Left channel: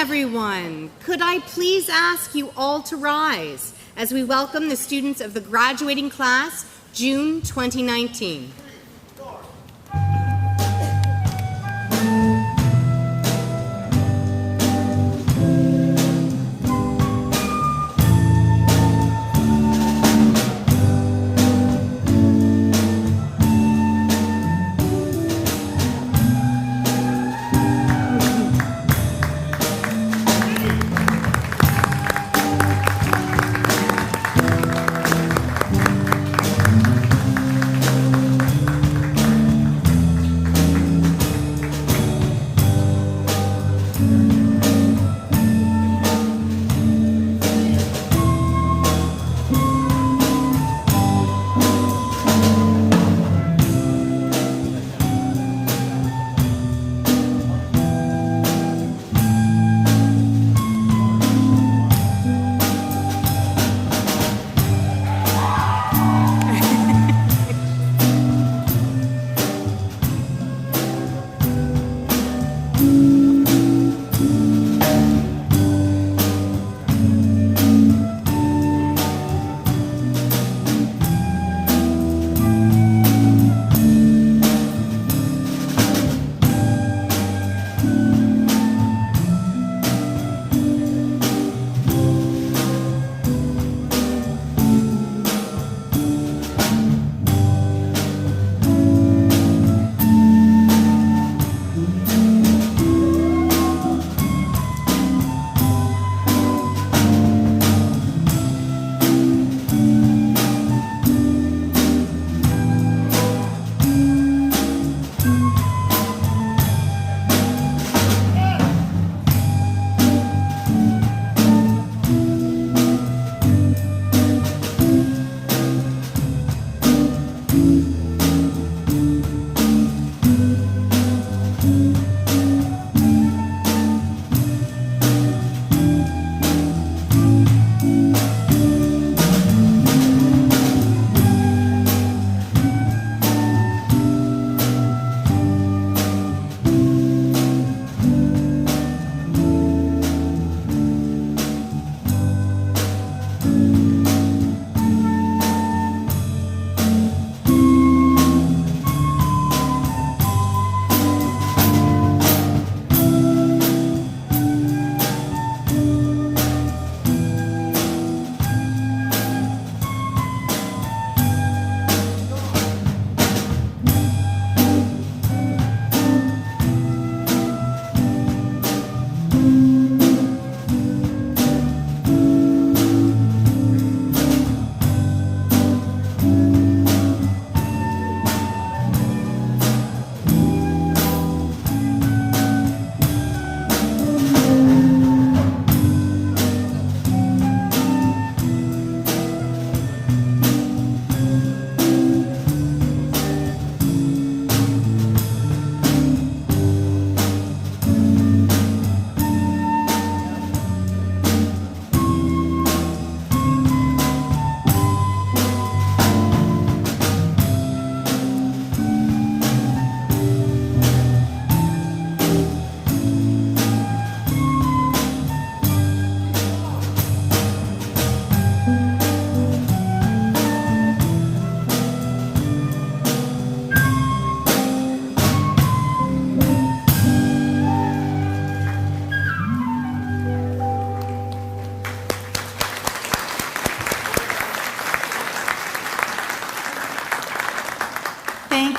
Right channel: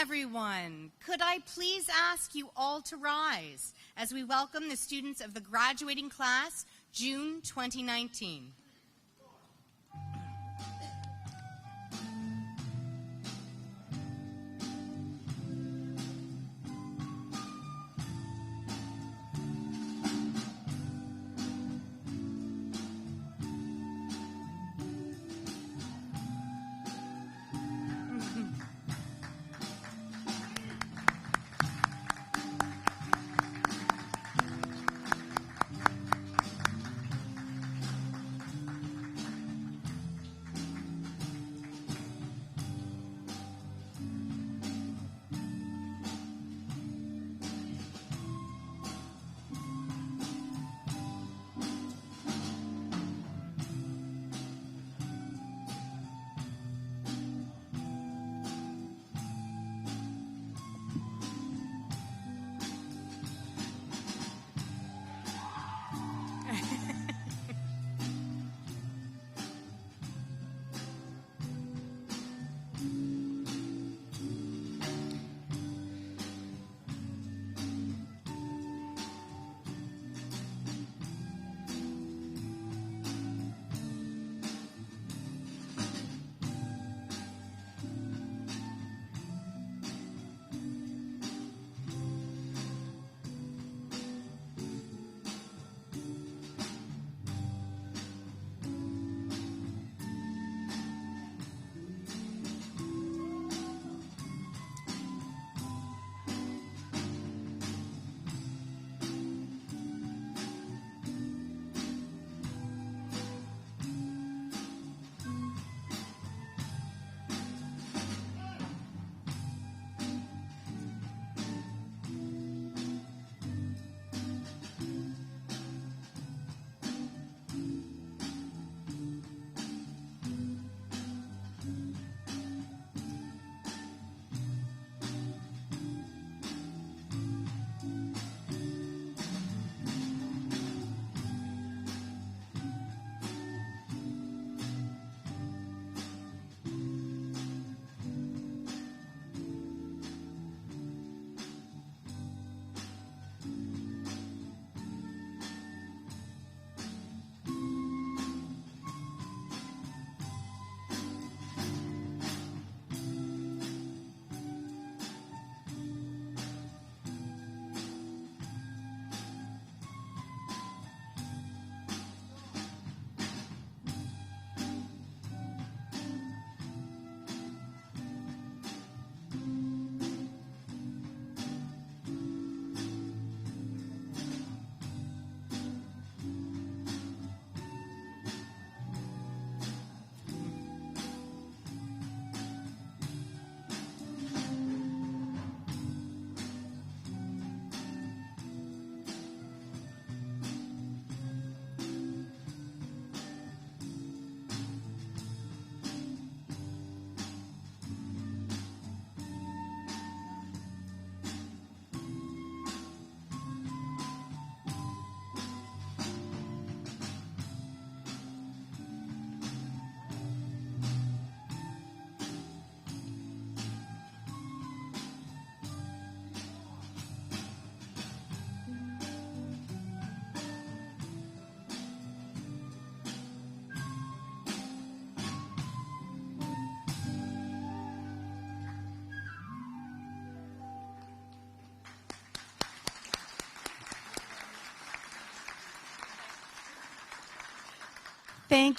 everyone. Could I please ask you all to rise as we welcome the students of the graduating class, June 2019.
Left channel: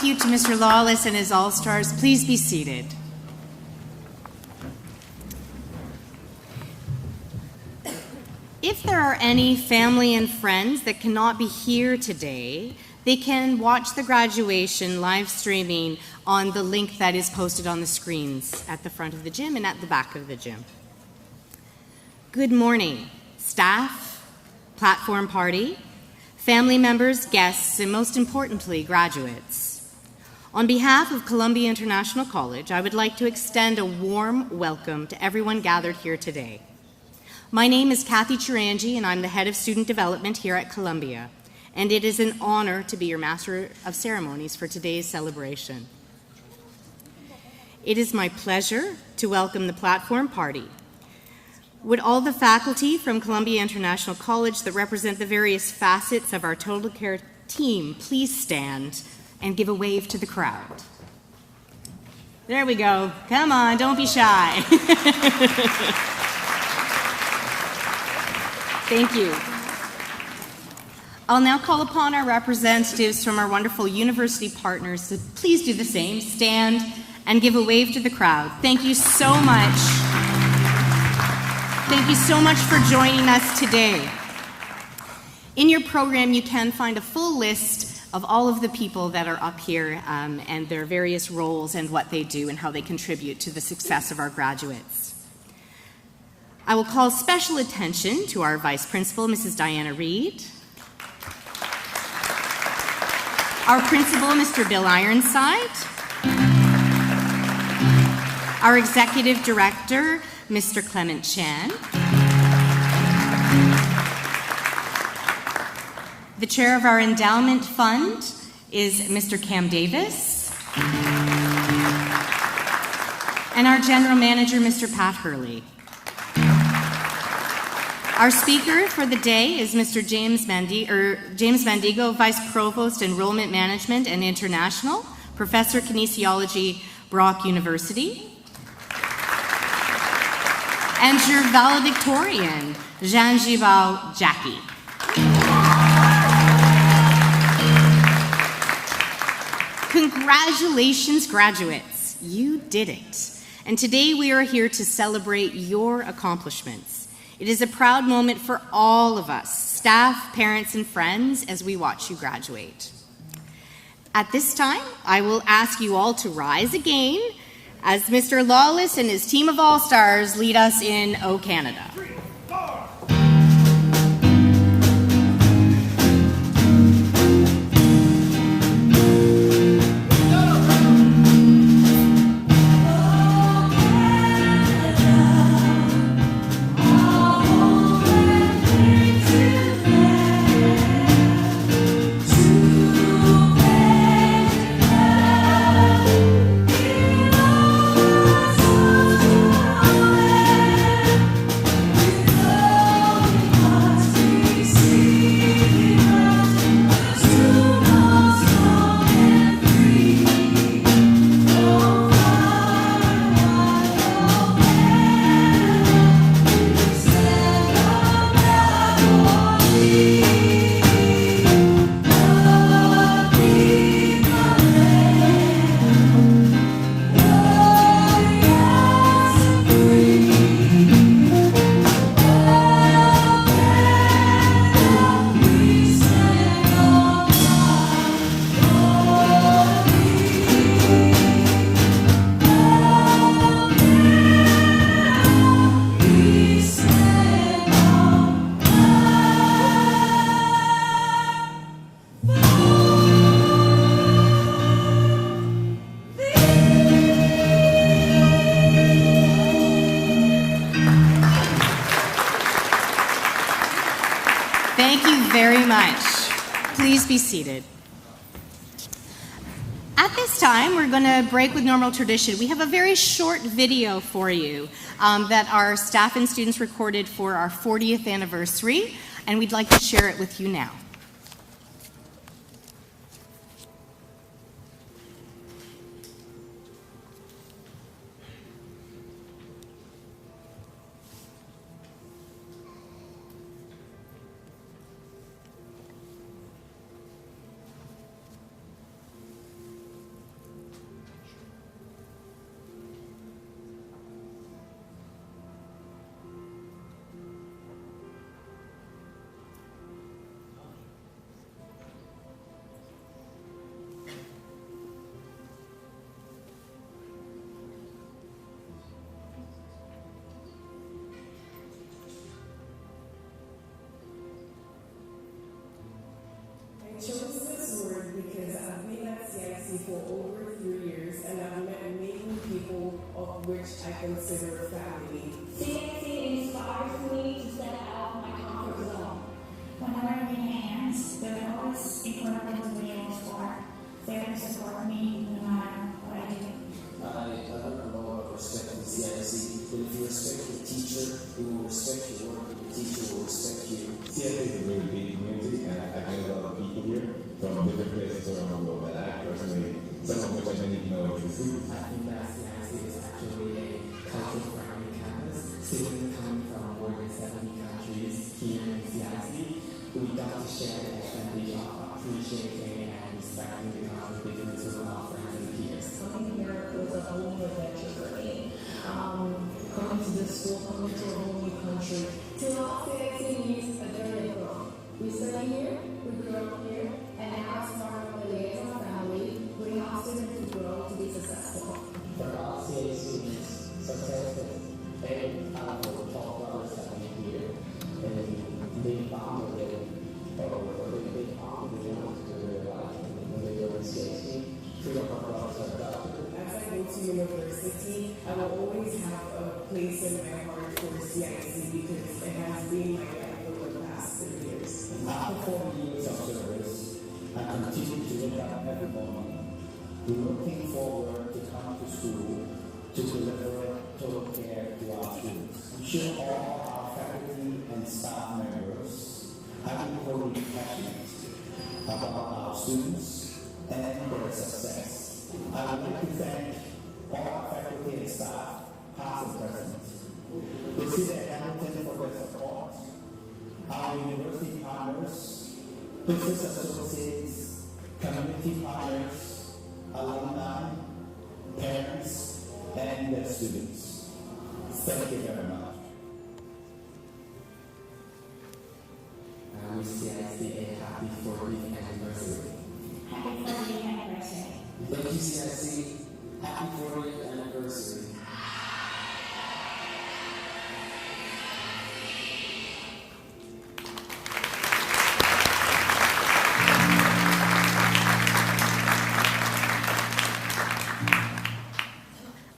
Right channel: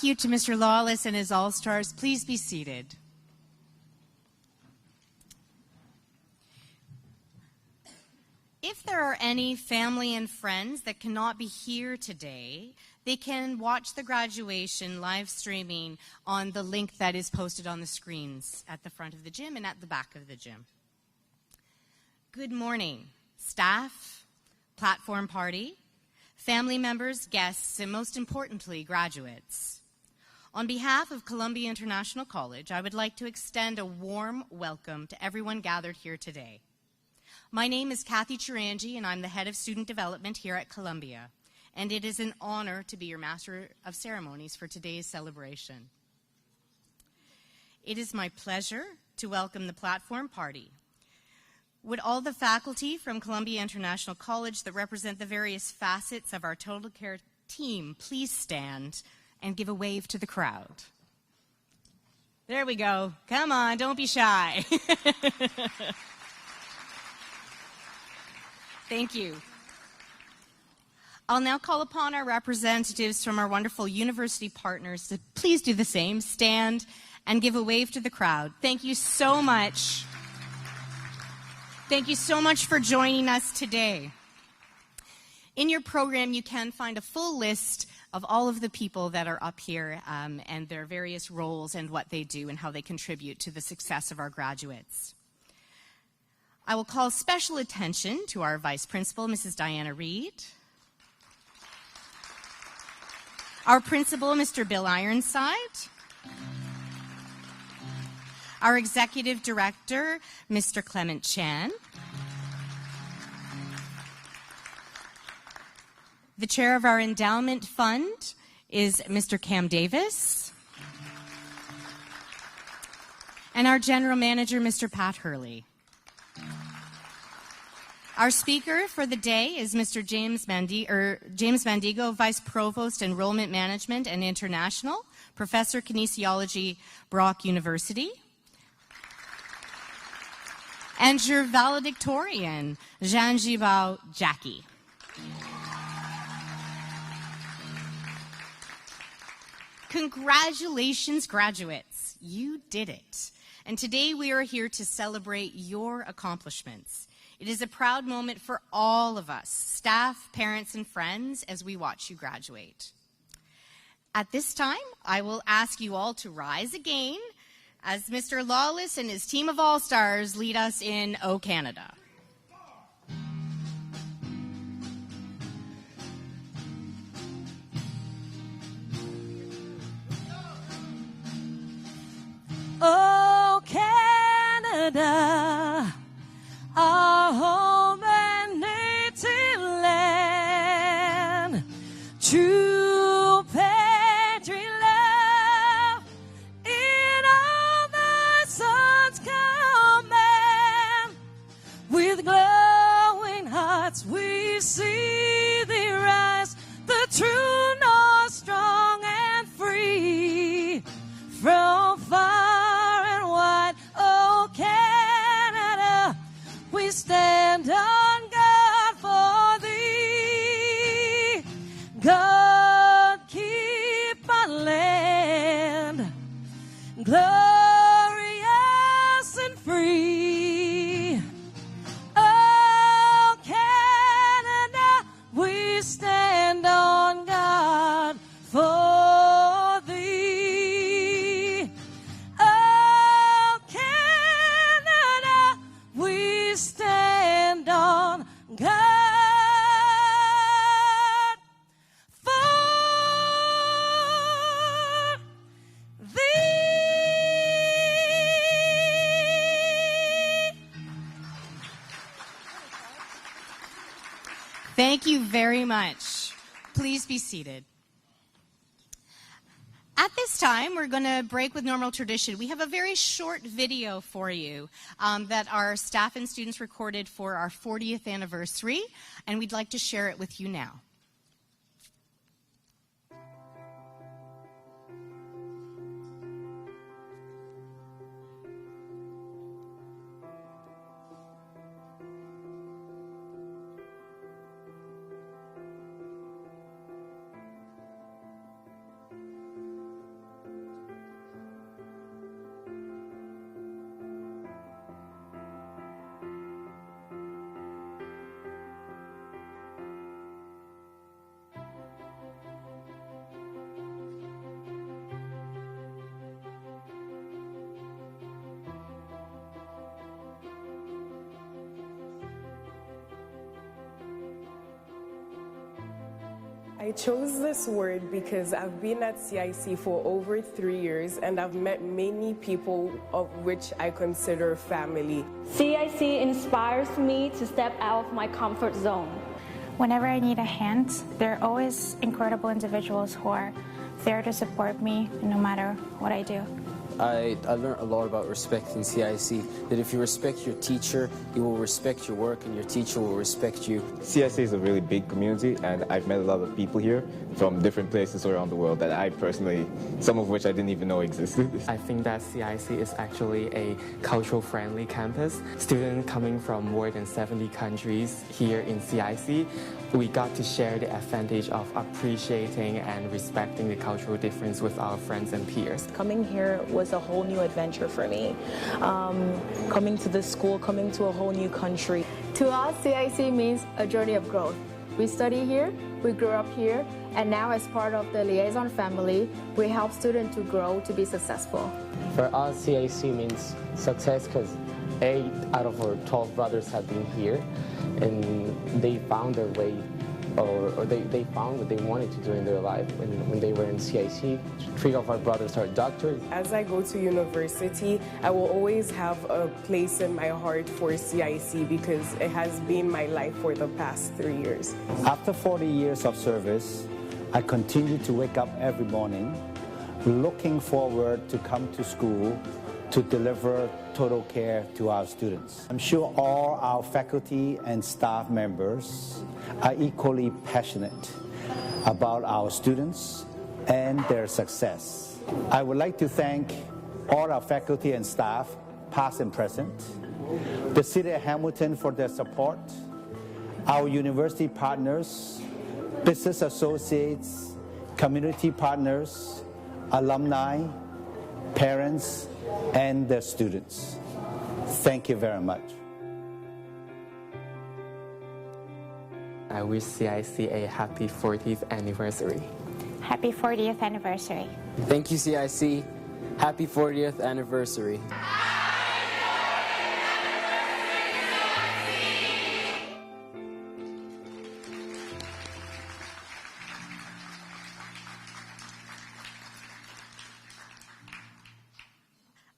Thank you to Mr. Lawless and his All-Stars. Please be seated. If there are any family and friends that cannot be here today, they can watch the graduation live streaming on the link that is posted on the screens at the front of the gym and at the back of the gym. Good morning, staff, platform party, family members, guests, and most importantly, graduates. On behalf of Columbia International College, I would like to extend a warm welcome to everyone gathered here today. My name is Kathy Chirangi, and I'm the Head of Student Development here at Columbia, and it is an honor to be your Master of Ceremonies for today's celebration. It is my pleasure to welcome the platform party, Would all the faculty from Columbia International College that represent the various facets of our Total Care team please stand and give a wave to the crowd? There we go. Come on, don't be shy. Thank you. I'll now call upon our representatives from our wonderful university partners to please do the same. Stand and give a wave to the crowd. Thank you so much. Thank you so much for joining us today. In your program, you can find a full list of all of the people that are up here and their various roles and what they do and how they contribute to the success of our graduates. I will call special attention to our Vice Principal, Mrs. Diana Reed, our Principal, Mr. Bill Ironside, our Executive Director, Mr. Clement Chan, the Chair of our Endowment Fund is Mr. Cam Davis, and our General Manager, Mr. Pat Hurley. Our speaker for the day is Mr. James Mandigo, Vice Provost, Enrollment Management and International, Professor Kinesiology, Brock University, and your valedictorian, Jean Gibal Jackie. Congratulations, graduates. You did it. And today we are here to celebrate your accomplishments. It is a proud moment for all of us, staff, parents, and friends, as we watch you graduate. At this time, I will ask you all to rise again as Mr. Lawless and his team of all-stars lead us in O Canada. 3, 4. Thank you very much. Please be seated. At this time, we're going to break with normal tradition. We have a very short video for you that our staff and students recorded for our 40th anniversary, and we'd like to share it with you now. I chose this word because I've been at CIC for over 3 years and I've met many people of which I consider family. CIC inspires me to step out of my comfort zone. Whenever I need a hand, there are always incredible individuals who are there to support me no matter what I do. I learned a lot about respecting CIC, that if you respect your teacher, you will respect your work and your teacher will respect you. CIC is a really big community, and I've met a lot of people here from different places around the world that I personally, some of which I didn't even know existed. I think that CIC is actually a cultural-friendly campus. Students coming from more than 70 countries here in CIC, we got to share the advantage of appreciating and respecting the cultural difference with our friends and peers. Coming here was a whole new adventure for me. Coming to this school, coming to a whole new country. To us, CIC means a journey of growth. We study here, we grew up here, and now as part of the liaison family, we help students to grow to be successful. For us, CIC means success because 8 out of our 12 brothers have been here, and they found their way, or they found what they wanted to do in their life when they were in CIC. 3 of our brothers are doctors. As I go to university, I will always have a place in my heart for CIC because it has been my life for the past 3 years. After 40 years of service, I continue to wake up every morning looking forward to come to school to deliver total care to our students. I'm sure all our faculty and staff members are equally passionate about our students and their success. I would like to thank all our faculty and staff, past and present, the City of Hamilton for their support, our university partners, business associates, community partners, alumni, parents, and their students. Thank you very much. I wish CIC a happy 40th anniversary. Happy 40th anniversary. Thank you, CIC. Happy 40th anniversary.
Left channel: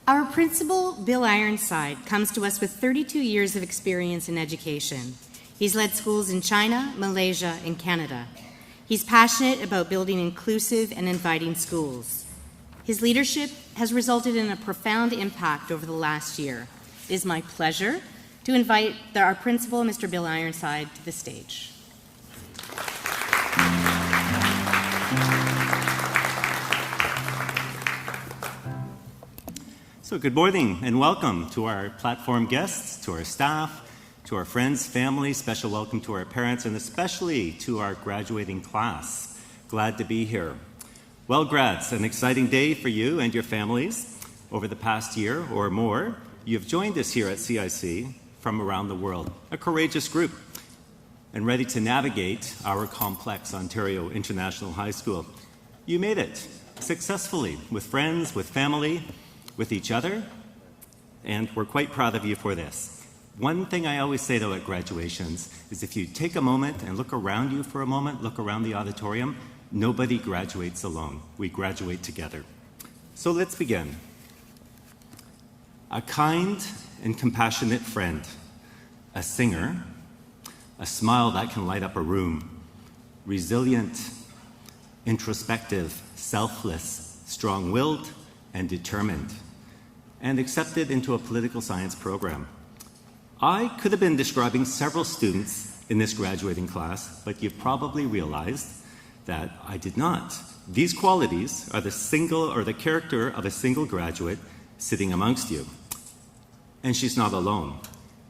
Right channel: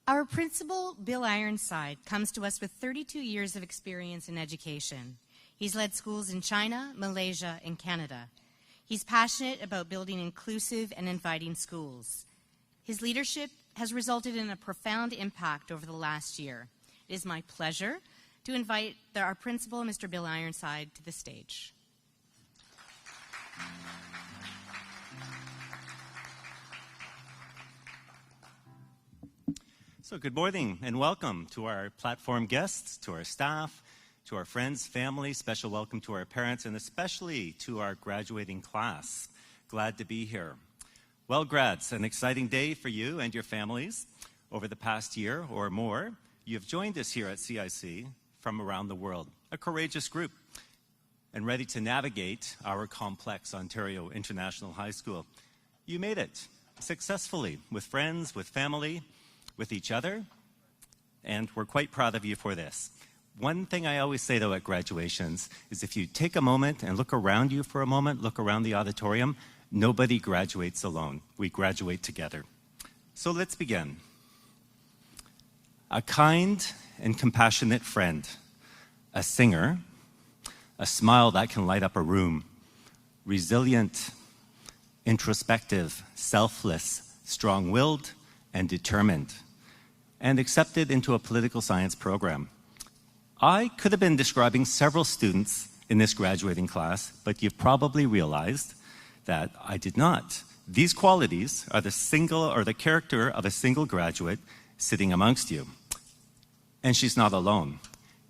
Our principal, Bill Ironside, comes to us with 32 years of experience in education. He's led schools in China, Malaysia, and Canada. He's passionate about building inclusive and inviting schools. His leadership has resulted in a profound impact over the last year. It is my pleasure to invite our principal, Mr. Bill Ironside, to the stage. So good morning and welcome to our platform guests, to our staff, to our friends, family, special welcome to our parents, and especially to our graduating class. Glad to be here. Well, grads, an exciting day for you and your families. Over the past year or more, you've joined us here at CIC from around the world, a courageous group, and ready to navigate our complex Ontario International High School. You made it successfully with friends, with family, with each other, and we're quite proud of you for this. One thing I always say, though, at graduations is if you take a moment and look around you for a moment, look around the auditorium, nobody graduates alone. We graduate together. So let's begin. A kind and compassionate friend, a singer, a smile that can light up a room, resilient, introspective, selfless, strong-willed, and determined, and accepted into a political science program. I could have been describing several students in this graduating class, but you've probably realized that I did not. These qualities are the character of a single graduate sitting amongst you. And she's not alone.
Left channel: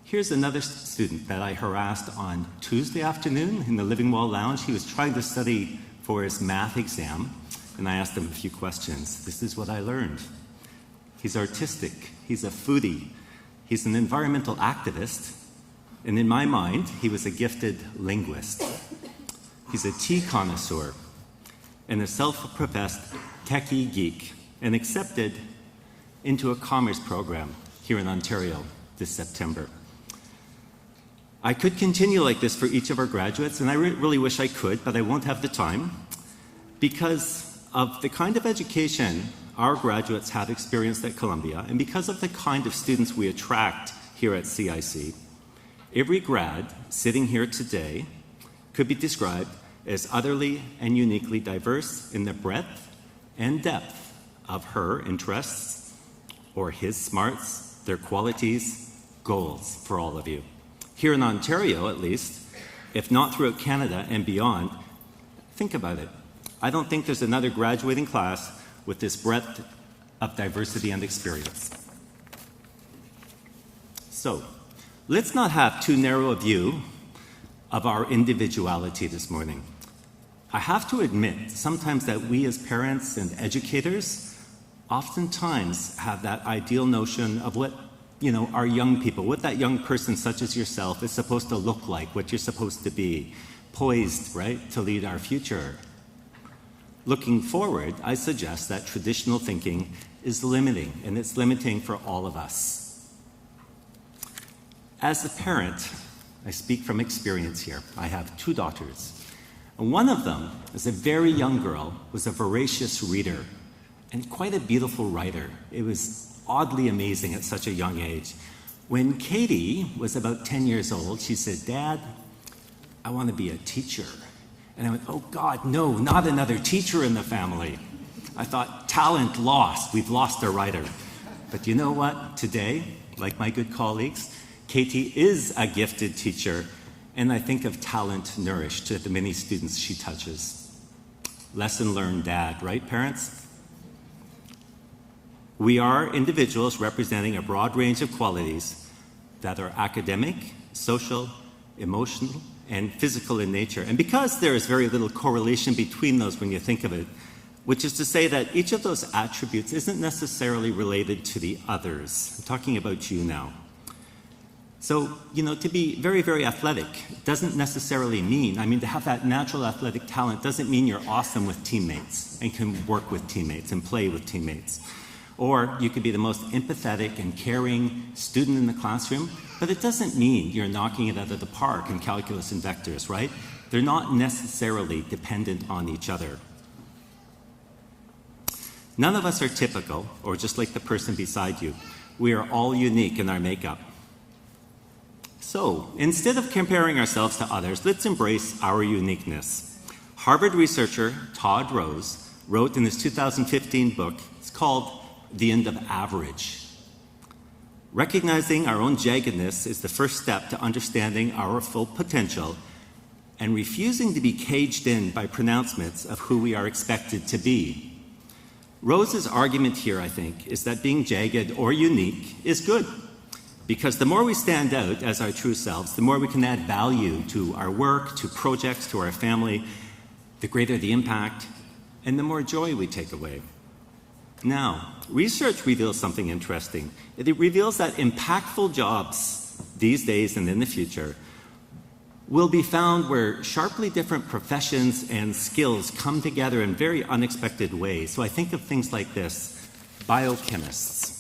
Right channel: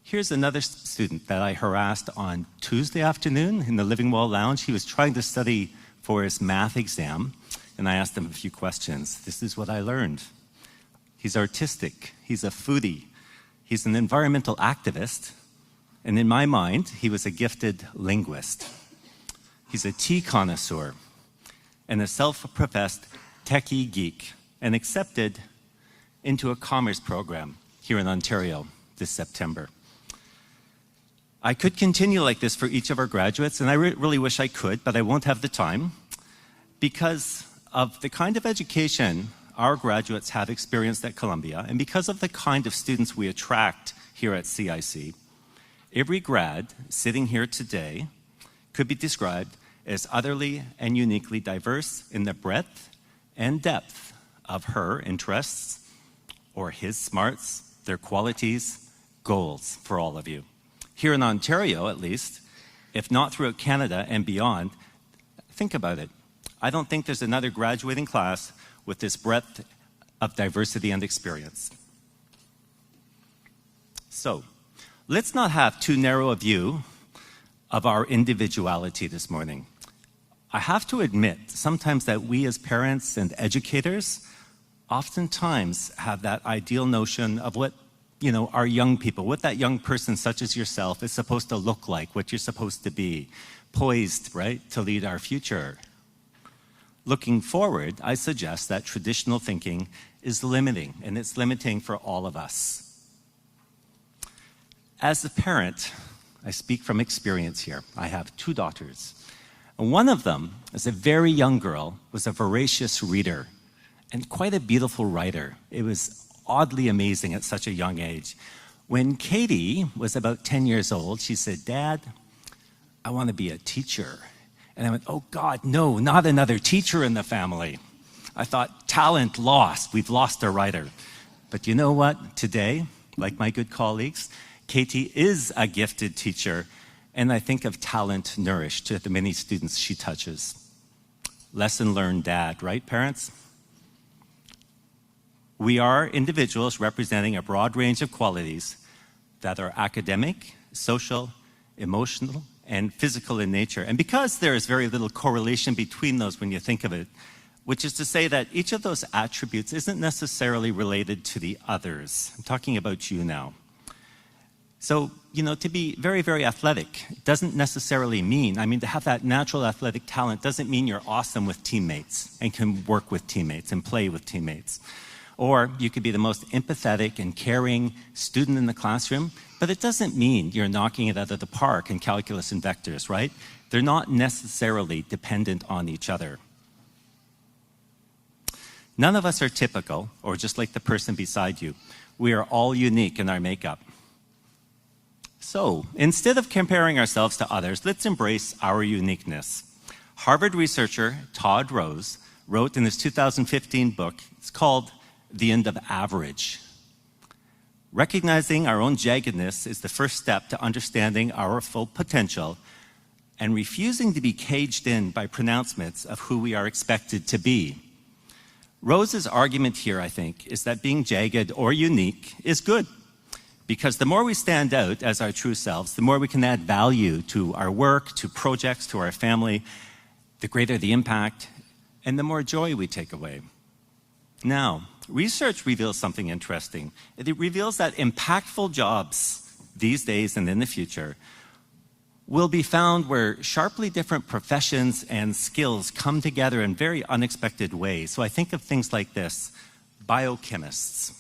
Here's another student that I harassed on Tuesday afternoon in the Living Wall Lounge. He was trying to study for his math exam, and I asked him a few questions. This is what I learned. He's artistic, he's a foodie, he's an environmental activist, and in my mind, he was a gifted linguist. He's a tea connoisseur and a self-professed techie geek, and accepted into a commerce program here in Ontario this September. I could continue like this for each of our graduates, and I really wish I could, but I won't have the time because of the kind of education our graduates have experienced at Columbia, and because of the kind of students we attract here at CIC, every grad sitting here today could be described as utterly and uniquely diverse in the breadth and depth of her interests or his smarts, their qualities, goals for all of you. Here in Ontario, at least, if not throughout Canada and beyond, think about it. I don't think there's another graduating class with this breadth of diversity and experience. So, let's not have too narrow a view of our individuality this morning. I have to admit sometimes that we as parents and educators oftentimes have that ideal notion of what, our young people, what that young person such as yourself is supposed to look like, what you're supposed to be, poised, right, to lead our future. Looking forward, I suggest that traditional thinking is limiting, and it's limiting for all of us. As a parent, I speak from experience here. I have 2 daughters. And one of them, as a very young girl, was a voracious reader and quite a beautiful writer. It was oddly amazing at such a young age. When Katie was about 10 years old, she said, "Dad, I want to be a teacher." And I went, "Oh God, no, not another teacher in the family." I thought, talent lost. We've lost a writer. But you know what? Today, like my good colleagues, Katie is a gifted teacher, and I think of talent nourished to the many students she touches. Lesson learned, Dad, right, parents? We are individuals representing a broad range of qualities that are academic, social, emotional, and physical in nature. And because there is very little correlation between those when you think of it, which is to say that each of those attributes isn't necessarily related to the others. I'm talking about you now. So, to be very, very athletic doesn't necessarily mean, to have that natural athletic talent doesn't mean you're awesome with teammates and can work with teammates and play with teammates. Or you could be the most empathetic and caring student in the classroom, but it doesn't mean you're knocking it out of the park in calculus and vectors, right? They're not necessarily dependent on each other. None of us are typical or just like the person beside you. We are all unique in our makeup. So, instead of comparing ourselves to others, let's embrace our uniqueness. Harvard researcher Todd Rose wrote in his 2015 book, it's called The End of Average. Recognizing our own jaggedness is the first step to understanding our full potential and refusing to be caged in by pronouncements of who we are expected to be. Rose's argument here, I think, is that being jagged or unique is good. Because the more we stand out as our true selves, the more we can add value to our work, to projects, to our family, the greater the impact, and the more joy we take away. Now, research reveals something interesting. It reveals that impactful jobs these days and in the future will be found where sharply different professions and skills come together in very unexpected ways. So I think of things like this: biochemists,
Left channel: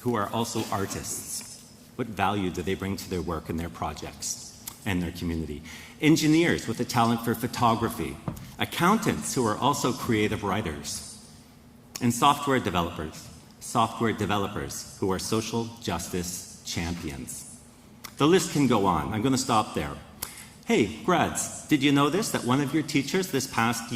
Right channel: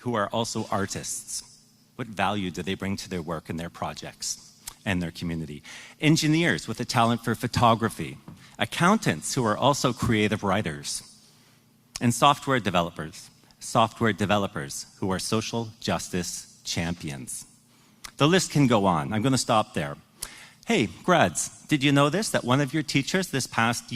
who are also artists. What value do they bring to their work and their projects and their community? Engineers with a talent for photography. Accountants who are also creative writers. And software developers who are social justice champions. The list can go on. I'm going to stop there. Hey, grads, did you know this? That one of your teachers this past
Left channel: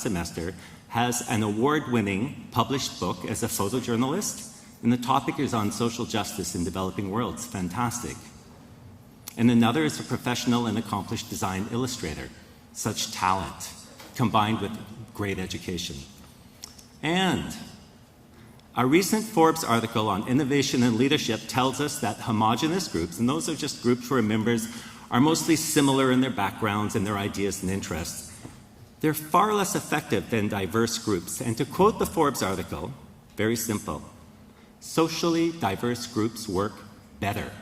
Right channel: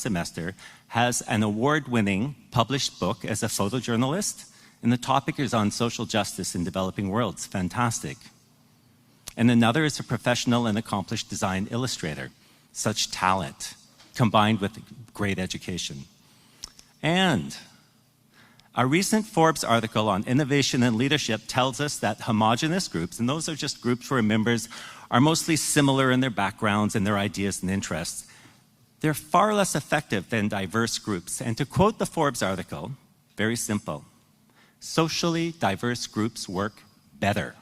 semester, has an award-winning published book as a photojournalist? And the topic is on social justice in developing worlds. Fantastic. And another is a professional and accomplished design illustrator. Such talent, combined with great education. And a recent Forbes article on innovation and leadership tells us that homogenous groups, and those are just groups where members are mostly similar in their backgrounds and their ideas and interests, they're far less effective than diverse groups. And to quote the Forbes article, very simple: socially diverse groups work better.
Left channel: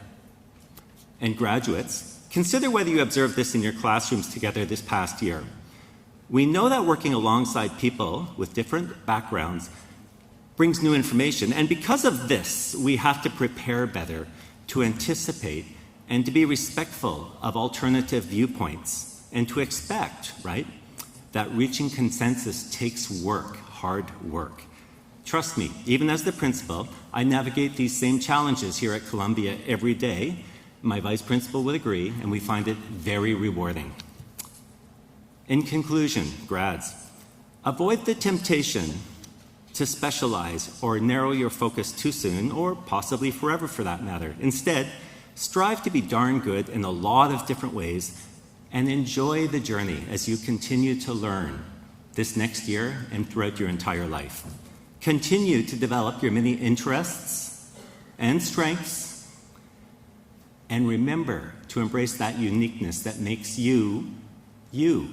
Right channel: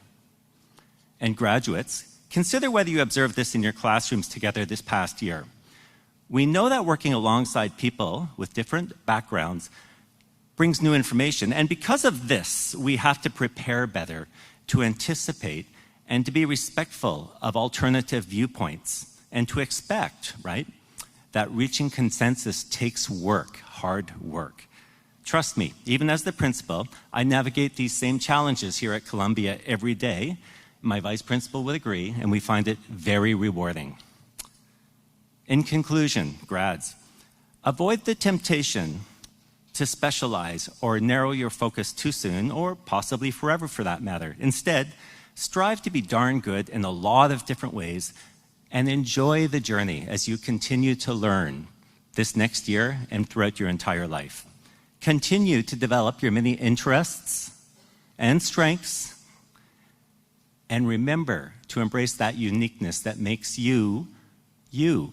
And graduates, consider whether you observed this in your classrooms together this past year. We know that working alongside people with different backgrounds brings new information, and because of this, we have to prepare better to anticipate and to be respectful of alternative viewpoints, and to expect, right, that reaching consensus takes work, hard work. Trust me, even as the principal, I navigate these same challenges here at Columbia every day. My vice principal would agree, and we find it very rewarding. In conclusion, grads, avoid the temptation to specialize or narrow your focus too soon, or possibly forever for that matter. Instead, strive to be darn good in a lot of different ways and enjoy the journey as you continue to learn this next year and throughout your entire life. Continue to develop your many interests and strengths, and remember to embrace that uniqueness that makes you, you.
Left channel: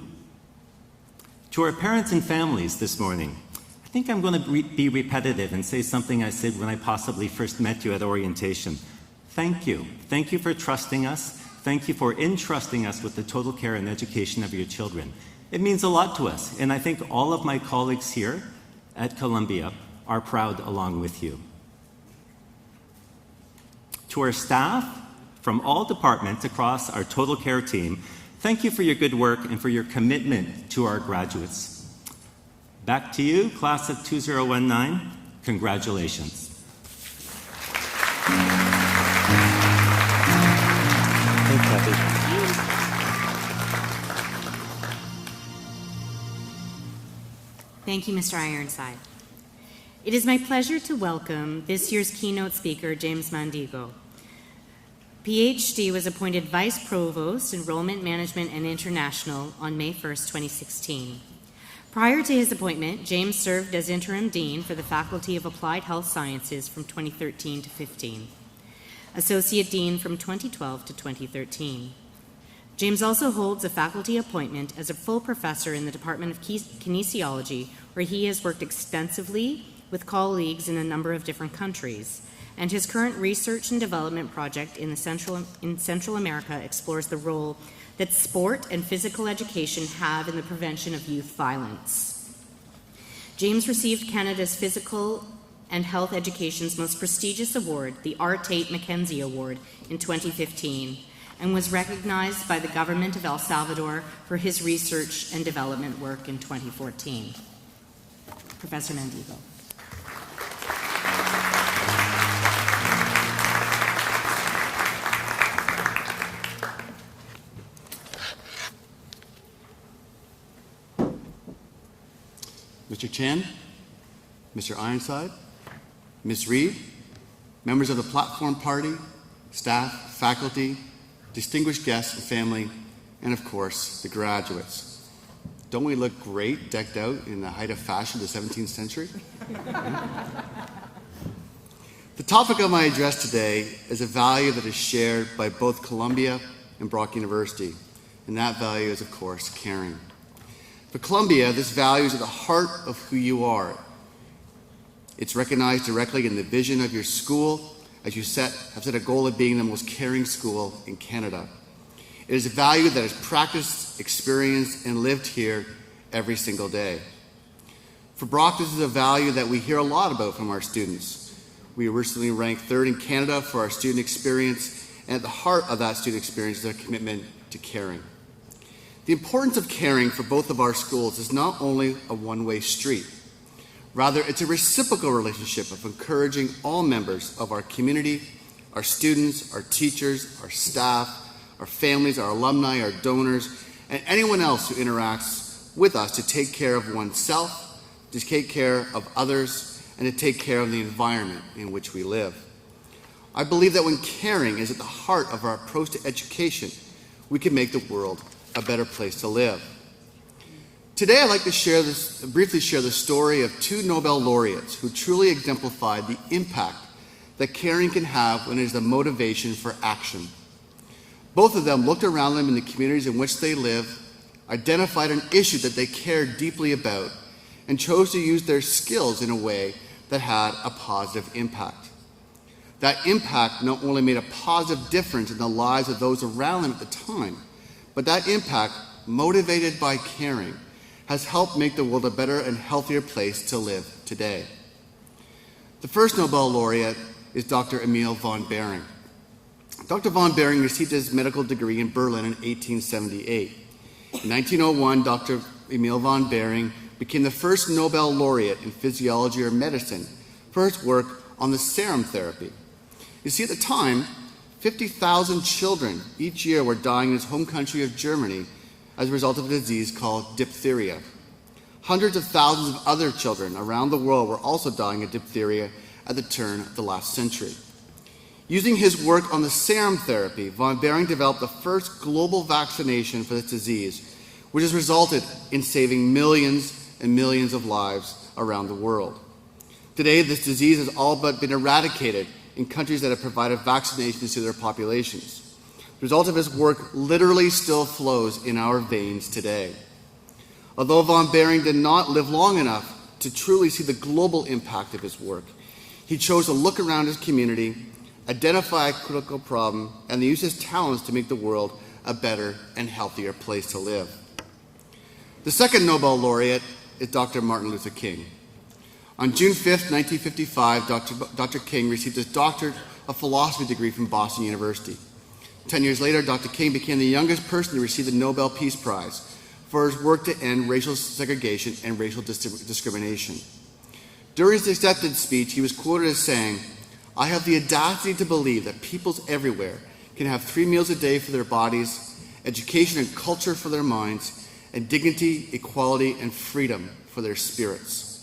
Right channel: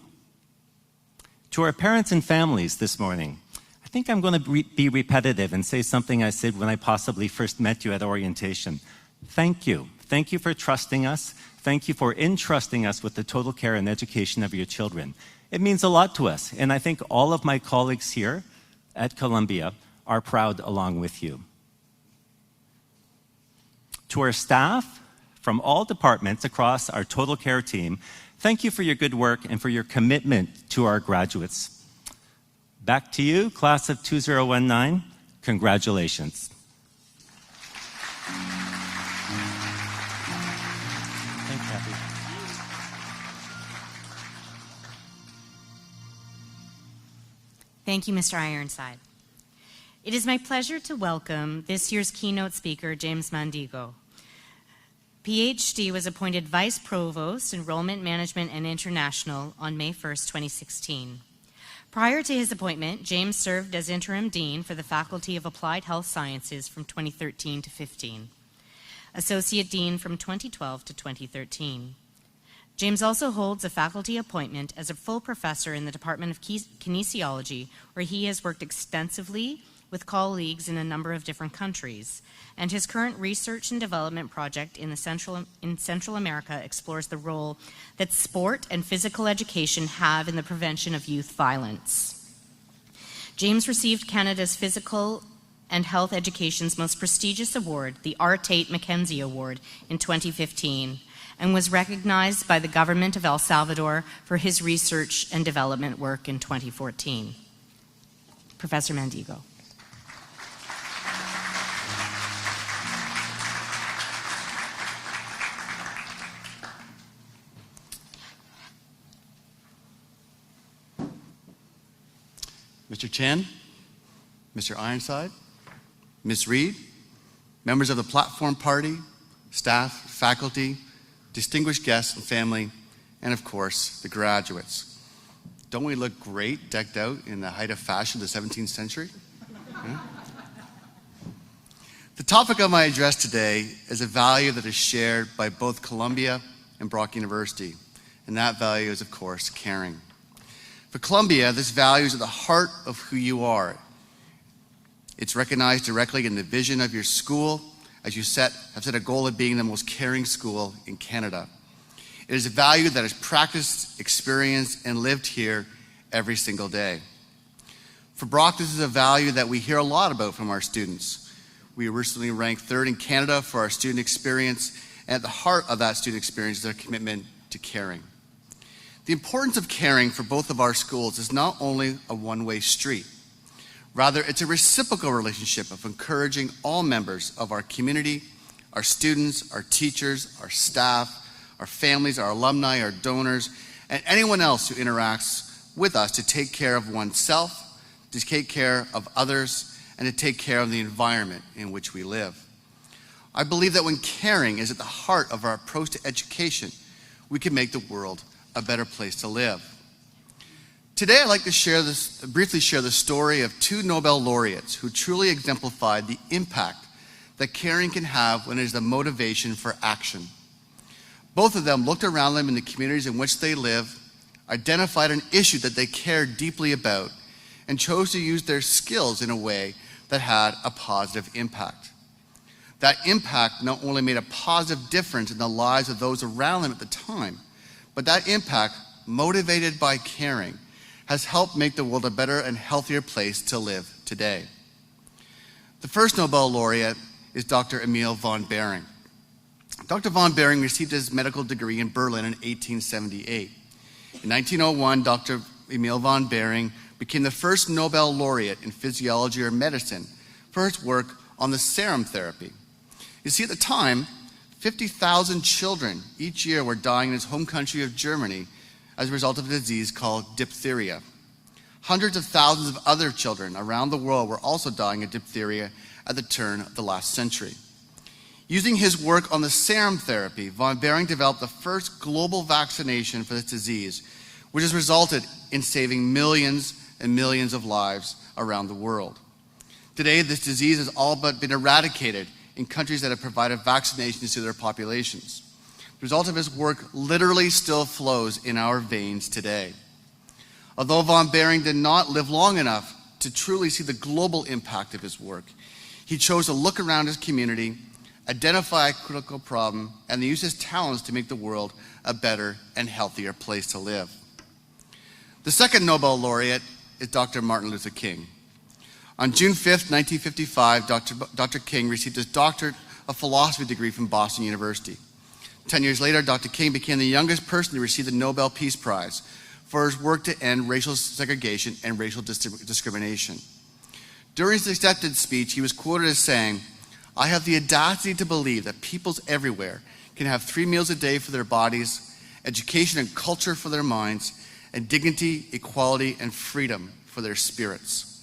To our parents and families this morning, I think I'm going to be repetitive and say something I said when I possibly first met you at orientation. Thank you. Thank you for trusting us. Thank you for entrusting us with the total care and education of your children. It means a lot to us, and I think all of my colleagues here at Columbia are proud along with you. To our staff from all departments across our total care team, thank you for your good work and for your commitment to our graduates. Back to you, class of 2019. Congratulations. Thank you, Mr. Ironside. It is my pleasure to welcome this year's keynote speaker, James Mandigo. PhD was appointed Vice Provost, Enrollment Management and International on May 1st, 2016. Prior to his appointment, James served as Interim Dean for the Faculty of Applied Health Sciences from 2013 to 15, Associate Dean from 2012 to 2013. James also holds a faculty appointment as a full professor in the Department of Kinesiology, where he has worked extensively with colleagues in a number of different countries. And his current research and development project in Central America explores the role that sport and physical education have in the prevention of youth violence. James received Canada's Physical and Health Education's most prestigious award, the R. Tate Mackenzie Award, in 2015, and was recognized by the government of El Salvador for his research and development work in 2014. Professor Mandigo. Mr. Chen, Mr. Ironside, Ms. Reed, members of the platform party, staff, faculty, distinguished guests and family, and of course, the graduates. Don't we look great decked out in the height of fashion of the 17th century? The topic of my address today is a value that is shared by both Columbia and Brock University, and that value is, of course, caring. For Columbia, this value is at the heart of who you are. It's recognized directly in the vision of your school, as you have set a goal of being the most caring school in Canada. It is a value that is practiced, experienced, and lived here every single day. For Brock, this is a value that we hear a lot about from our students. We recently ranked 3rd in Canada for our student experience, and at the heart of that student experience is our commitment to caring. The importance of caring for both of our schools is not only a one-way street. Rather, it's a reciprocal relationship of encouraging all members of our community, our students, our teachers, our staff, our families, our alumni, our donors, and anyone else who interacts with us to take care of oneself, to take care of others, and to take care of the environment in which we live. I believe that when caring is at the heart of our approach to education, we can make the world a better place to live. Today, I'd like to briefly share the story of 2 Nobel laureates who truly exemplified the impact that caring can have when it is the motivation for action. Both of them looked around them in the communities in which they live, identified an issue that they cared deeply about, and chose to use their skills in a way that had a positive impact. That impact not only made a positive difference in the lives of those around them at the time, but that impact, motivated by caring, has helped make the world a better and healthier place to live today. The first Nobel laureate is Dr. Emil von Behring. Dr. von Behring received his medical degree in Berlin in 1878. In 1901, Dr. Emil von Behring became the first Nobel laureate in physiology or medicine for his work on the serum therapy. You see, at the time, 50,000 children each year were dying in his home country of Germany as a result of a disease called diphtheria. Hundreds of thousands of other children around the world were also dying of diphtheria at the turn of the last century. Using his work on the serum therapy, von Behring developed the first global vaccination for this disease, which has resulted in saving millions and millions of lives around the world. Today, this disease has all but been eradicated in countries that have provided vaccinations to their populations. The result of his work literally still flows in our veins today. Although von Behring did not live long enough to truly see the global impact of his work, he chose to look around his community, identify a critical problem, and use his talents to make the world a better and healthier place to live. The second Nobel laureate is Dr. Martin Luther King. On June 5th, 1955, Dr. King received his doctorate of philosophy degree from Boston University. 10 years later, Dr. King became the youngest person to receive the Nobel Peace Prize for his work to end racial segregation and racial discrimination. During his acceptance speech, he was quoted as saying, "I have the audacity to believe that peoples everywhere can have 3 meals a day for their bodies, education and culture for their minds, and dignity, equality, and freedom for their spirits."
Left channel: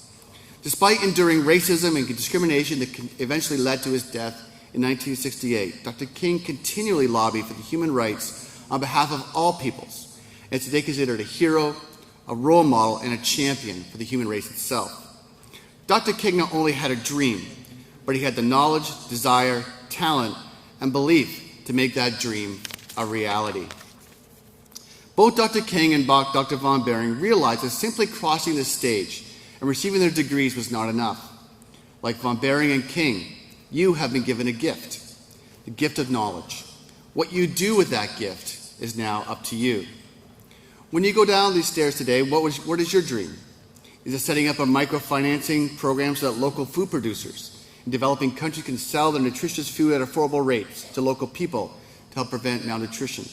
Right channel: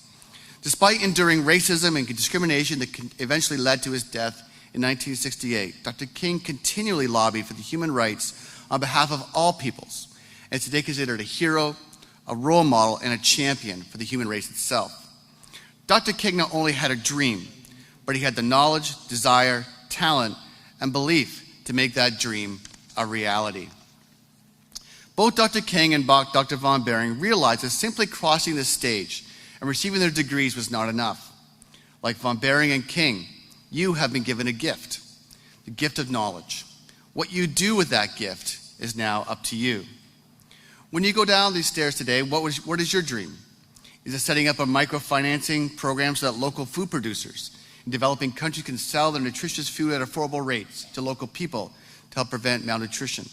Despite enduring racism and discrimination that eventually led to his death in 1968, Dr. King continually lobbied for the human rights on behalf of all peoples, and is today considered a hero, a role model, and a champion for the human race itself. Dr. King not only had a dream, but he had the knowledge, desire, talent, and belief to make that dream a reality. Both Dr. King and Dr. von Behring realized that simply crossing the stage and receiving their degrees was not enough. Like von Behring and King, you have been given a gift, the gift of knowledge. What you do with that gift is now up to you. When you go down these stairs today, what is your dream? Is it setting up a microfinancing program so that local food producers in developing countries can sell their nutritious food at affordable rates to local people to help prevent malnutrition?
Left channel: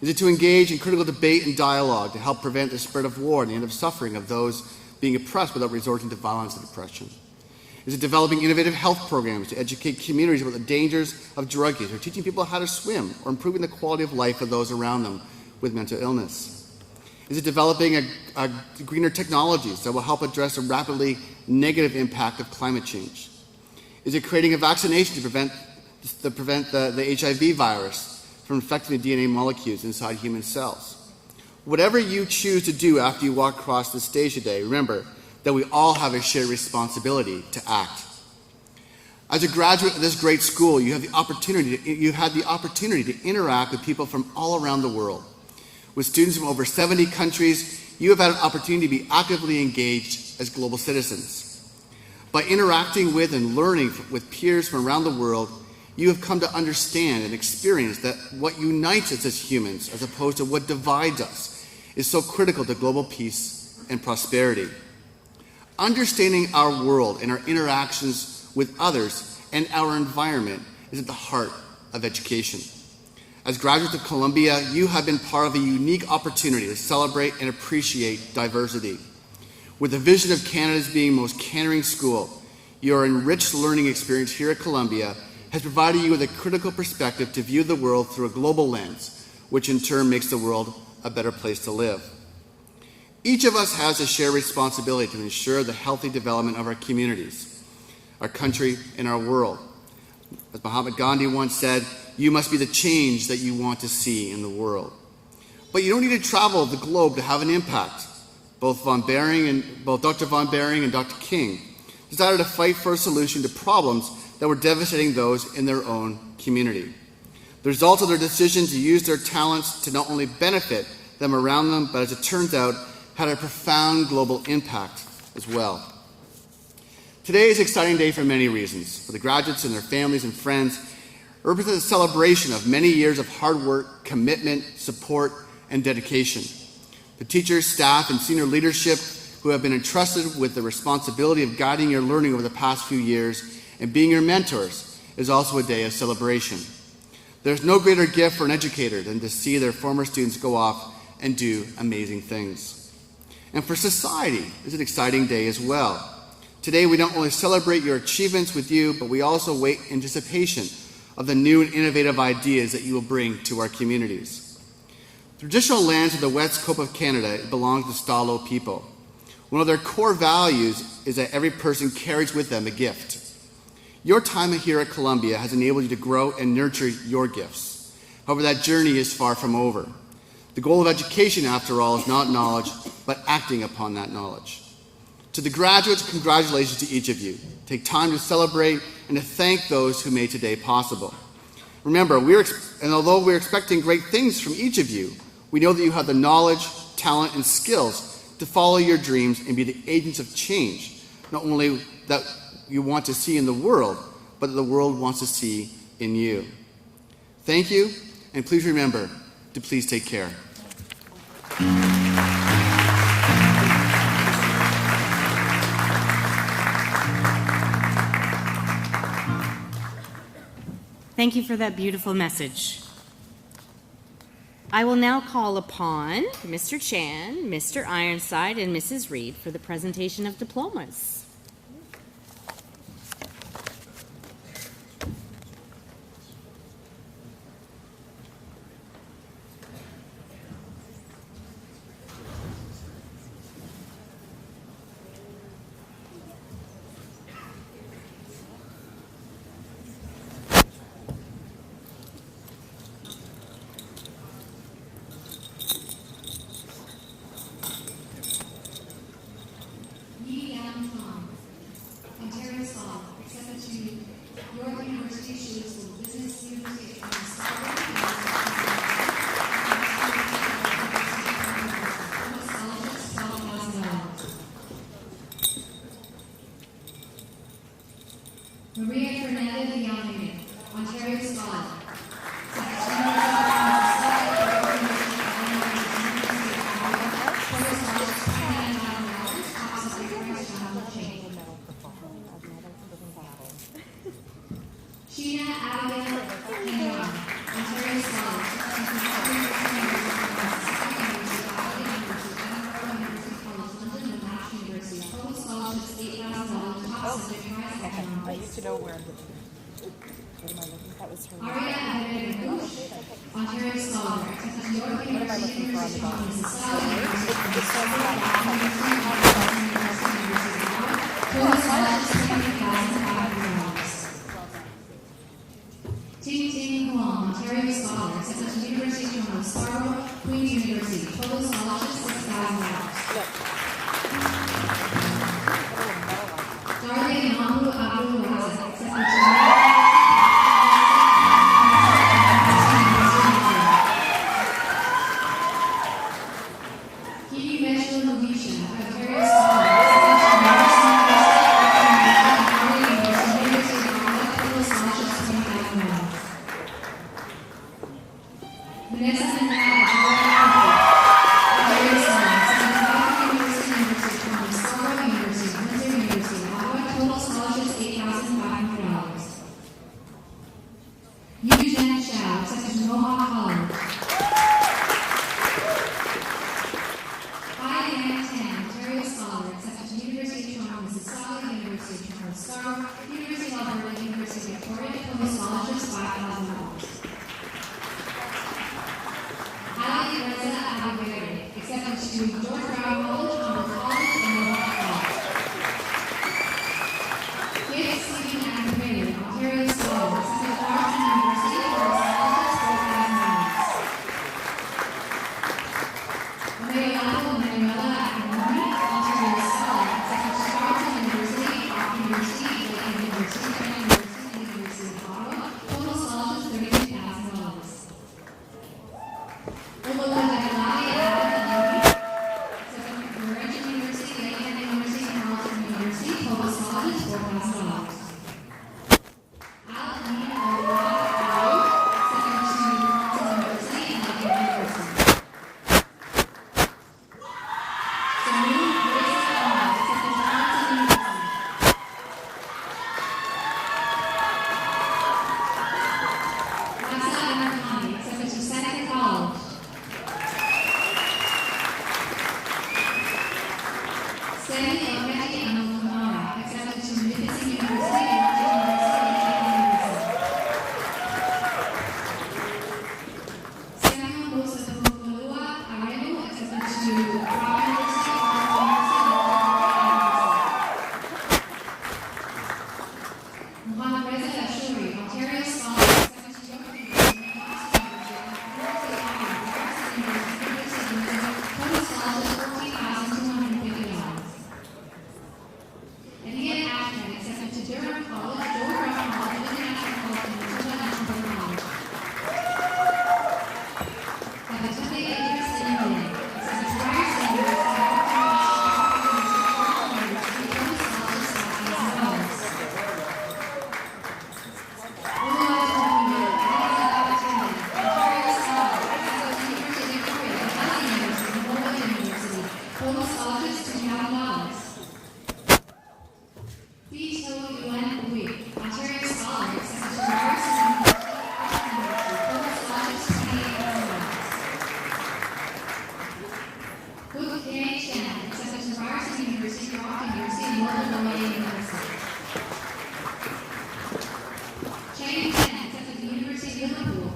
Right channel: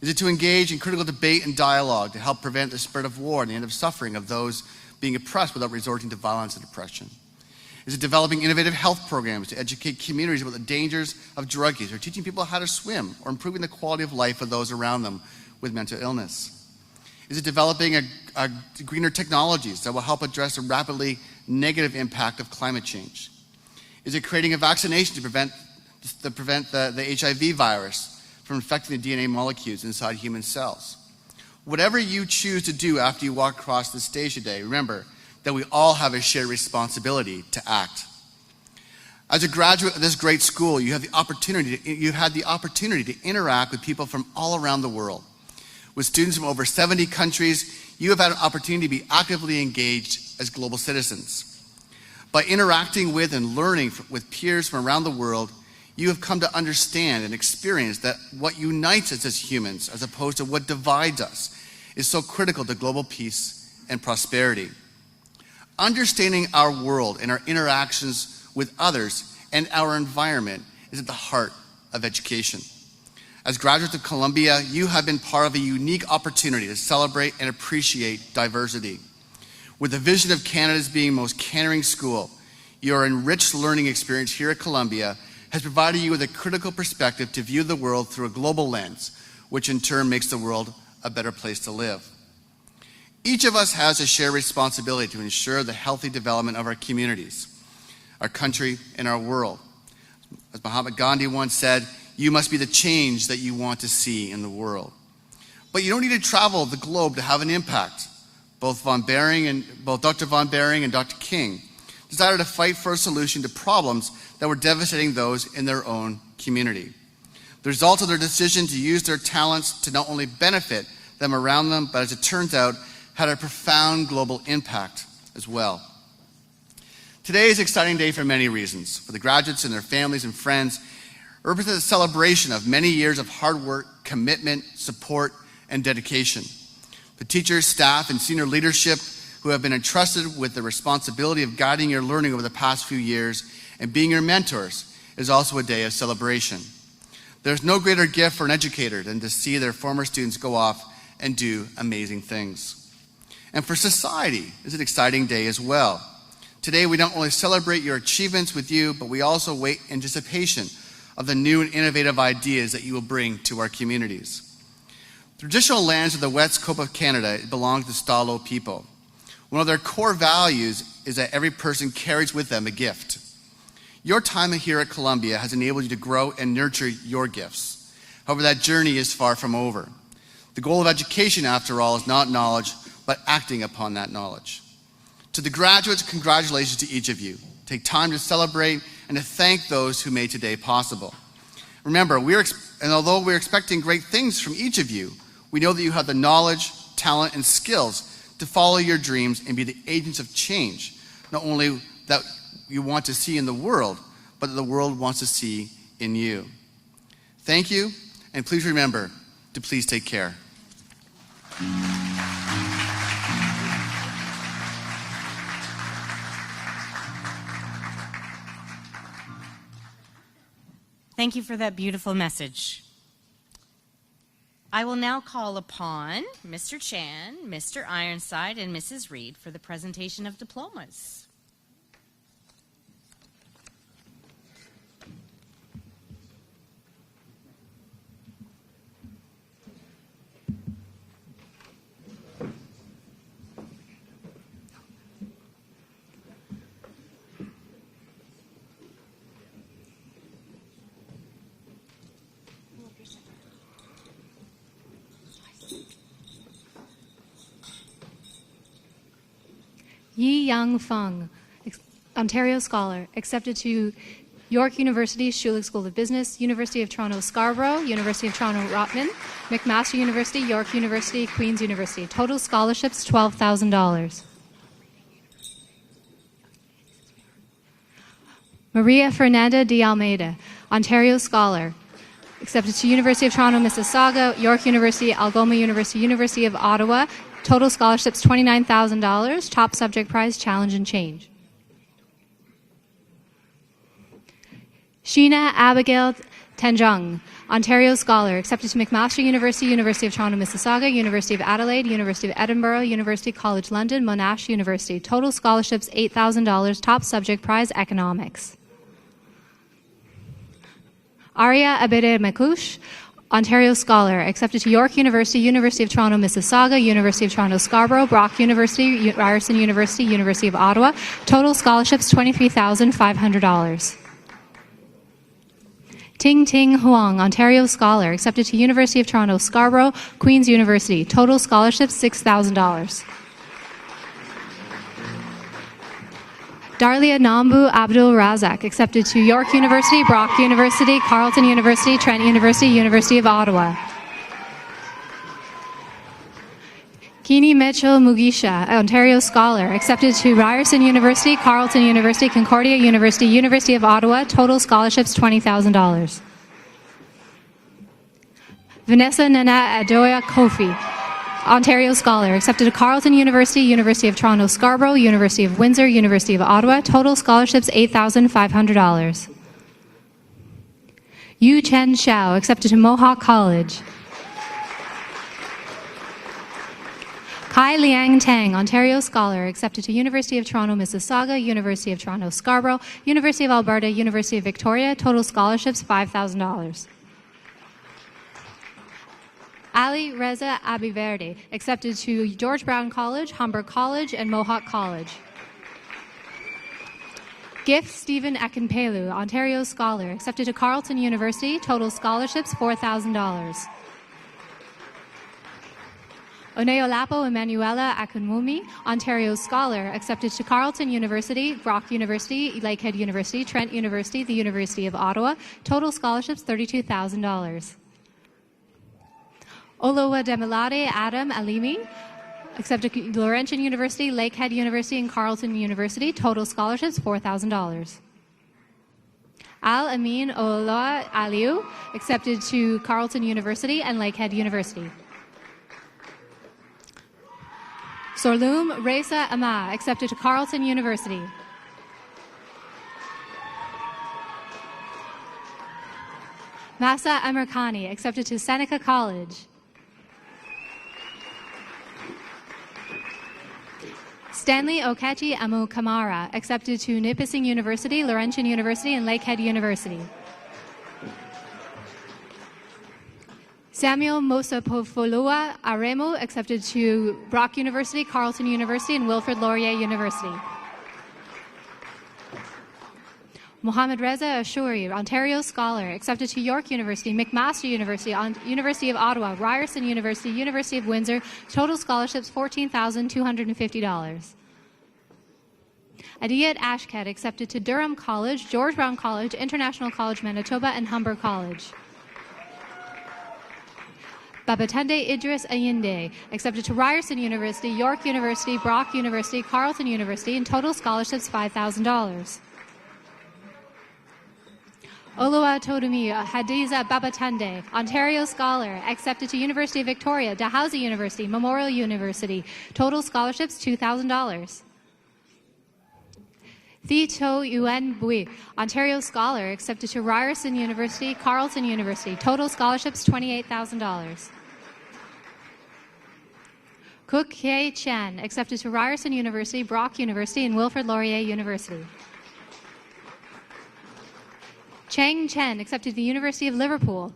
Is it to engage in critical debate and dialogue to help prevent the spread of war and the end of suffering of those being oppressed without resorting to violence and oppression? Is it developing innovative health programs to educate communities about the dangers of drug use, or teaching people how to swim, or improving the quality of life of those around them with mental illness? Is it developing greener technologies that will help address the rapidly negative impact of climate change? Is it creating a vaccination to prevent the HIV virus from infecting the DNA molecules inside human cells? Whatever you choose to do after you walk across the stage today, remember that we all have a shared responsibility to act. As a graduate of this great school, you had the opportunity to interact with people from all around the world. With students from over 70 countries, you have had an opportunity to be actively engaged as global citizens. By interacting with and learning with peers from around the world, you have come to understand and experience that what unites us as humans, as opposed to what divides us, is so critical to global peace and prosperity. Understanding our world and our interactions with others and our environment is at the heart of education. As graduates of Columbia, you have been part of a unique opportunity to celebrate and appreciate diversity. With the vision of Canada's being most caring school, your enriched learning experience here at Columbia has provided you with a critical perspective to view the world through a global lens, which in turn makes the world a better place to live. Each of us has a shared responsibility to ensure the healthy development of our communities, our country, and our world. As Mahatma Gandhi once said, you must be the change that you want to see in the world. But you don't need to travel the globe to have an impact. Both Dr. von Behring and Dr. King decided to fight for a solution to problems that were devastating those in their own community. The result of their decision to use their talents to not only benefit them around them, but as it turns out, had a profound global impact as well. Today is an exciting day for many reasons. For the graduates and their families and friends, it represents a celebration of many years of hard work, commitment, support, and dedication. The teachers, staff, and senior leadership who have been entrusted with the responsibility of guiding your learning over the past few years and being your mentors is also a day of celebration. There's no greater gift for an educator than to see their former students go off and do amazing things. And for society, it's an exciting day as well. Today, we not only celebrate your achievements with you, but we also wait in anticipation of the new and innovative ideas that you will bring to our communities. The traditional lands of the West Coast of Canada belong to the Stalo people. One of their core values is that every person carries with them a gift. Your time here at Columbia has enabled you to grow and nurture your gifts. However, that journey is far from over. The goal of education, after all, is not knowledge, but acting upon that knowledge. To the graduates, congratulations to each of you. Take time to celebrate and to thank those who made today possible. Remember, although we're expecting great things from each of you, we know that you have the knowledge, talent, and skills to follow your dreams and be the agents of change, not only that you want to see in the world, but that the world wants to see in you. Thank you, and please remember to please take care. Thank you for that beautiful message. I will now call upon Mr. Chan, Mr. Ironside, and Mrs. Reed for the presentation of diplomas. Yi Yang Feng, Ontario Scholar, accepted to York University Schulich School of Business, University of Toronto Scarborough, University of Toronto Rotman, McMaster University, York University, Queen's University. Total scholarships, $12,000. Maria Fernanda de Almeida, Ontario Scholar, accepted to University of Toronto Mississauga, York University, Algoma University, University of Ottawa. Total scholarships, $29,000. Top subject prize, Challenge and Change. Sheena Abigail Tenjung, Ontario Scholar, accepted to McMaster University, University of Toronto Mississauga, University of Adelaide, University of Edinburgh, University College London, Monash University. Total scholarships, $8,000. Top subject prize, Economics. Arya Abede Mekush, Ontario Scholar, accepted to York University, University of Toronto Mississauga, University of Toronto Scarborough, Brock University, Ryerson University, University of Ottawa. Total scholarships, $23,500. Ting Ting Huang, Ontario Scholar, accepted to University of Toronto Scarborough, Queen's University. Total scholarships, $6,000. Darlia Nambu Abdul Razak, accepted to York University, Brock University, Carleton University, Trent University, University of Ottawa. Kini Mitchell Mugisha, Ontario Scholar, accepted to Ryerson University, Carleton University, Concordia University, University of Ottawa. Total scholarships, $20,000. Vanessa Nana Adoya Kofi, Ontario Scholar, accepted to Carleton University, University of Toronto Scarborough, University of Windsor, University of Ottawa. Total scholarships, $8,500. Yu Chen Xiao, accepted to Mohawk College. Kai Liang Tang, Ontario Scholar, accepted to University of Toronto Mississauga, University of Toronto Scarborough, University of Alberta, University of Victoria. Total scholarships, $5,000. Ali Reza Abiverdi, accepted to George Brown College, Humber College, and Mohawk College. Gift Stephen Akinpelu, Ontario Scholar, accepted to Carleton University. Total scholarships, $4,000. Oneolapo Emanuela Akimumi, Ontario Scholar, accepted to Carleton University, Brock University, Lakehead University, Trent University, the University of Ottawa. Total scholarships, $32,000. Olowa Demilade Adam Alimi, accepted to Laurentian University, Lakehead University, and Carleton University. Total scholarships, $4,000. Al Amin Ola Aliu, accepted to Carleton University and Lakehead University. Sorlum Reza Aman, accepted to Carleton University. Masa Amrakani, accepted to Seneca College. Stanley Okechi Amo Kamara, accepted to Nipissing University, Laurentian University, and Lakehead University. Sam Samuel Mosapofoloa Aremo, accepted to Brock University, Carleton University, and Wilfrid Laurier University. Mohammed Reza Ashuri, Ontario Scholar, accepted to York University, McMaster University, University of Ottawa, Ryerson University, University of Windsor, total scholarships $14,250. Adiyat Ashkad, accepted to Durham College, George Brown College, International College Manitoba, and Humber College. Babatunde Idris Ayinde, accepted to Ryerson University, York University, Brock University, Carleton University, and total scholarships $5,000. Oluwatomi Hadiza Babatunde, Ontario Scholar, accepted to University of Victoria, Dalhousie University, Memorial University, total scholarships $2,000. Thi To Yuen Bui, Ontario Scholar, accepted to Ryerson University, Carleton University, total scholarships $28,000. Cook Hye Chan, accepted to Ryerson University, Brock University, and Wilfrid Laurier University. Chang Chen, accepted to the University of Liverpool.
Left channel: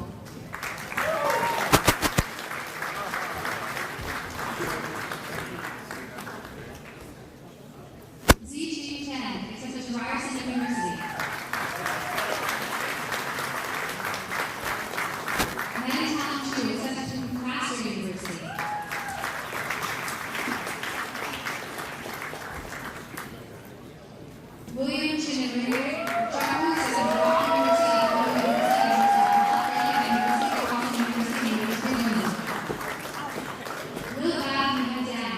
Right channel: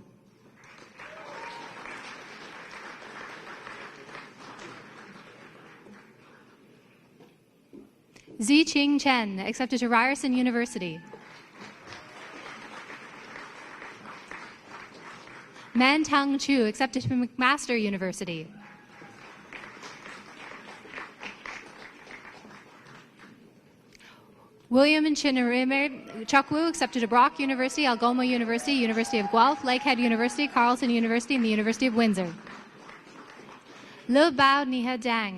Ziqing Chen, accepted to Ryerson University. Man Tang Chu, accepted to McMaster University. William Chinarimer Chakwu, accepted to Brock University, Algoma University, University of Guelph, Lakehead University, Carleton University, and the University of Windsor. Le Ba Mina Dang.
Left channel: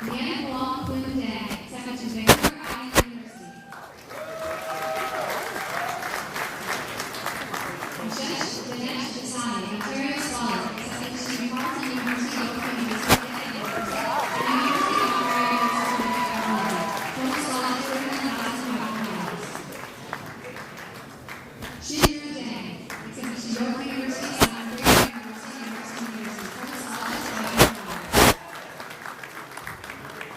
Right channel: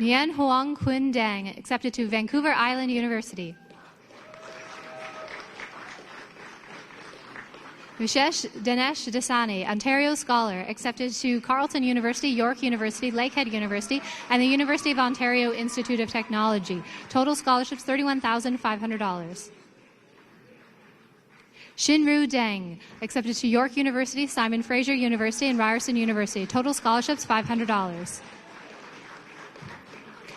Nguyen Hoang Quinn Dang, accepted to Vancouver Island University. Vishesh Dinesh Dasani, Ontario Scholar, accepted to Carleton University, York University, Lakehead University, and the University of Ontario Institute of Technology. Total scholarships $31,500. Shinru Deng, accepted to York University, Simon Fraser University, and Ryerson University. Total scholarships $500.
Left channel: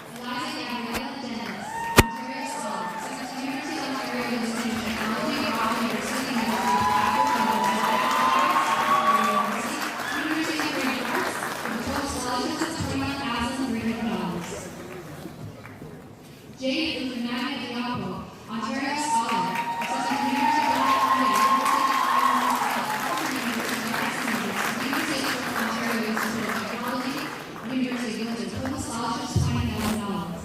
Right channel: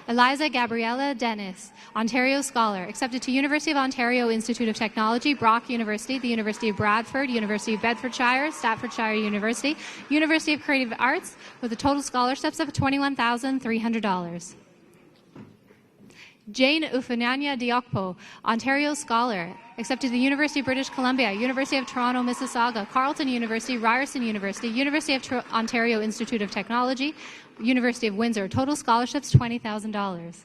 Eliza Gabriella Dennis, Ontario Scholar, accepted to University of Ontario Institute of Technology, Brock University, the University of Bradford, University of Bedfordshire, Staffordshire University, University of Creative Arts, with a total scholarships of $21,300. Jane Ufananya Dioko, Ontario Scholar, accepted to the University of British Columbia, University of Toronto, Mississauga, Carleton University, Ryerson University, University of Ontario Institute of Technology, University of Windsor. Total scholarships $20,000.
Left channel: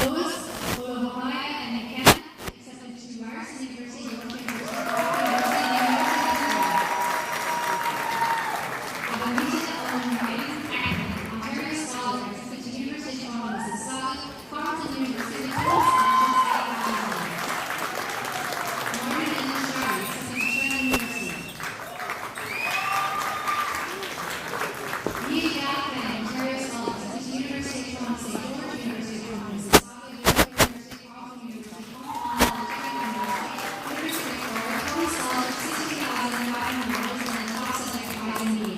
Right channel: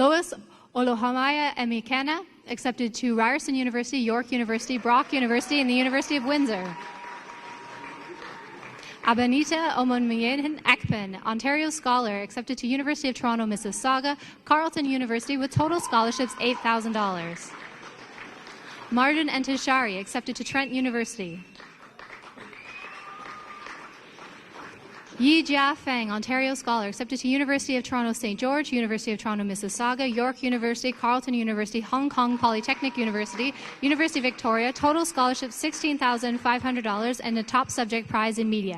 Lois Olohamaya Emikena, accepted to Ryerson University, York University, Brock University, and the University of Windsor. Abanita Omonmien Ekman, Ontario Scholar, accepted to University of Toronto, Mississauga, Carleton University, with total scholarships $8,000. Martin Entishari, accepted to Trent University. Yi Jia Feng, Ontario Scholar, accepted to University of Toronto St. George, University of Toronto Mississauga, York University, Carleton University, Hong Kong Polytechnic University, University of Victoria, total scholarship $16,500 and the top subject prize in media.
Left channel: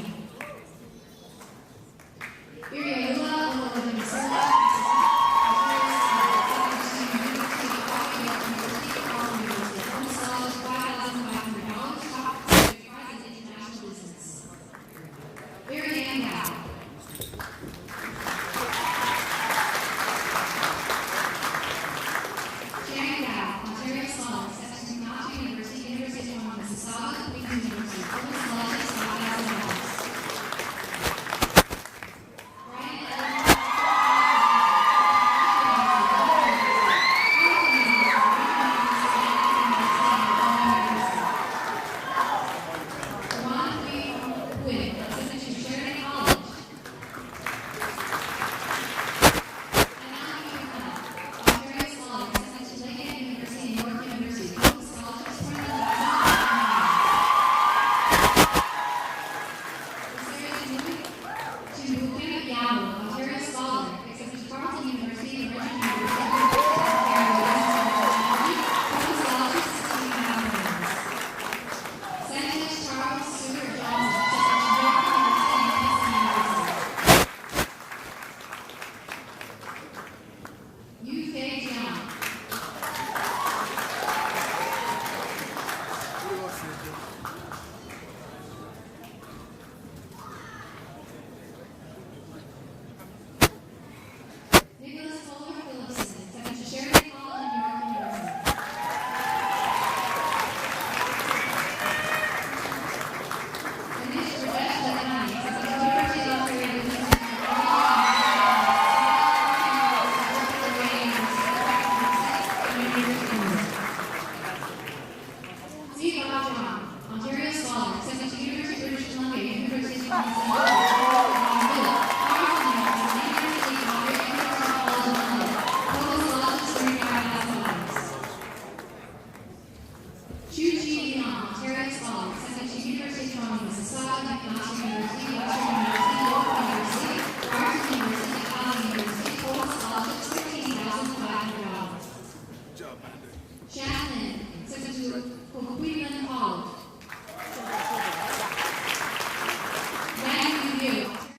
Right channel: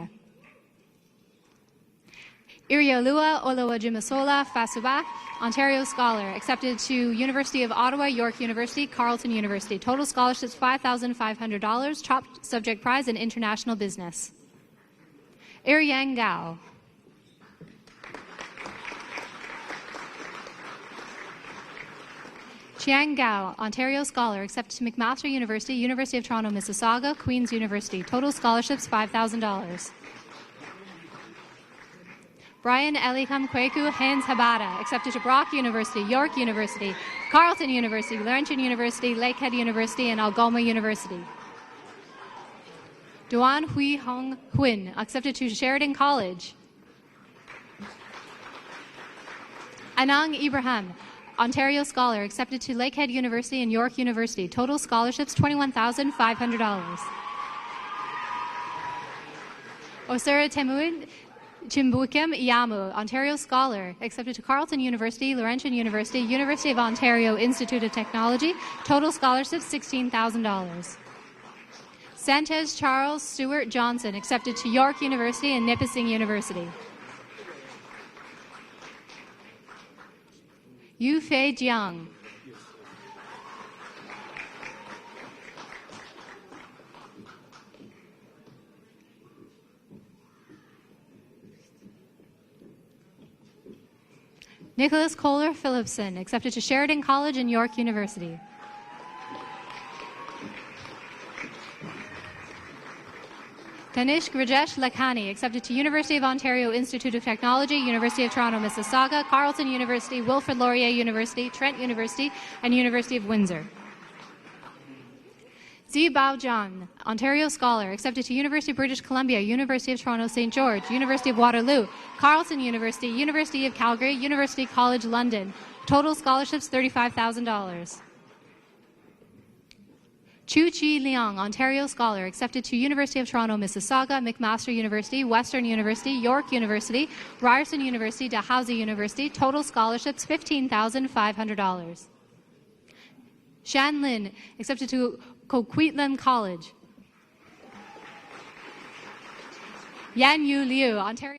Iriolua Olowajimasola Fasuba, Ontario Scholar, accepted to University of Ottawa, York University, Carleton University, total scholarships $5,500, top subject prize in international business. Yang Gao. Chiang Gao, Ontario Scholar, accepted to McMaster University, University of Toronto, Mississauga, Queen's University. Total scholarships $5,000. Brian Eliham Kweku Pans Habata, accepted to Brock University, York University, Carleton University, Laurentian University, Lakehead University, and Algoma University. Duan Hui Hong Quinn, accepted to Sheridan College. Anang Ibrahim, Ontario Scholar, accepted to Lakehead University and York University. Total scholarships $21,500. Osera Temuid Chimbukim Iyamu, Ontario Scholar, accepted to Carleton University, Laurentian University, University of Ontario Institute of Technology. Total scholarships $16,000. Sanchez Charles Stewart Johnson, accepted to York University and Nipissing University. Yu Fei Jiang. Nicholas Kohler Phillipson, accepted to Sheridan College and York University. Tanish Rajesh Lakhani, accepted to University of Ontario Institute of Technology, University of Toronto, Mississauga, Carleton University, Wilfrid Laurier University, Trent University, and University of Windsor. Zi Baojian, Ontario Scholar, accepted to University of British Columbia, University of Toronto St. George, University of Waterloo, Carleton University, University of Calgary, University College London. Total scholarships $35,000. Chu Chi Liang, Ontario Scholar, accepted to University of Toronto, Mississauga, McMaster University, Western University, York University, Ryerson University, Dalhousie University. Total scholarships $15,500. Shan Lin, accepted to Coquitlam College. Yan Yu Liu, Ontario,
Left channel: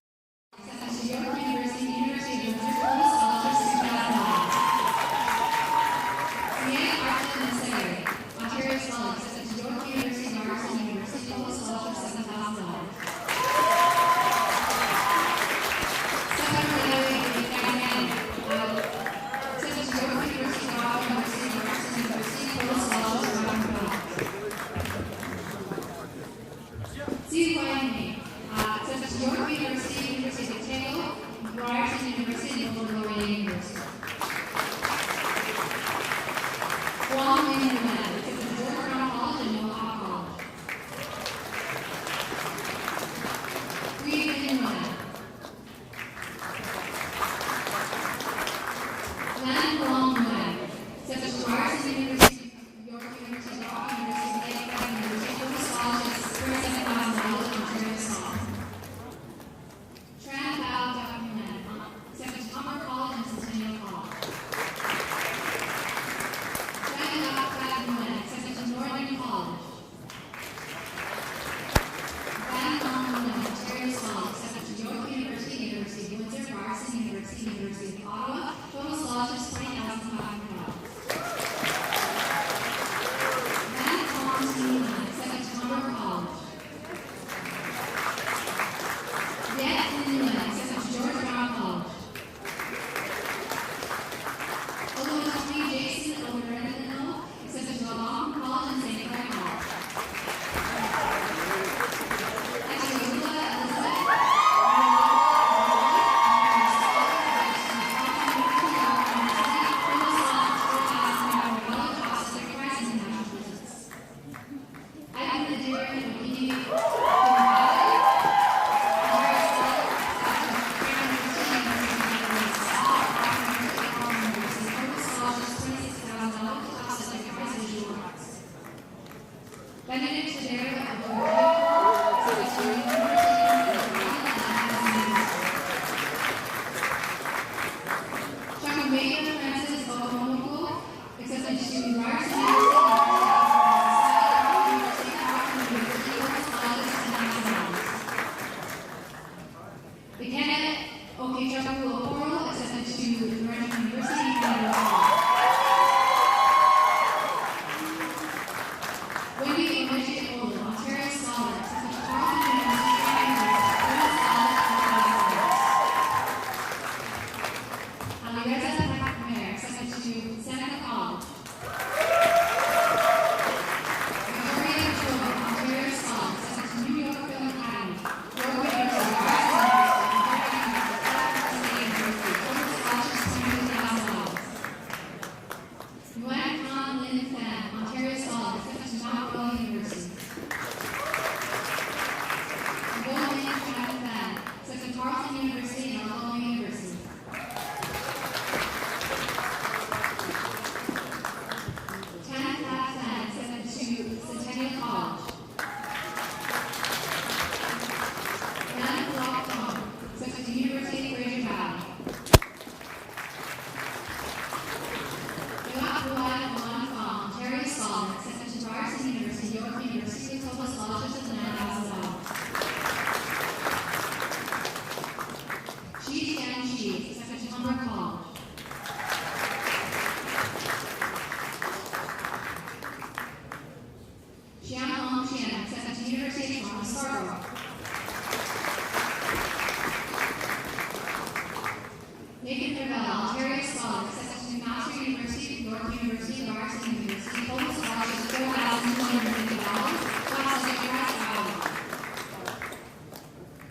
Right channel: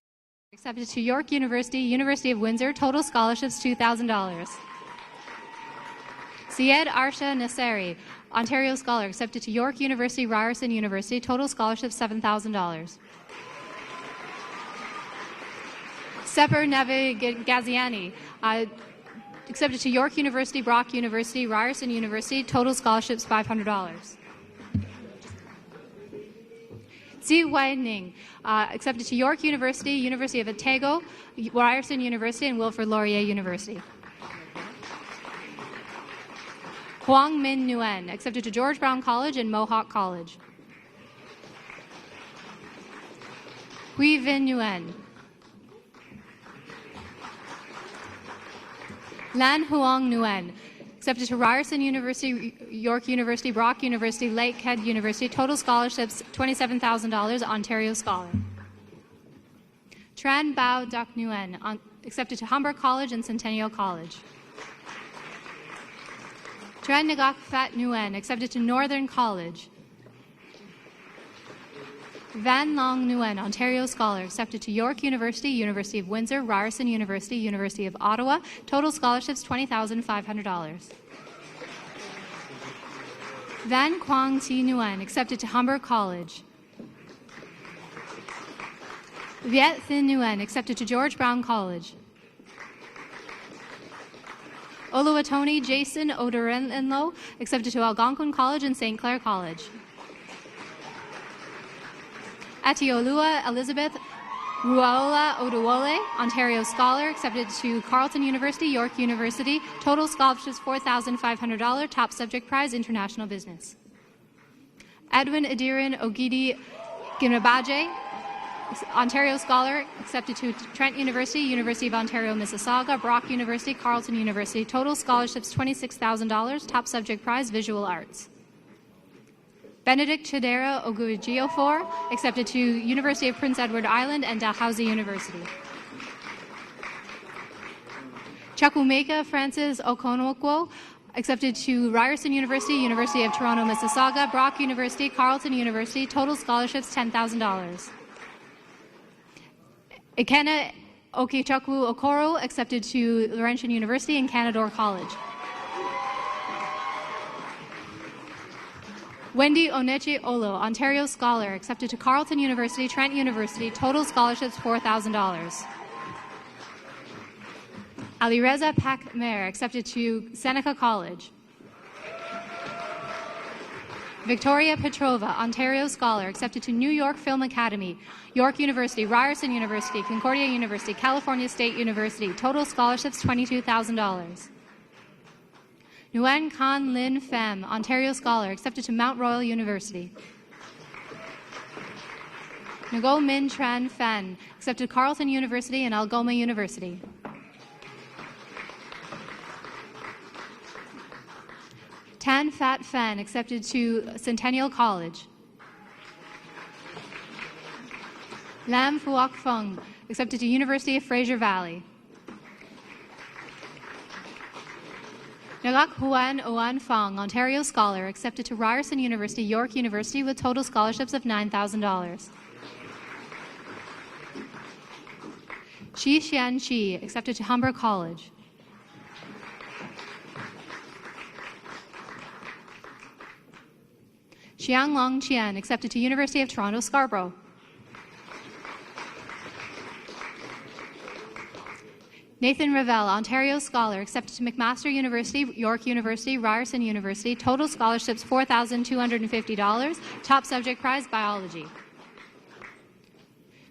accepted to York University, University of Windsor. Total scholarships $2,000. Syed Arsha Nasseri, Ontario Scholar, accepted to York University, Ryerson University. Total scholarship $7,000. Sever Neve Gaviani, accepted to York University, Brock University, Ryerson University. Total scholarships $500. Zi Weidning, accepted to York University, University of Otago, Ryerson University, and Wilfrid Laurier University. Huang Ming Nguyen, accepted to George Brown College and Mohawk College. Hui Vin Nguyen. Lan Huang Nguyen, accepted to Ryerson University, York University, Brock University, Lakehead University. Total scholarships $27,000, Ontario Scholar. Tran Bao Duc Nguyen, accepted to Humber College and Centennial College. Tran Ngak Phat Nguyen, accepted to Northern College. Van Long Nguyen, Ontario Scholar, accepted to York University, University of Windsor, Ryerson University, University of Ottawa. Total scholarships $20,500. Van Quang Thi Nguyen, accepted to Humber College. Viet Thanh Nguyen, accepted to George Brown College. Oluwatoni Jason Odorenlo, accepted to Algonquin College and St. Clair College. Atiolua Elizabeth Ruaola Oduwole, Ontario Scholar, accepted to Carleton University, York University. Total scholarships $4,500. Top subject prize, International Business. Edwin Adiran Ogidi Ginabaje, Ontario Scholar, accepted to Trent University, University of Ontario, Mississauga, Brock University, Carleton University. Total scholarships $26,000. Top subject prize, Visual Arts. Benedict Chidera Ogujiafor, accepted to University of Prince Edward Island and Dalhousie University. Chukwumeka Francis Okonokwo, accepted to Ryerson University, University of Toronto, Mississauga, Brock University, Carleton University. Total scholarships $10,000. Ikena Okechukwu Okoro, accepted to Laurentian University and Canadore College. Wendy Onechi Olo, Ontario Scholar, accepted to Carleton University, Trent University. Total scholarships $4,000. Alireza Pakmer, accepted to Seneca College. Victoria Petrova, Ontario Scholar, accepted to New York Film Academy, York University, Ryerson University, Concordia University, California State University. Total scholarships $22,000. Nguyen Can Lin Pham, Ontario Scholar, accepted to Mount Royal University. Ngo Min Tran Phan, accepted to Carleton University and Algoma University. Tan Phat Phan, accepted to Centennial College. Lam Huoc Fong, accepted to University of Fraser Valley. Ngak Huan Oan Pham, Ontario Scholar, accepted to Ryerson University, York University with total scholarships of $9,000. Chi Xian Chi, accepted to Humber College. Xianglong Qian, accepted to University of Toronto, Scarborough. Nathan Ravel, Ontario Scholar, accepted to McMaster University, York University, Ryerson University. Total scholarships $4,250. Top subject prize, biology.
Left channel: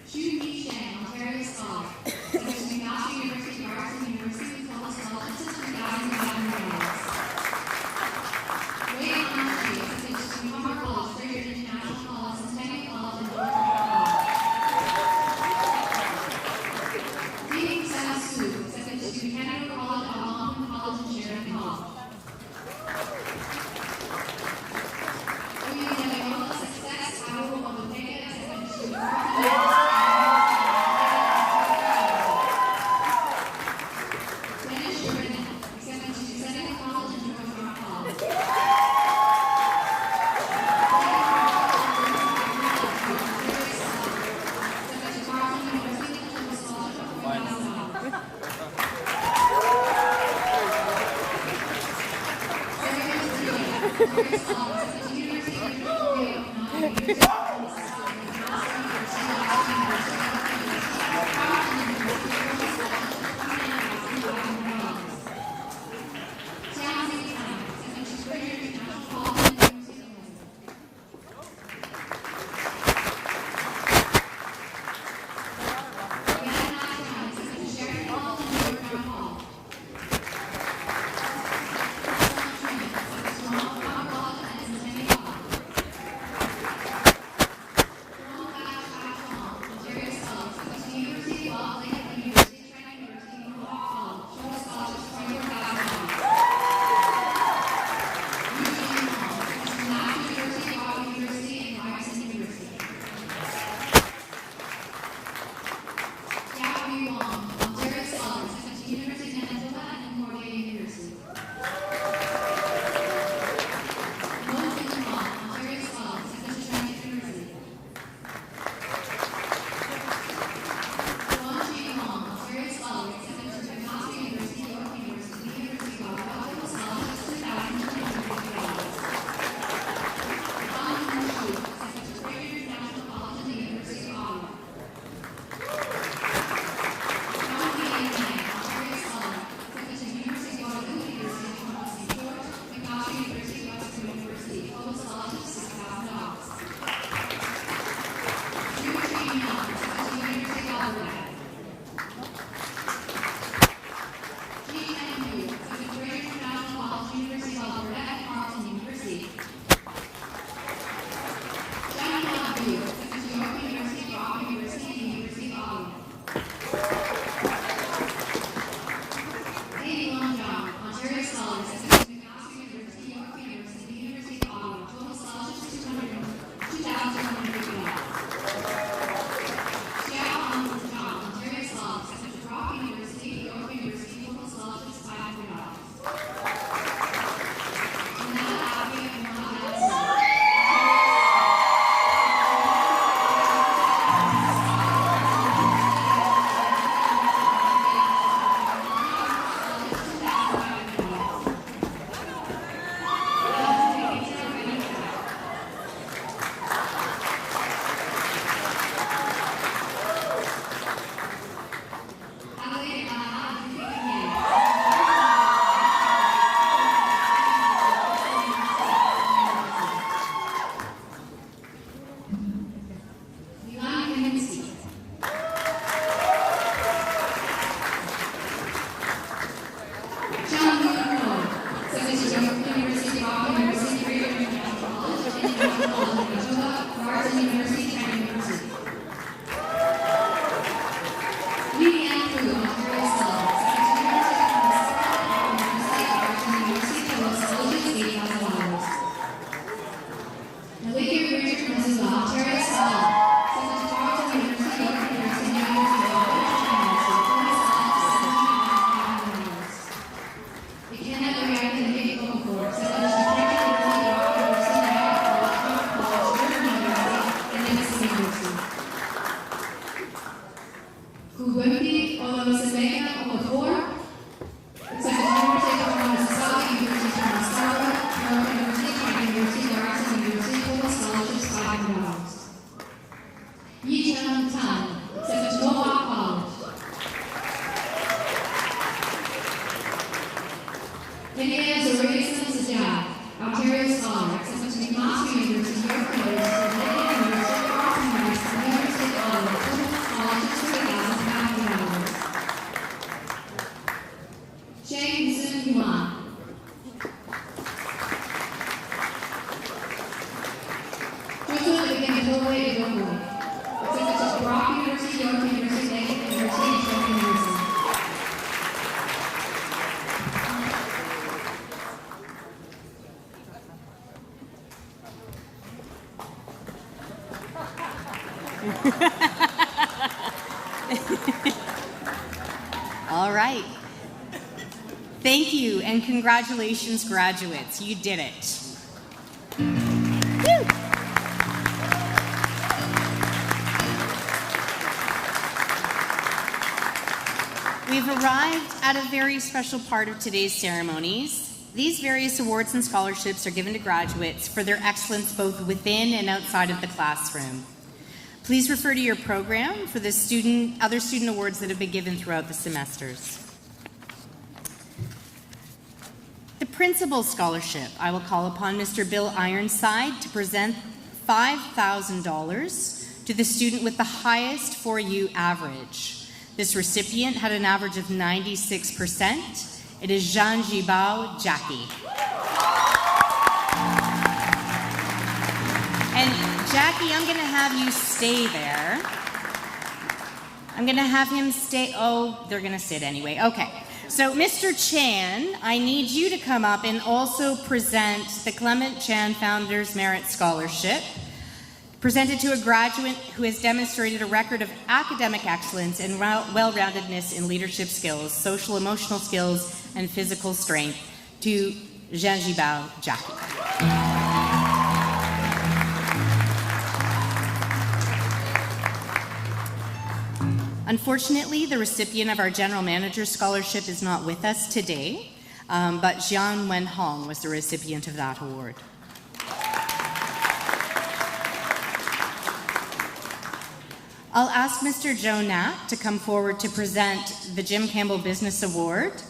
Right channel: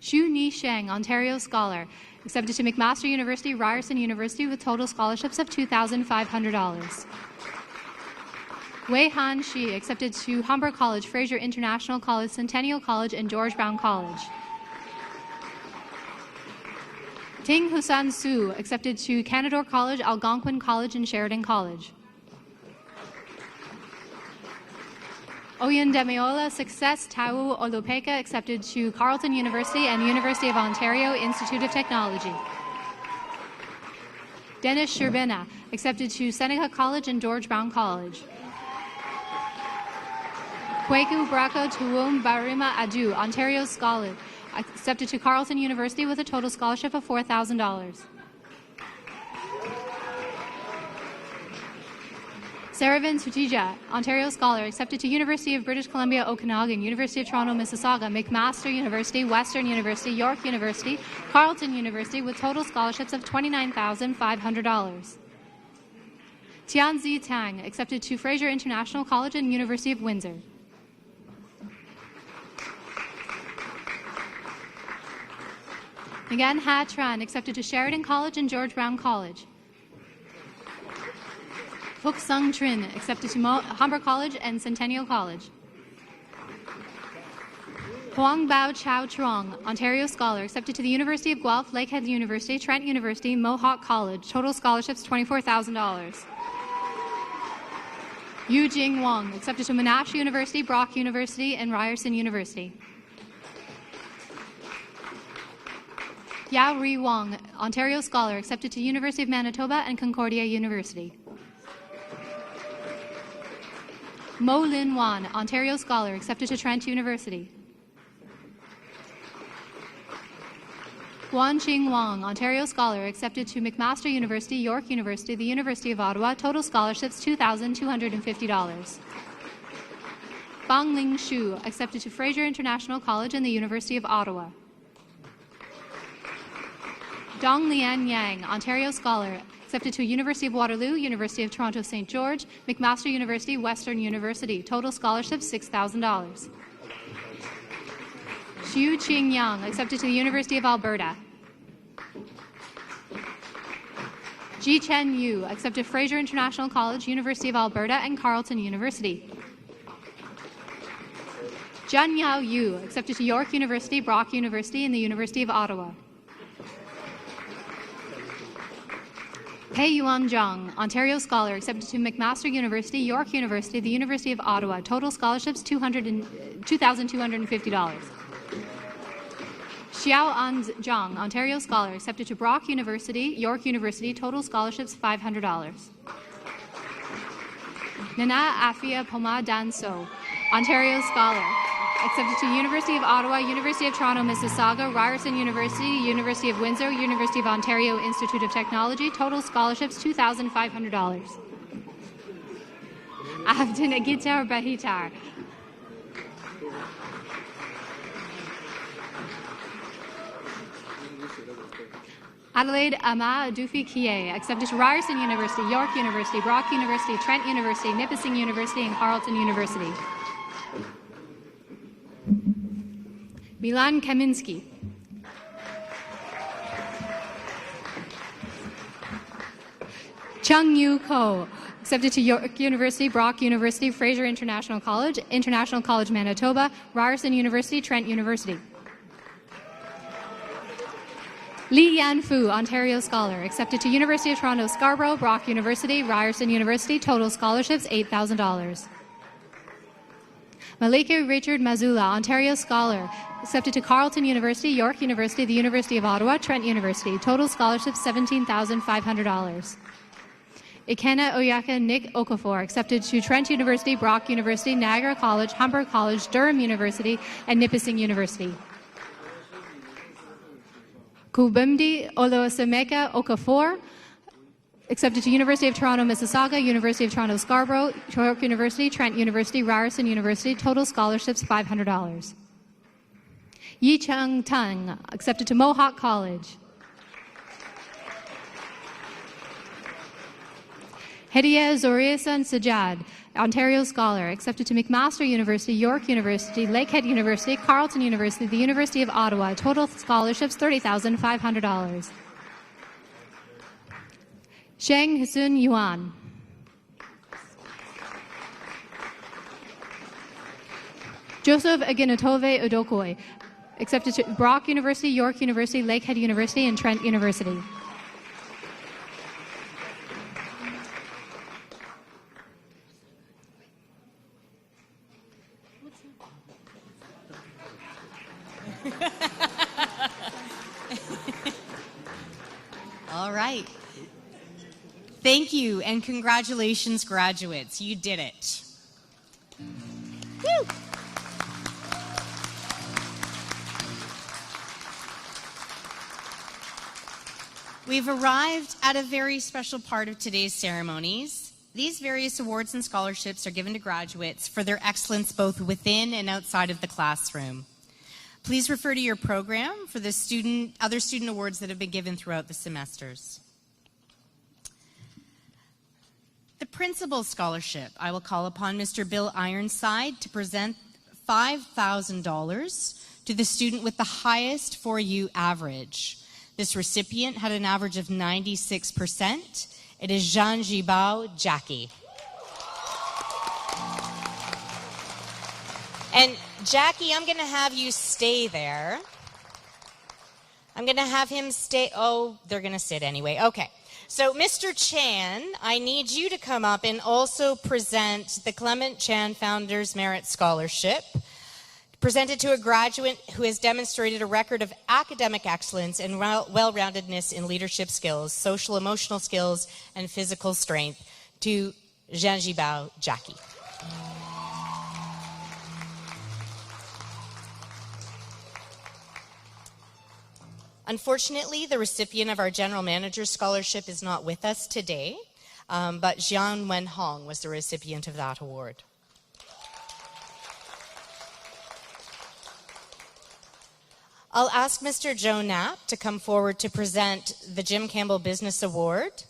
Xu Ni Sheng, Ontario Scholar, accepted to McMaster University, Ryerson University with total scholarships of $2,500. Wei Han Shi, accepted to Humber College, Fraser International College, Centennial College, and George Brown College. Ting Husan Su, accepted to Canadore College, Algonquin College, and Sheridan College. Oyen Demiola Success Tau Olopeka, accepted to Carleton University and University of Ontario Institute of Technology. Dennis Sherbina, accepted to Seneca College and George Brown College. Kwaku Brako Tuwum Barima Adu, Ontario Scholar, accepted to Carleton University with a total scholarship of $4,000. Saravin Tujija, Ontario Scholar, accepted to University of British Columbia, Okanagan, University of Toronto, Mississauga, McMaster University, Western University, York University, Carleton University with total scholarships of $29,500. Tianzi Tang, accepted to Fraser International College and University of Windsor. Again, Ha Tran, accepted to Sheridan College and George Brown College. Ok Sung Trin, accepted to Humber College and Centennial College. Huang Bao Chao Truong, Ontario Scholar, accepted to the University of Guelph, Lakehead University, Trent University, Mohawk College. Total scholarships $24,000. Yu Jing Wang, accepted to Monash University, Brock University, and Ryerson University. Yao Ri Wang, Ontario Scholar, accepted to University of Manitoba and Concordia University. Mo Lin Wan, Ontario Scholar, accepted to Trent University. Guan Ching Wang, Ontario Scholar, accepted to McMaster University, York University, the University of Ottawa. Total scholarships $2,250. Fang Ling Shu, accepted to Fraser International College and the University of Ottawa. Dong Liang Yang, Ontario Scholar, accepted to University of Waterloo, University of Toronto St. George, McMaster University, Western University. Total scholarships $6,000. Xu Qing Yang, accepted to the University of Alberta. Ji Chen Yu, accepted to Fraser International College, University of Alberta, and Carleton University. Zhan Yao Yu, accepted to York University, Brock University, and the University of Ottawa. Pei Yuan Zhang, Ontario Scholar, accepted to McMaster University, York University, the University of Ottawa. Total scholarships $2,250. Xiao An Zhang, Ontario Scholar, accepted to Brock University, York University. Total scholarships $500. Nana Afia Poma Danso, Ontario Scholar, accepted to University of Ottawa, University of Toronto, Mississauga, Ryerson University, University of Windsor, University of Ontario Institute of Technology. Total scholarships $2,500. Abdinagita Bahitar. Adelaide Ama Adufi Kie, accepted to Ryerson University, York University, Brock University, Trent University, Nipissing University, and Carleton University. Milan Kaminsky. Chung Yu Ho, accepted to York University, Brock University, Fraser International College, International College Manitoba, Ryerson University, Trent University. Li Yan Fu, Ontario Scholar, accepted to University of Toronto, Scarborough, Brock University, Ryerson University. Total scholarships $8,000. Malika Richard Mazula, Ontario Scholar, accepted to Carleton University, York University, the University of Ottawa, Trent University. Total scholarships $17,500. Ikena Oyaka Nick Okafor, accepted to Trent University, Brock University, Niagara College, Humber College, Durham University, and Nipissing University. Kubumdi Olosemeka Okafor, Accepted to University of Toronto, Mississauga, University of Toronto, Scarborough, York University, Trent University, Ryerson University, total scholarships $500. Yi Chung Tan, accepted to Mohawk College. Hediya Zoriasan Sajad, Ontario Scholar, accepted to McMaster University, York University, Lakehead University, Carleton University, the University of Ottawa, total scholarships $30,500. Shang Yusun Yuan. Joseph Aginatove Udokoi, accepted to Brock University, York University, Lakehead University, and Trent University. All right. Thank you and congratulations, graduates. You did it. Woo! We've arrived at a very special part of today's ceremonies. These various awards and scholarships are given to graduates for their excellence both within and outside of the classroom. Please refer to your program for the other student awards that have been given throughout the semesters. The Principal Scholarship, I will call upon Mr. Bill Ironside to present $5,000 to the student with the highest 4U average. This recipient had an average of 96%. It is Jean Gibao Jackie. And Jackie, I'm going to have you stay there. I'm going to have him stay. Oh, they're going to sit anyway. Okay. So, Mr. Chan, I need you to come up and also present the Clement Chan Founders Merit Scholarship, presented to a graduate who has demonstrated a record of academic excellence and well-roundedness in leadership skills, social emotional skills, and physical strength, to Jean Gibao Jackie. Unfortunately, the recipient of our General Manager Scholarship is not with us today, but Jian Wen Hong was the recipient of that award. I'll ask Mr. Joe Knapp to come forward to present the Jim Campbell Business Award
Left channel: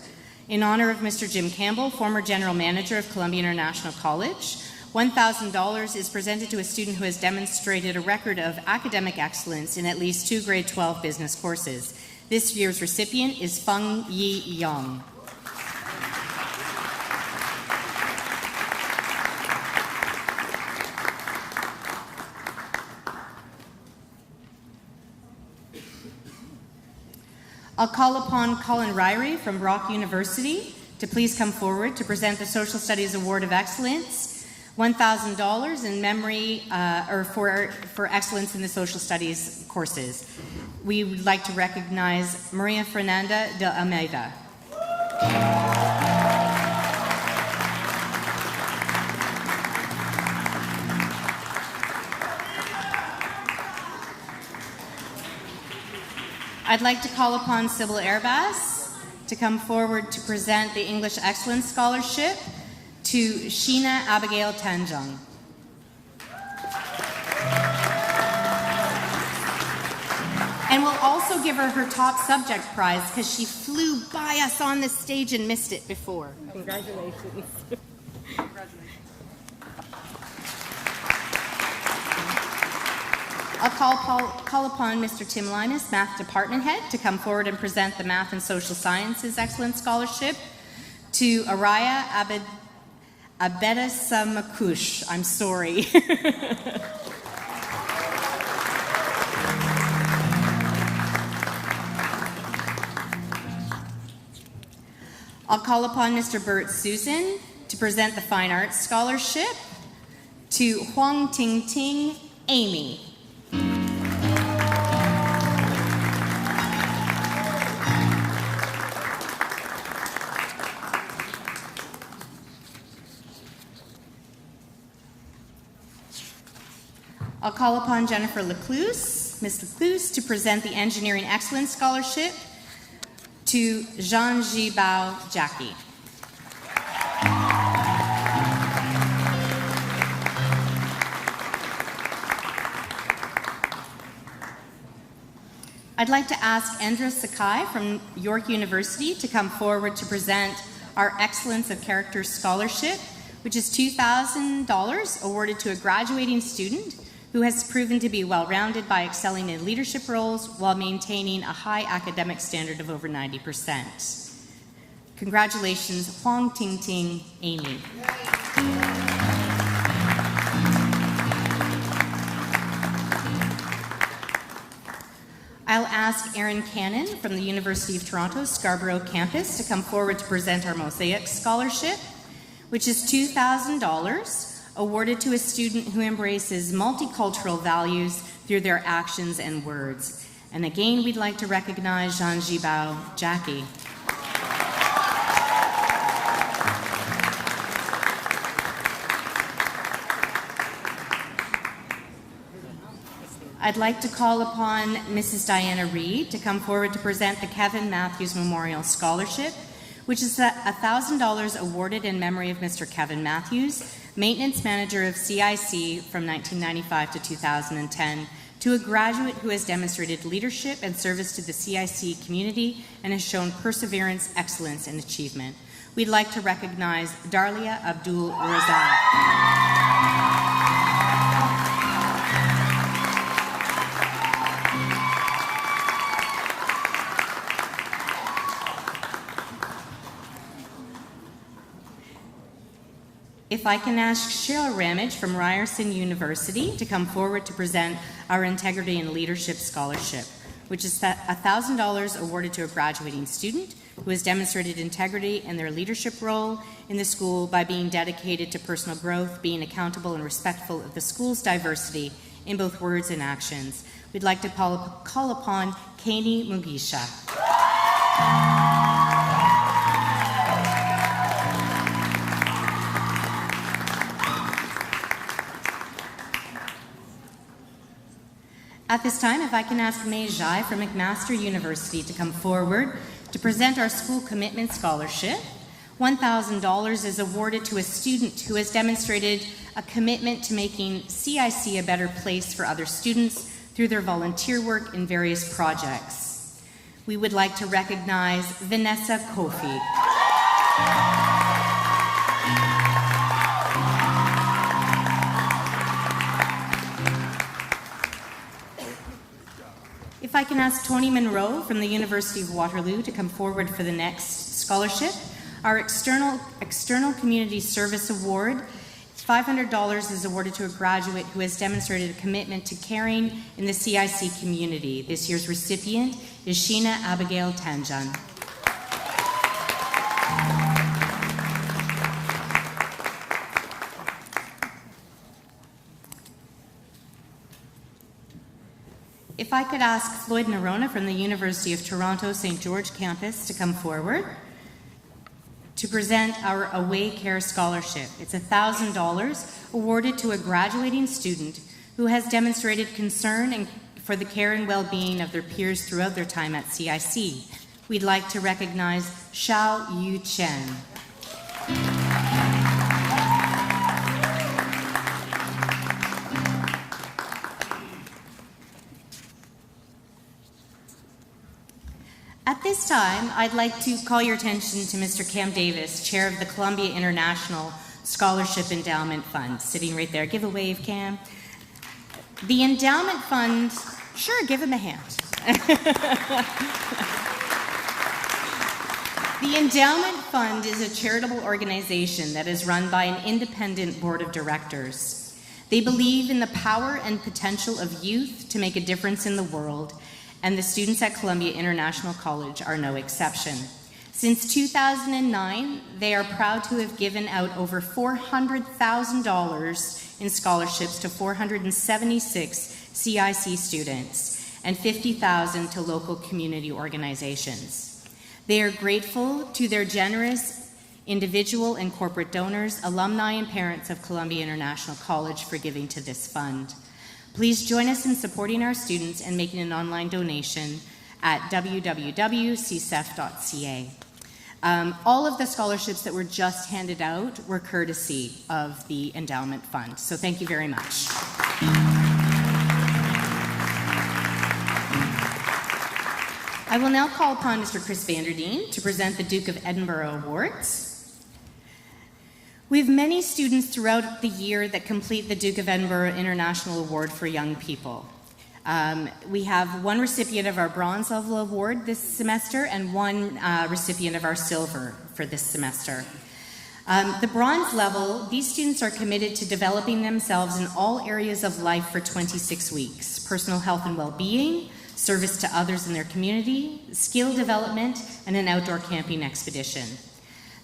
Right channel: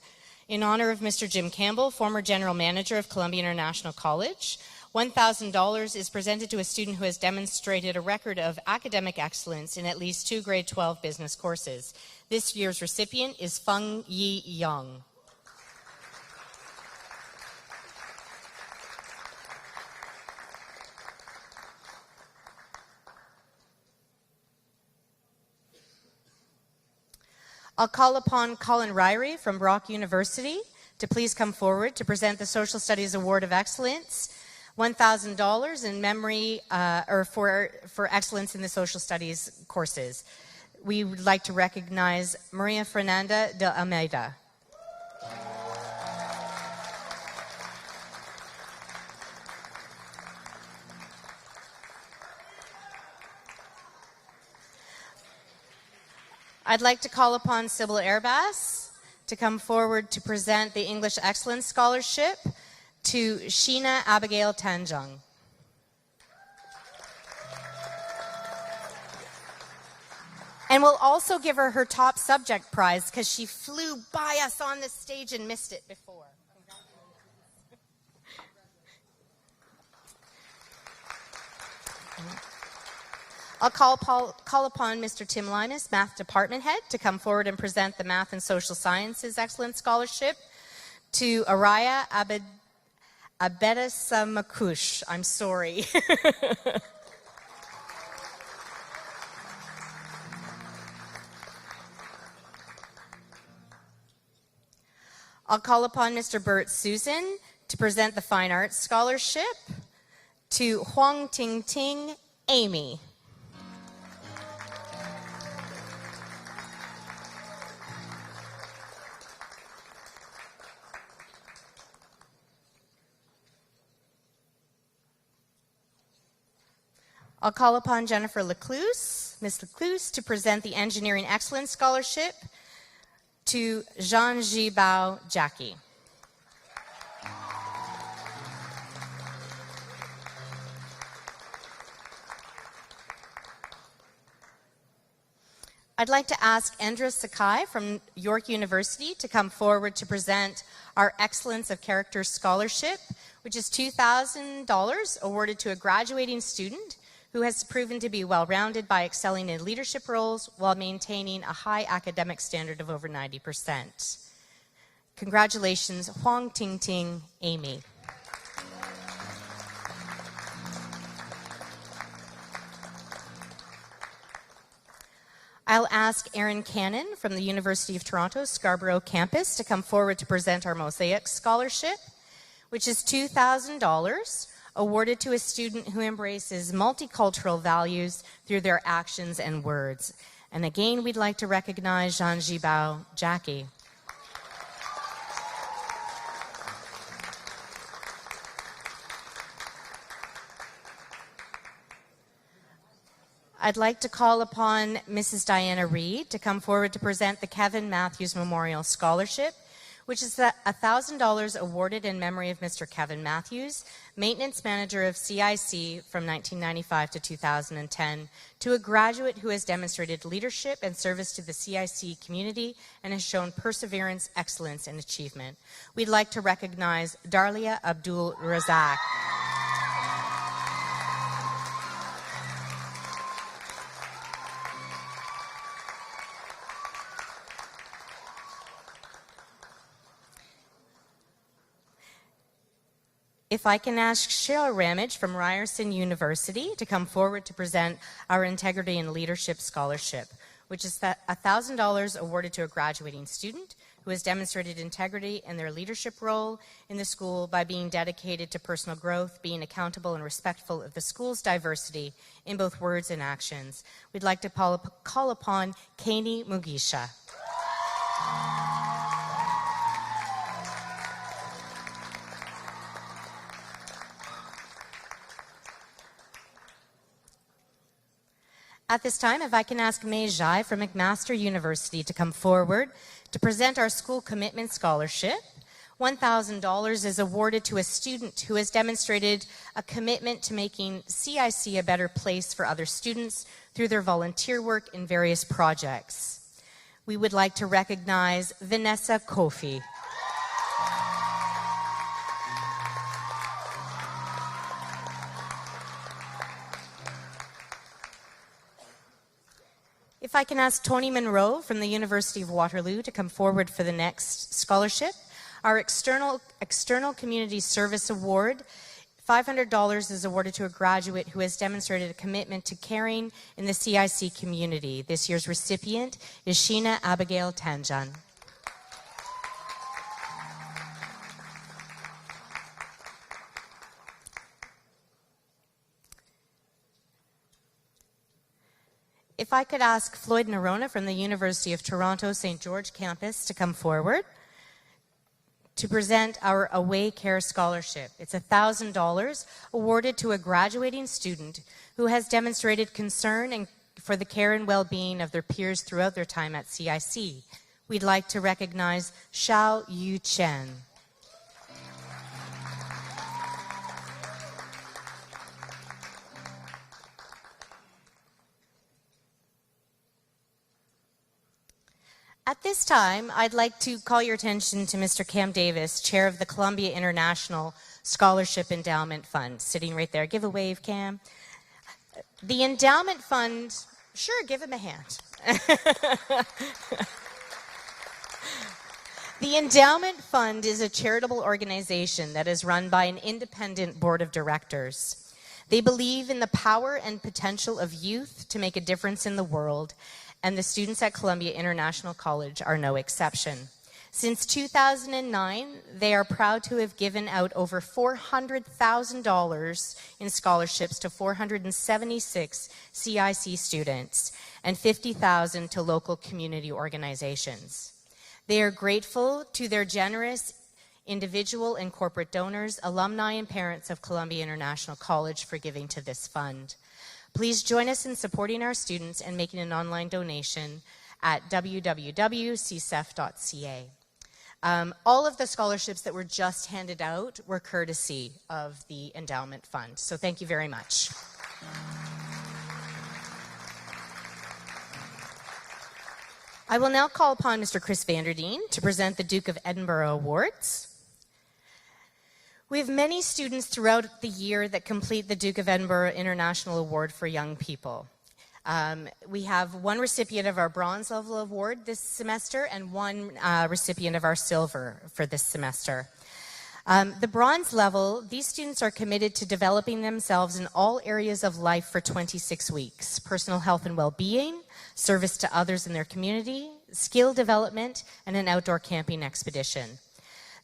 in honor of Mr. Jim Campbell, former General Manager of Columbia International College. $1,000 is presented to a student who has demonstrated a record of academic excellence in at least 2 grade 12 business courses. This year's recipient is Feng Yi Yang. I'll call upon Colin Ryrie from Brock University to please come forward to present the Social Studies Award of Excellence, $1,000 in memory or for excellence in the social studies courses. We would like to recognize Maria Fernanda de Almeida. I'd like to call upon Sybil Airbas to come forward to present the English Excellence Scholarship to Sheena Abigail Tanjung. And we'll also give her her top subject prize because she flew by us on the stage and missed it before. Congratulations. I'll call upon Mr. Tim Linus, Math Department Head, to come forward and present the Math and Social Sciences Excellence Scholarship to Araya Abedasamakush. I'm sorry. I'll call upon Mr. Burt Susan to present the Fine Arts Scholarship to Huang Ting Ting Amy. I'll call upon Jennifer Lecluse, Ms. Lecluse, to present the Engineering Excellence Scholarship To Jean Jibao Jackie. I'd like to ask Andra Sakai from York University to come forward to present our Excellence of Character Scholarship, which is $2,000 awarded to a graduating student who has proven to be well-rounded by excelling in leadership roles while maintaining a high academic standard of over 90%. Congratulations, Huang Ting Ting Amy. I'll ask Erin Cannon from the University of Toronto Scarborough campus to come forward to present our Mosaic Scholarship, which is $2,000 awarded to a student who embraces multicultural values through their actions and words. And again, we'd like to recognize Jean Jibao Jackie. I'd like to call upon Mrs. Diana Reed to come forward to present the Kevin Matthews Memorial Scholarship, which is $1,000 awarded in memory of Mr. Kevin Matthews, Maintenance Manager of CIC from 1995 to 2010, to a graduate who has demonstrated leadership and service to the CIC community and has shown perseverance, excellence, and achievement. We'd like to recognize Darlia Abdul Razak. If I can ask Cheryl Ramage from Ryerson University to come forward to present our Integrity and Leadership Scholarship, which is $1,000 awarded to a graduating student who has demonstrated integrity in their leadership role in the school by being dedicated to personal growth, being accountable and respectful of the school's diversity in both words and actions. We'd like to call upon Kani Mugisha. At this time, if I can ask May Jai from McMaster University to come forward to present our School Commitment Scholarship. $1,000 is awarded to a student who has demonstrated a commitment to making CIC a better place for other students through their volunteer work in various projects. We would like to recognize Vanessa Kofi. If I can ask Tony Monroe from the University of Waterloo to come forward for the next scholarship. Our External Community Service Award, $500 is awarded to a graduate who has demonstrated a commitment to caring in the CIC community. This year's recipient is Sheena Abigail Tanjan. If I could ask Floyd Narona from the University of Toronto St. George campus to come forward to present our Away Care Scholarship. It's $1,000 awarded to a graduating student who has demonstrated concern for the care and well-being of their peers throughout their time at CIC. We'd like to recognize Xiao Yu Chen. At this time, I'd like to call your attention to Mr. Cam Davis, Chair of the Columbia International Scholarship Endowment Fund, sitting right there. Give a wave, Cam. The Endowment Fund, sure, give him a hand. The Endowment Fund is a charitable organization that is run by an independent board of directors. They believe in the power and potential of youth to make a difference in the world, and the students at Columbia International College are no exception. Since 2009, they are proud to have given out over $400,000 in scholarships to 476 CIC students and $50,000 to local community organizations. They are grateful to their generous individual and corporate donors, alumni, and parents of Columbia International College for giving to this fund. Please join us in supporting our students and making an online donation at www.csef.ca. All of the scholarships that were just handed out were courtesy of the endowment fund. So thank you very much. I will now call upon Mr. Chris Vanderdeen to present the Duke of Edinburgh Awards. We have many students throughout the year that complete the Duke of Edinburgh International Award for Young People. We have one recipient of our bronze level award this semester and one recipient of our silver for this semester. The bronze level, these students are committed to developing themselves in all areas of life for 26 weeks: personal health and well-being, service to others in their community, skill development, and an outdoor camping expedition.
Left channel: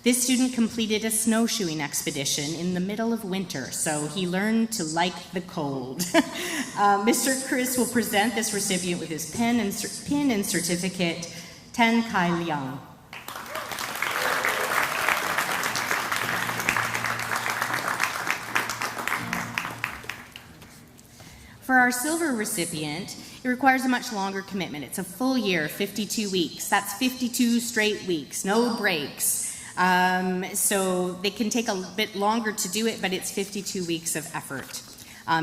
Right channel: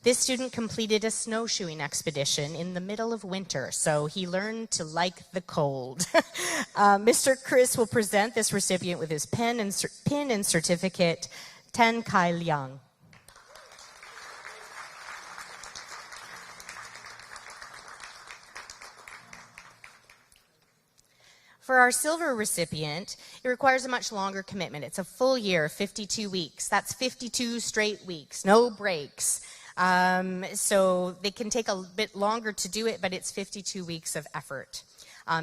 This student completed a snowshoeing expedition in the middle of winter, so he learned to like the cold. Mr. Chris will present this recipient with his pin and certificate, Tan Kai Liang. For our silver recipient, it requires a much longer commitment. It's a full year, 52 weeks. That's 52 straight weeks, no breaks. So they can take a bit longer to do it, but it's 52 weeks of effort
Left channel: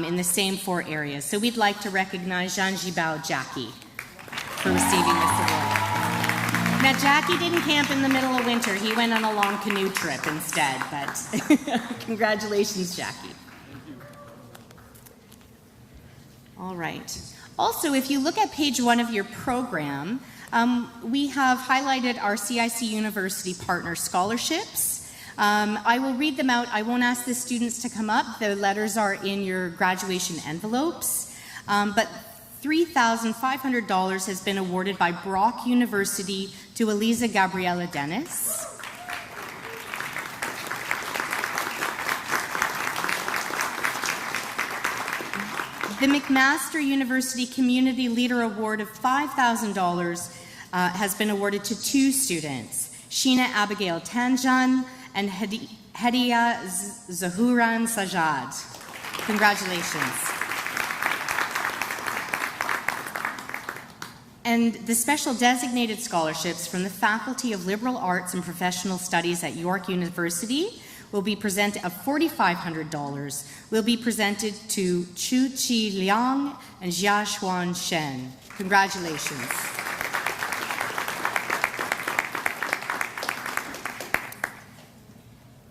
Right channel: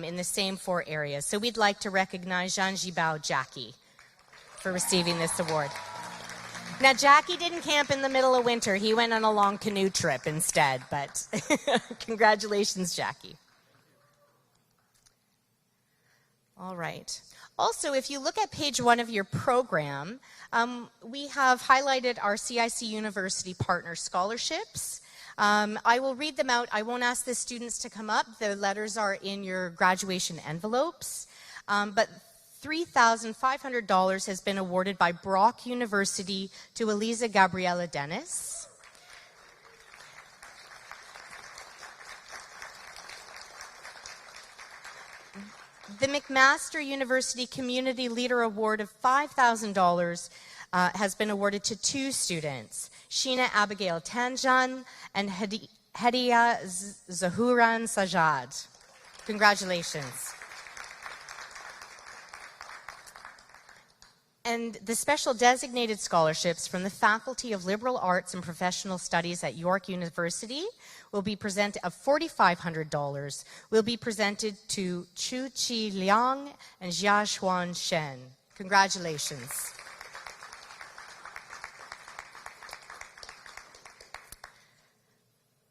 in the same 4 areas. So we'd like to recognize Jean Gibao Jackie for receiving this award. Now, Jackie didn't camp in the middle of winter. He went on a long canoe trip instead, but congratulations, Jackie. All right. Also, if you look at page 1 of your program, we have highlighted our CIC University Partner Scholarships. I will read them out. I won't ask the students to come up. The letters are in your graduation envelopes. But $3,500 has been awarded by Brock University to Eliza Gabriela Dennis. The McMaster University Community Leader Award of $5,000 has been awarded to 2 students, Sheena Abigail Tanjan and Hediya Zahuran Sajad. Congratulations. And the special designated scholarships from the Faculty of Liberal Arts and Professional Studies at York University will be presented of $4,500 will be presented to Chu Chi Liang and Jia Xuan Shen. Congratulations.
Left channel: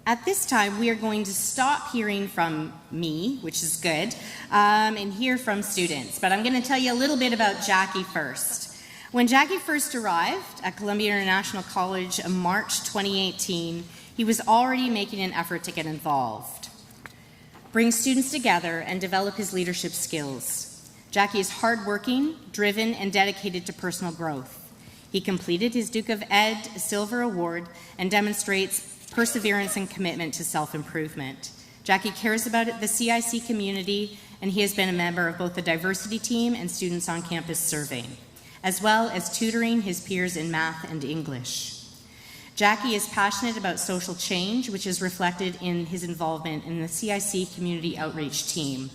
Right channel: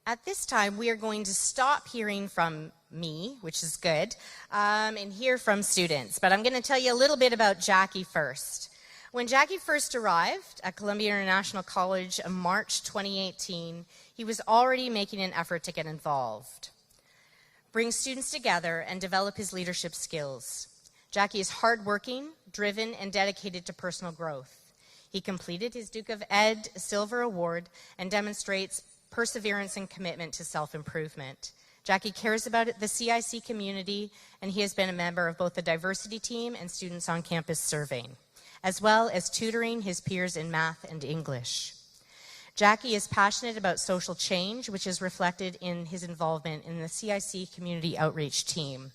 At this time, we are going to stop hearing from me, which is good, and hear from students. But I'm going to tell you a little bit about Jackie first. When Jackie first arrived at Columbia International College in March 2018, he was already making an effort to get involved, bring students together, and develop his leadership skills. Jackie is hardworking, driven, and dedicated to personal growth. He completed his Duke of Ed Silver Award and demonstrates perseverance and commitment to self-improvement. Jackie cares about the CIC community, and he has been a member of both the diversity team and students on campus surveying, as well as tutoring his peers in math and English. Jackie is passionate about social change, which is reflected in his involvement in the CIC Community Outreach Team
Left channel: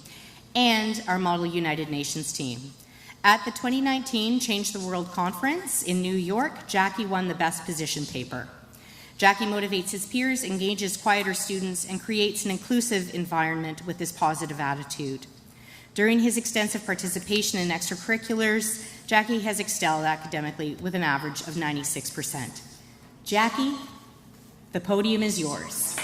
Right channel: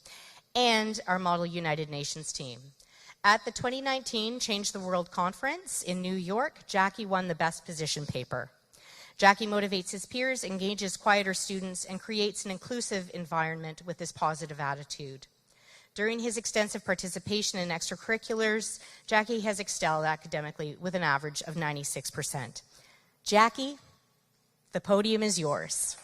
and our Model United Nations team. At the 2019 Change the World Conference in New York, Jackie won the Best Position paper. Jackie motivates his peers, engages quieter students, and creates an inclusive environment with his positive attitude. During his extensive participation in extracurriculars, Jackie has excelled academically with an average of 96%. Jackie, the podium is yours.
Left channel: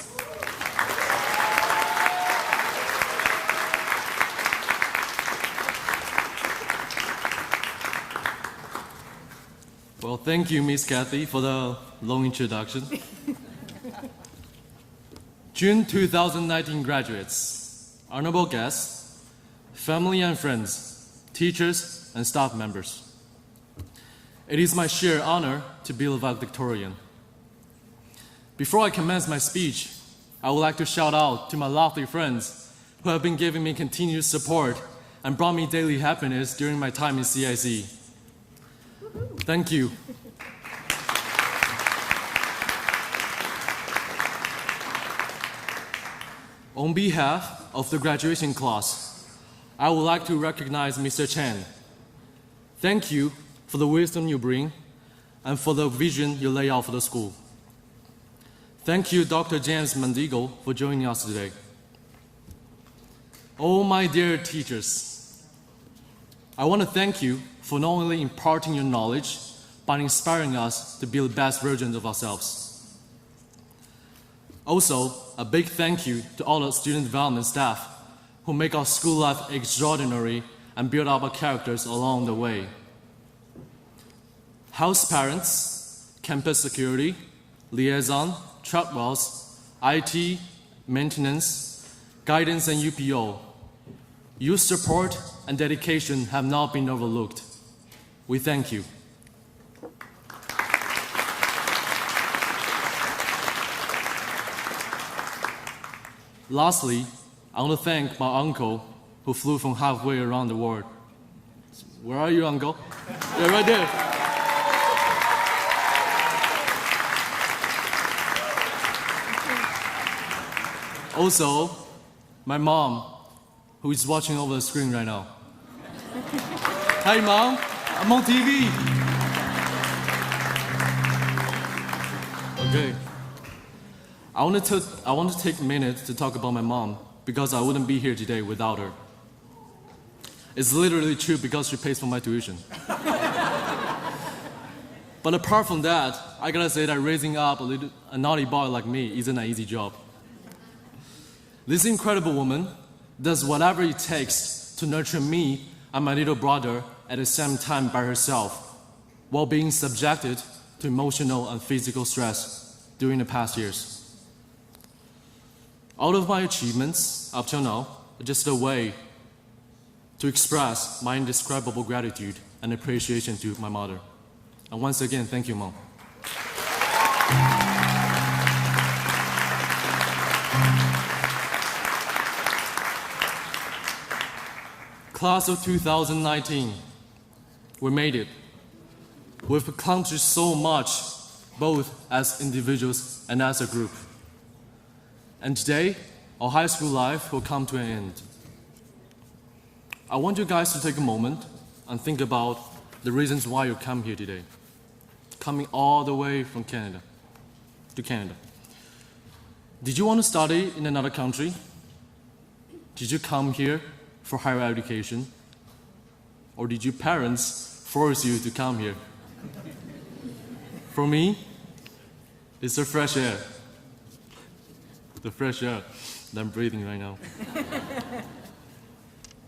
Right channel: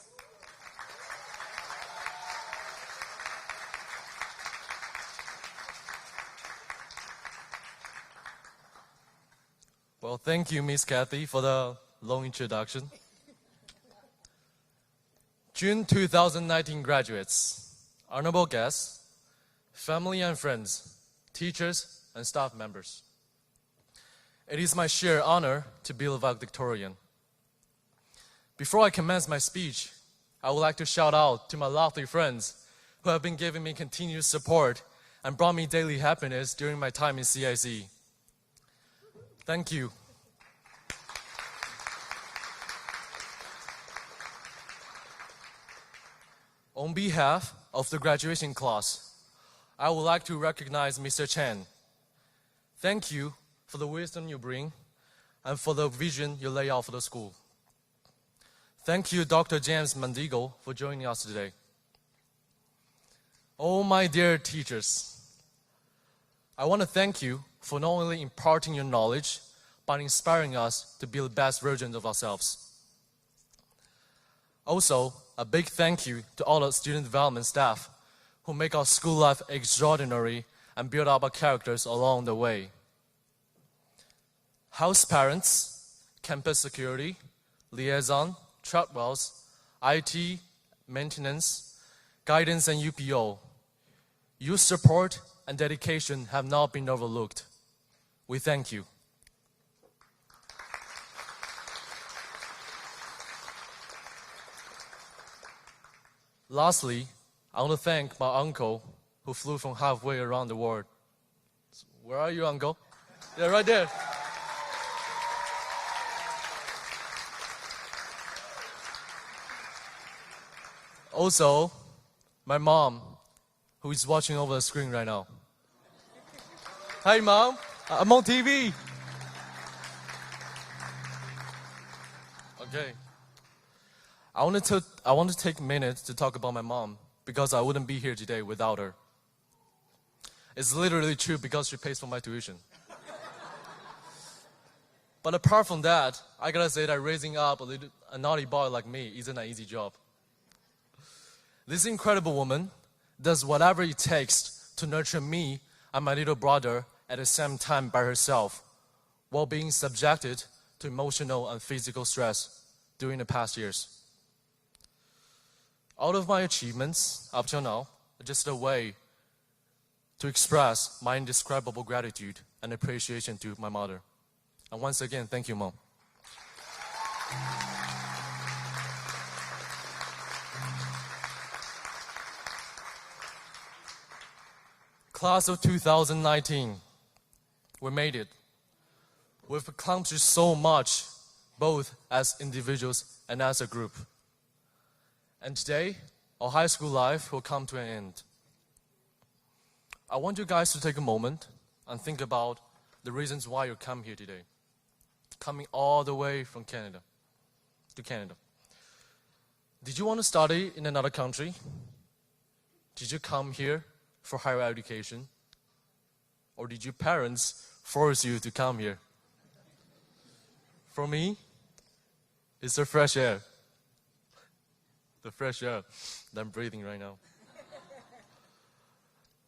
Well, thank you, Miss Kathy, for the long introduction. June 2019 graduates, honorable guests, family and friends, teachers and staff members. It is my sheer honor to be a valedictorian. Before I commence my speech, I would like to shout out to my lovely friends who have been giving me continued support and brought me daily happiness during my time in CIC. Thank you. On behalf of the graduation class, I would like to recognize Mr. Chen. Thank you for the wisdom you bring, and for the vision you lay out for the school. Thank you, Dr. James Mandigo, for joining us today. Oh, my dear teachers, I want to thank you for not only imparting your knowledge, but inspiring us to be the best versions of ourselves. Also, a big thank you to all the student development staff who make our school life extraordinary and build up our characters along the way. House parents, campus security, liaison, truck wells, IT, maintenance, guidance, and UPO. Your support and dedication have not been overlooked. We thank you. Lastly, I want to thank my uncle who flew from halfway around the world. Where are you, uncle? Yeah, right there. Also, my mom, who is watching over the screen right now. Hi, Mom. I'm on TV. Okay. I want to take a minute to talk about my mom because I wouldn't be here today without her. It's literally true because she pays for my tuition. But apart from that, I gotta say that raising up a naughty boy like me isn't an easy job. This incredible woman does whatever it takes to nurture me and my little brother at the same time by herself, while being subjected to emotional and physical stress during the past years. All of my achievements up till now are just a way to express my indescribable gratitude and appreciation to my mother. And once again, thank you, Mom. Class of 2019, we made it. We've accomplished so much, both as individuals and as a group. And today, our high school life will come to an end. I want you guys to take a moment and think about the reasons why you come here today. Coming all the way from Canada to Canada. Did you want to study in another country? Did you come here for higher education? Or did your parents force you to come here? For me, it's the fresh air. The fresh air that I'm breathing right now.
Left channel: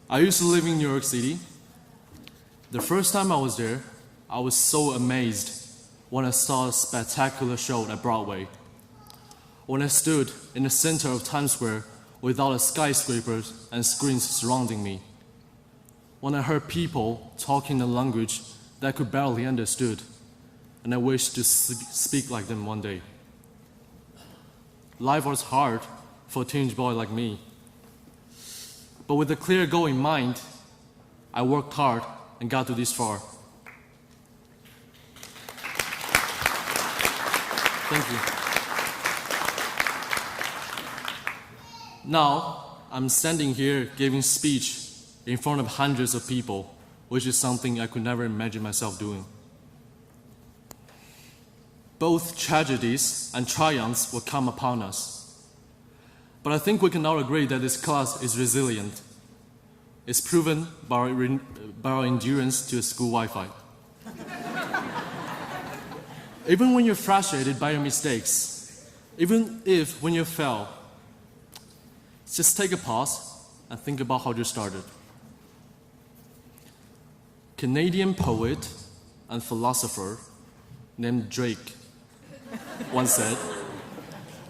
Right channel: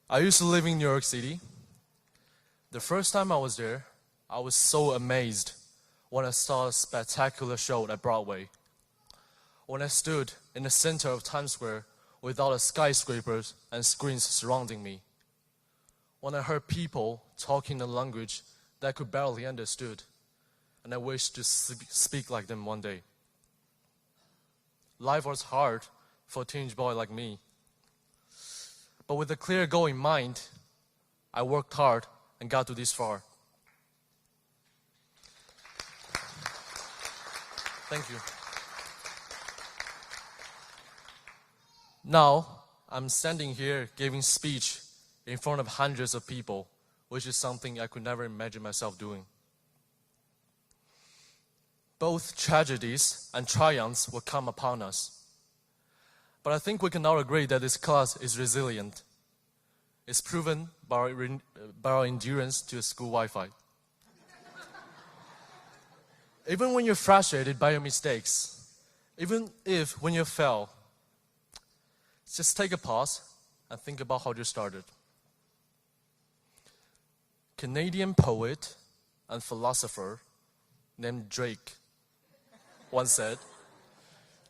I used to live in New York City. The first time I was there, I was so amazed when I saw a spectacular show at Broadway. When I stood in the center of Times Square with all the skyscrapers and screens surrounding me. When I heard people talking a language that I could barely understood, and I wished to speak like them one day. Life was hard for a teenage boy like me. But with a clear goal in mind, I worked hard and got to this far. Thank you. Now, I'm standing here giving speech in front of hundreds of people, which is something I could never imagine myself doing. Both tragedies and triumphs will come upon us. But I think we can all agree that this class is resilient. It's proven by our endurance to school Wi-Fi. Even when you're frustrated by your mistakes, even if when you fail, just take a pause and think about how you started. Canadian poet and philosopher named Drake once said,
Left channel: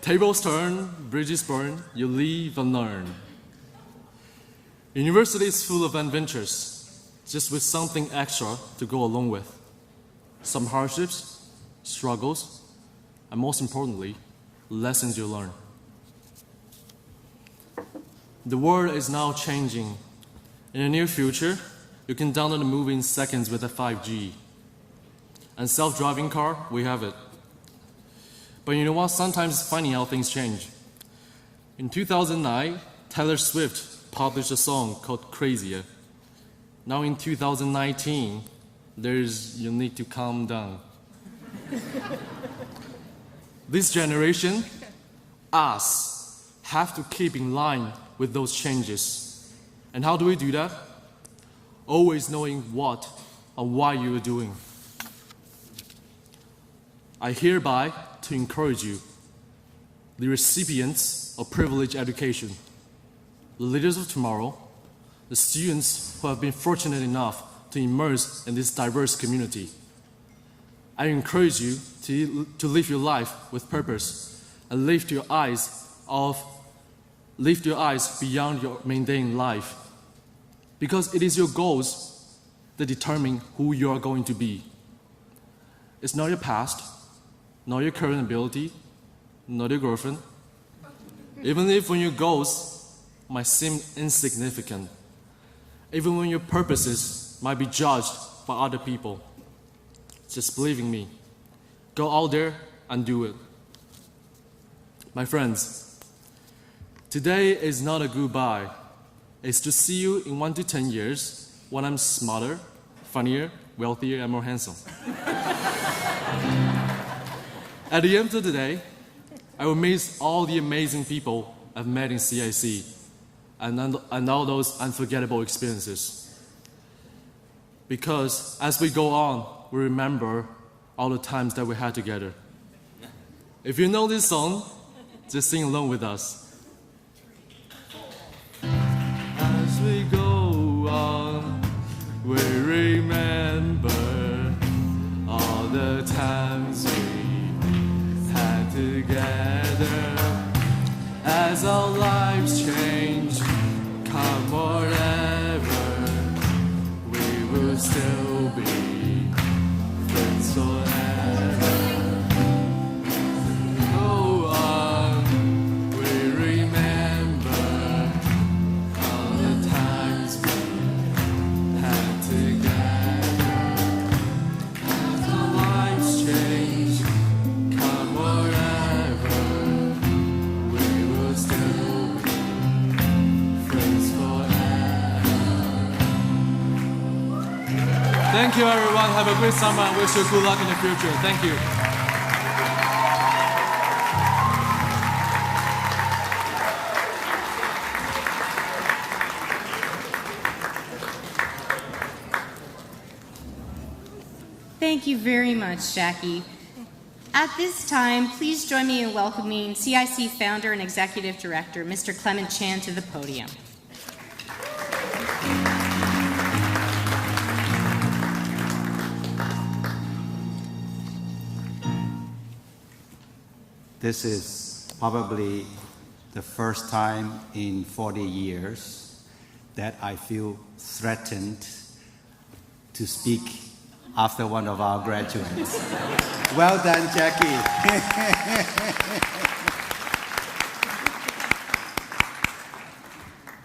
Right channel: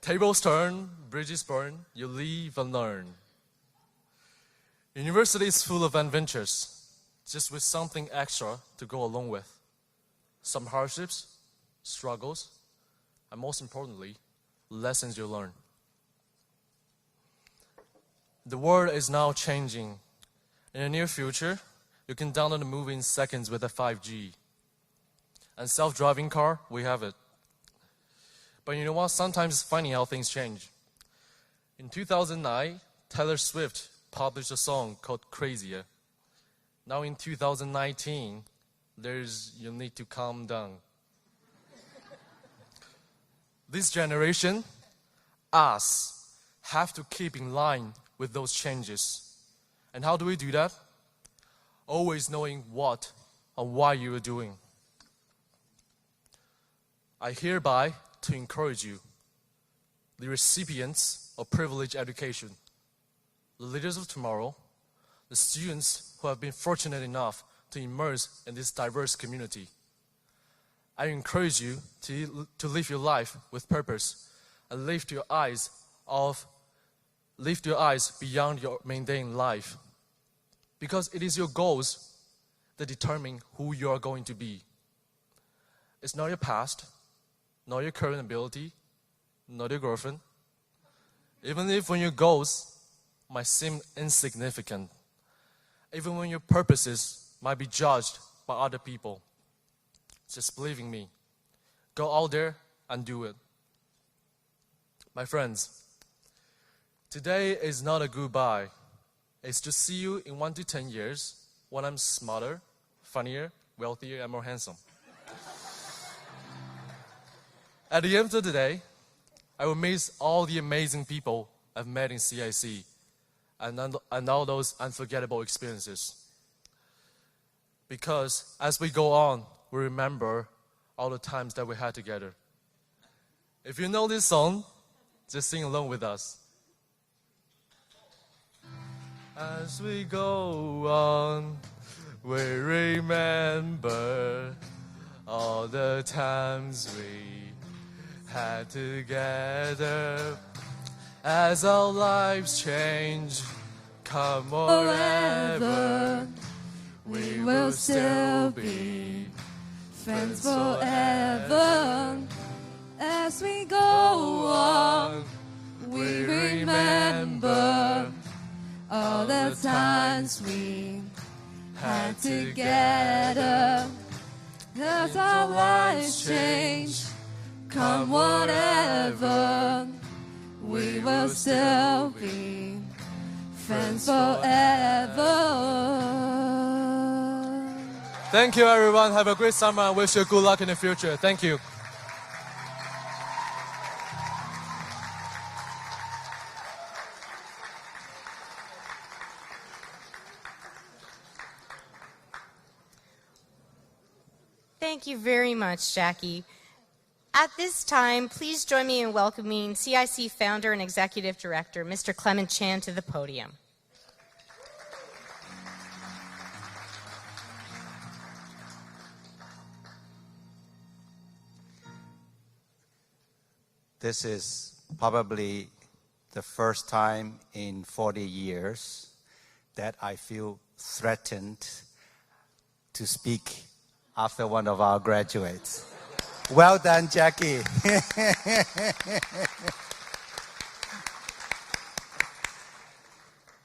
"Tables turn, bridges burn, you live and learn." University is full of adventures, just with something extra to go along with. Some hardships, struggles, and most importantly, lessons you learn. The world is now changing. In the near future, you can download a movie in seconds with a 5G. And self-driving car, we have it. But you know what? Sometimes it's funny how things change. In 2009, Taylor Swift published a song called Crazier. Now in 2019, you need to calm down. This generation, us, have to keep in line with those changes. And how do we do that? Always knowing what and why you are doing. I hereby to encourage you, the recipients of privileged education, the leaders of tomorrow, the students who have been fortunate enough to immerse in this diverse community. I encourage you to live your life with purpose and lift your eyes beyond your mundane life, because it is your goals that determine who you are going to be. It's not your past, not your current ability, not your girlfriend. Even if when your goals might seem insignificant, even when your purposes might be judged by other people, just believe in me. Go out there and do it. My friends, today is not a goodbye. It's to see you in 1 to 10 years when I'm smarter, funnier, wealthier, and more handsome. At the end of the day, I will miss all the amazing people I've met in CIC and all those unforgettable experiences. Because as we go on, we remember all the times that we had together. If you know this song, just sing along with us. As we go on, we remember all the times we had together. As our lives change, come whatever, we will still be friends forever. As we go on, we remember all the times we had together. As our lives change, come whatever, we will still be friends forever. Thank you, everyone. Have a great summer. I wish you good luck in the future. Thank you. Thank you very much, Jackie. At this time, please join me in welcoming CIC founder and executive director, Mr. Clement Chan, to the podium. This is probably the first time in 40 years that I feel threatened to speak after one of our graduates. Well done, Jackie.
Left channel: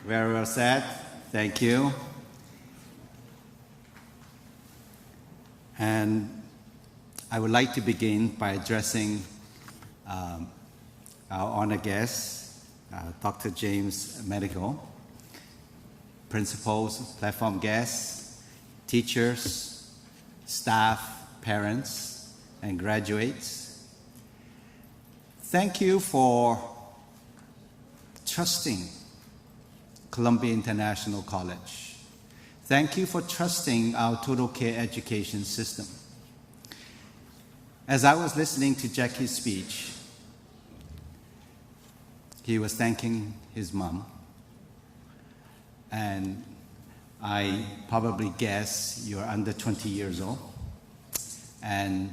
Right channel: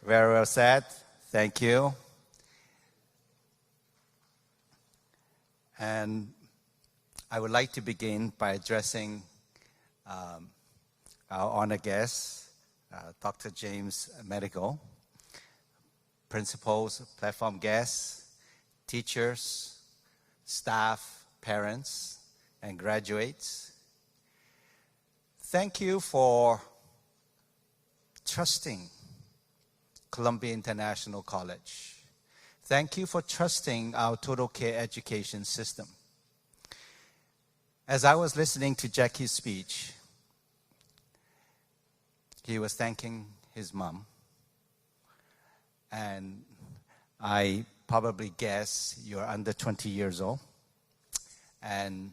Very well said. Thank you. And I would like to begin by addressing our honored guest, Dr. James Mandigo, principals, platform guests, teachers, staff, parents, and graduates. Thank you for trusting Columbia International College. Thank you for trusting our total care education system. As I was listening to Jackie's speech, he was thanking his mom, and I probably guess you're under 20 years old, and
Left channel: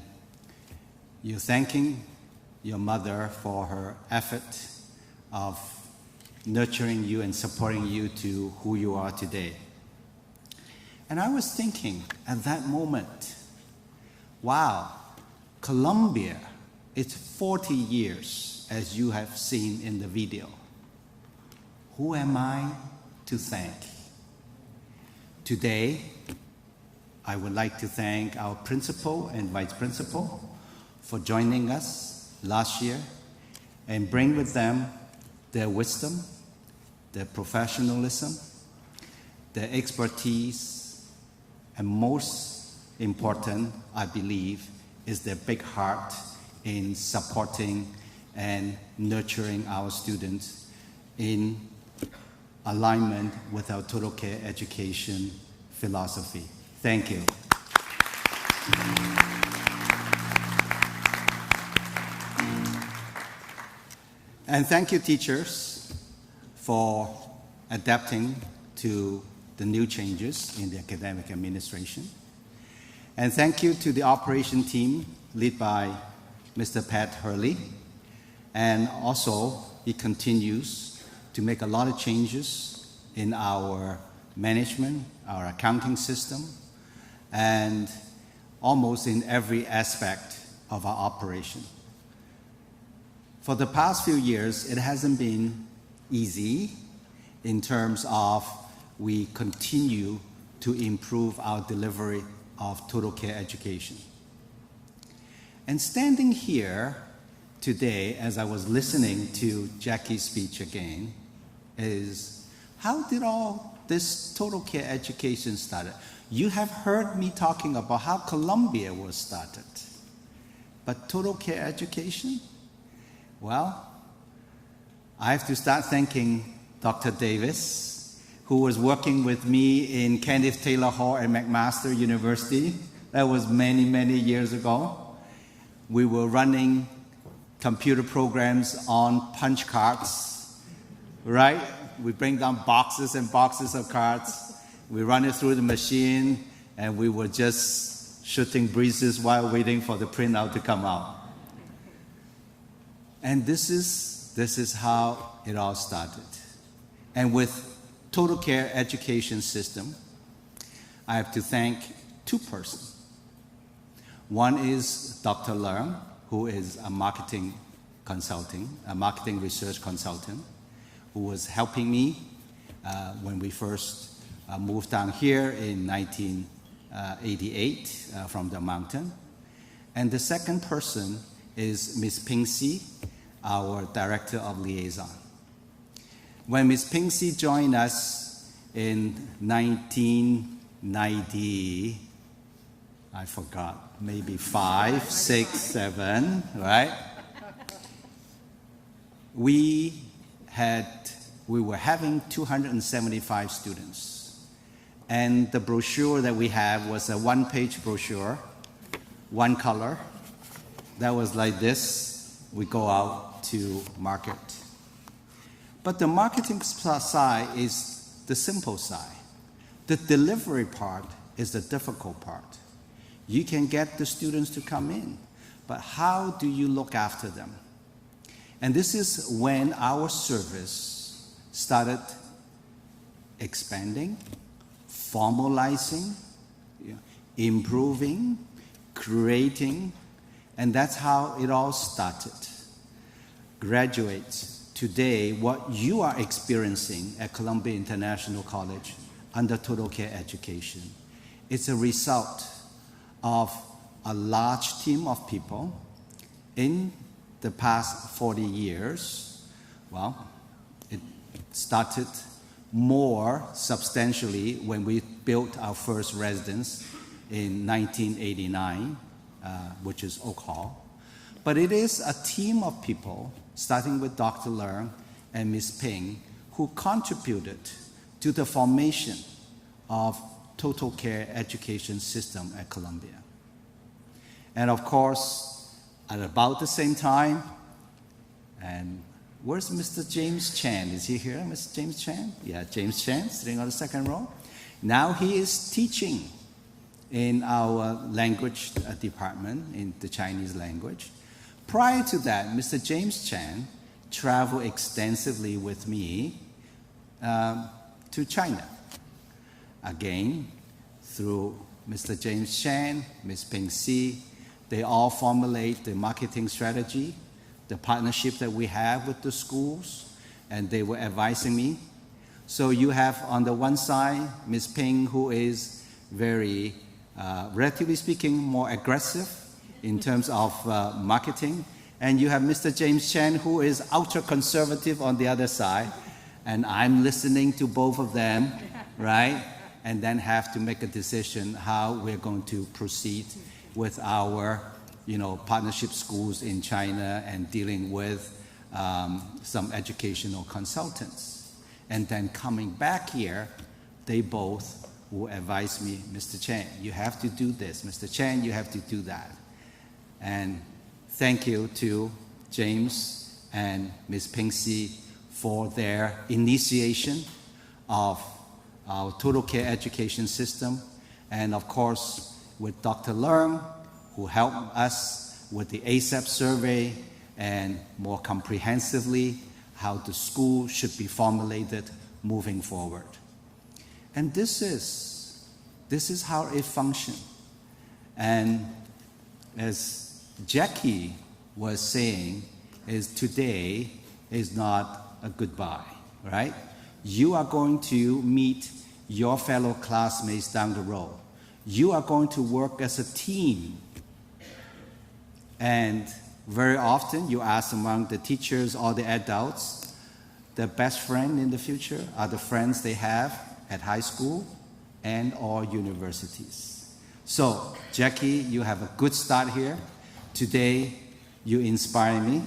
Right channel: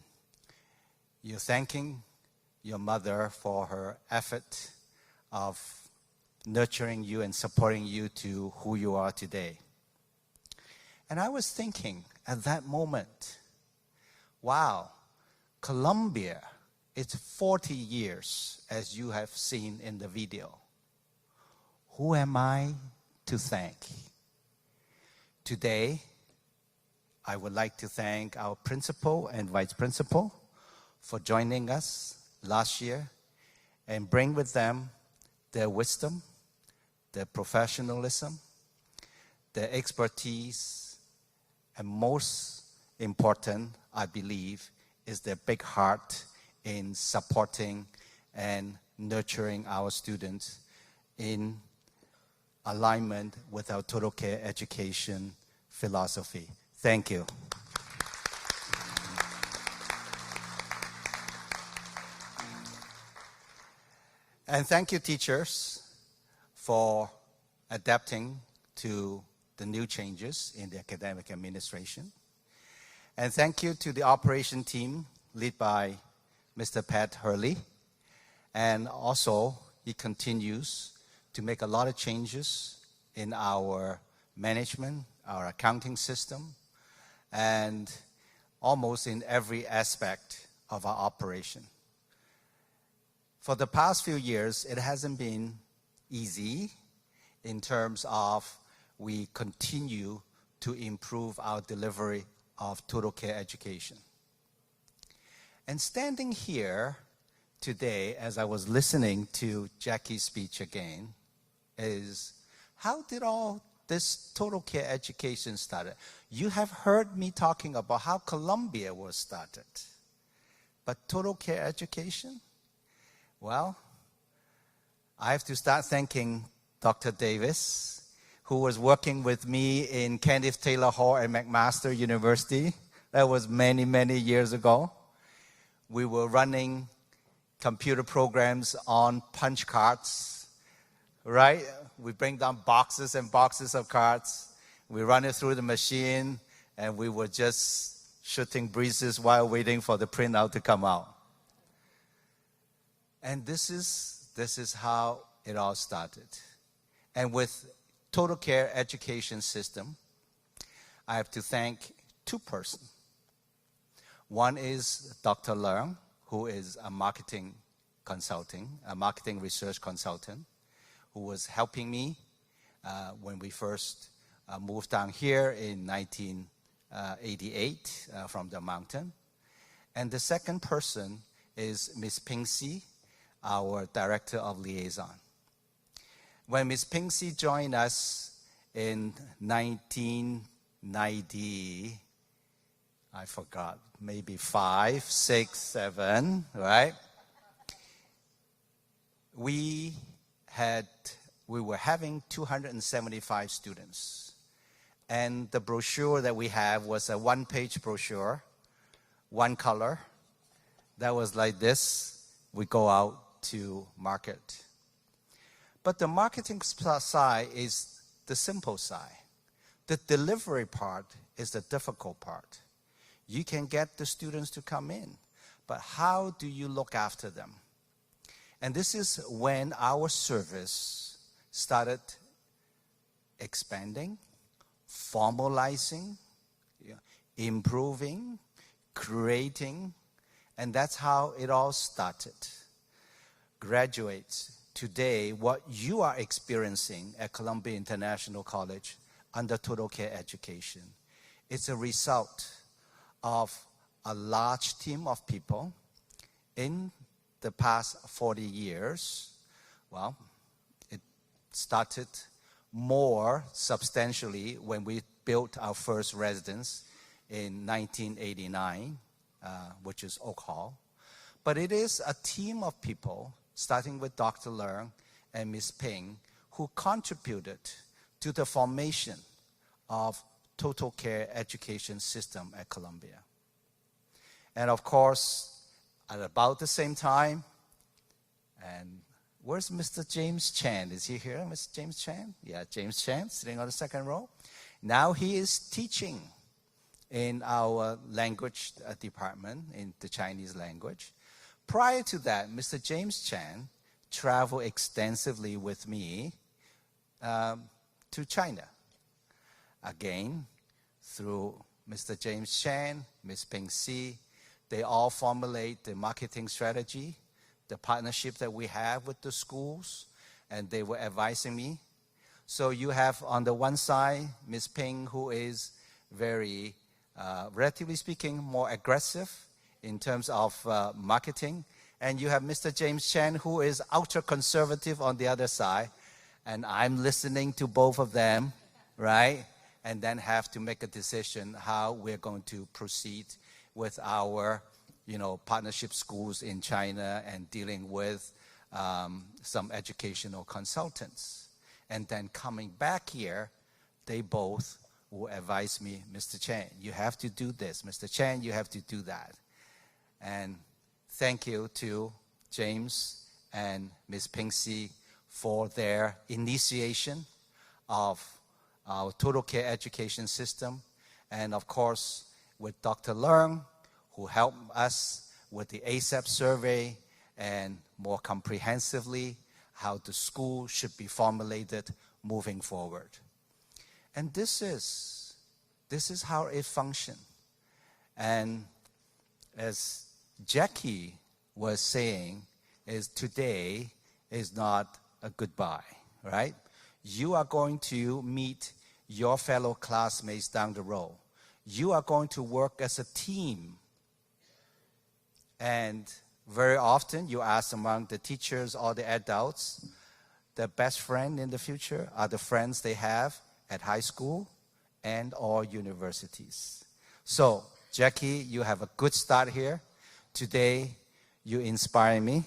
you're thanking your mother for her effort of nurturing you and supporting you to who you are today. And I was thinking at that moment, wow, Columbia, it's 40 years, as you have seen in the video. Who am I to thank? Today, I would like to thank our principal and vice principal for joining us last year and bring with them their wisdom, their professionalism, their expertise, and most important, I believe, is their big heart in supporting and nurturing our students in alignment with our total care education philosophy. Thank you. And thank you, teachers, for adapting to the new changes in the academic administration. And thank you to the operation team led by Mr. Pat Hurley. And also, he continues to make a lot of changes in our management, our accounting system, and almost in every aspect of our operation. For the past few years, it hasn't been easy in terms of we continue to improve our delivery of total care education. And standing here today, as I was listening to Jackie's speech again, is how did all this total care education started? You have heard me talking about how Columbia was started. But total care education? Well, I have to start thanking Dr. Davis, who was working with me in Kenneth Taylor Hall at McMaster University. That was many, many years ago. We were running computer programs on punch cards, right? We bring down boxes and boxes of cards. We run it through the machine, and we were just shooting breezes while waiting for the printout to come out. And this is how it all started. And with total care education system, I have to thank two persons. One is Dr. Leung, who is a marketing research consultant, who was helping me when we first moved down here in 1988 from the mountain. And the second person is Ms. Ping Si, our Director of Liaison. When Ms. Ping Si joined us in 1990, I forgot, maybe 5, 6, 7, right? We were having 275 students. And the brochure that we have was a one-page brochure, one color. That was like this. We go out to market. But the marketing side is the simple side. The delivery part is the difficult part. You can get the students to come in, but how do you look after them? And this is when our service started expanding, formalizing, improving, creating, and that's how it all started. Graduates, today, what you are experiencing at Columbia International College under total care education, it's a result of a large team of people in the past 40 years. Well, it started more substantially when we built our first residence in 1989, which is Oak Hall. But it is a team of people, starting with Dr. Leung and Ms. Ping, who contributed to the formation of total care education system at Columbia. And of course, at about the same time, and where's Mr. James Chan? Is he here, Mr. James Chan? Yeah, James Chan, sitting on the second row. Now he is teaching in our language department, in the Chinese language. Prior to that, Mr. James Chan traveled extensively with me to China. Again, through Mr. James Chan, Ms. Ping Si, they all formulate the marketing strategy, the partnership that we have with the schools, and they were advising me. So you have on the one side, Ms. Ping, who is very, relatively speaking, more aggressive in terms of marketing. And you have Mr. James Chan, who is ultra-conservative on the other side. And I'm listening to both of them, right? and then have to make a decision how we're going to proceed with our partnership schools in China and dealing with some educational consultants. And then coming back here, they both will advise me, Mr. Chen, you have to do this. Mr. Chen, you have to do that. And thank you to James and Ms. Pingxi for their initiation of our total care education system. And of course, with Dr. Leung, who helped us with the ASAP survey and more comprehensively how the school should be formulated moving forward. And this is how it functions. And as Jackie was saying, is today is not a goodbye, right? You are going to meet your fellow classmates down the road. You are going to work as a team. And very often you ask among the teachers or the adults, their best friend in the future are the friends they have at high school and or universities. So, Jackie, you have a good start here. Today, you inspire me.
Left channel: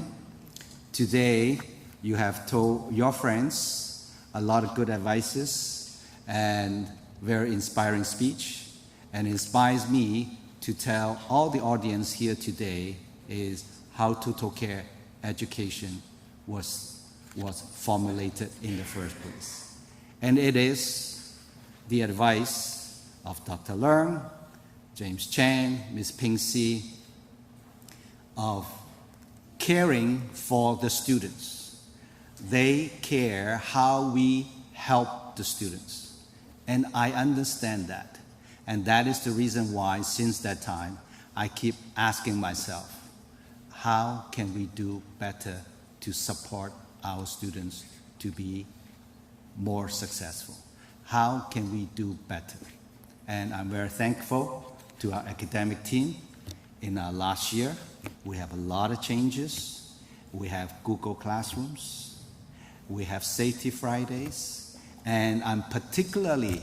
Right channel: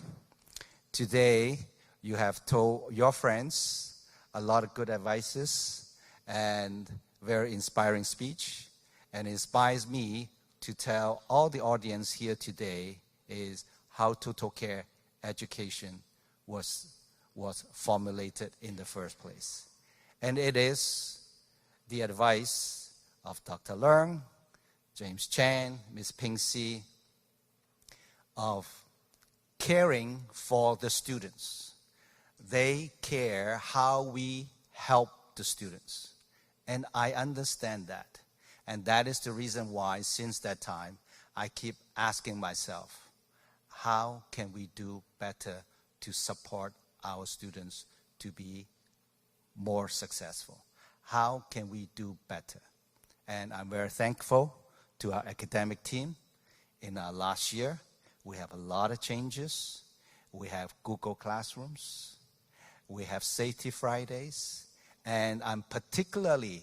Today, you have told your friends a lot of good advices and very inspiring speech, and inspires me to tell all the audience here today is how total care education was formulated in the first place. And it is the advice of Dr. Leung, James Chan, Ms. Pingxi, of caring for the students. They care how we help the students. And I understand that. And that is the reason why, since that time, I keep asking myself, how can we do better to support our students to be more successful? How can we do better? And I'm very thankful to our academic team. In our last year, we have a lot of changes. We have Google Classrooms. We have Safety Fridays. And I'm particularly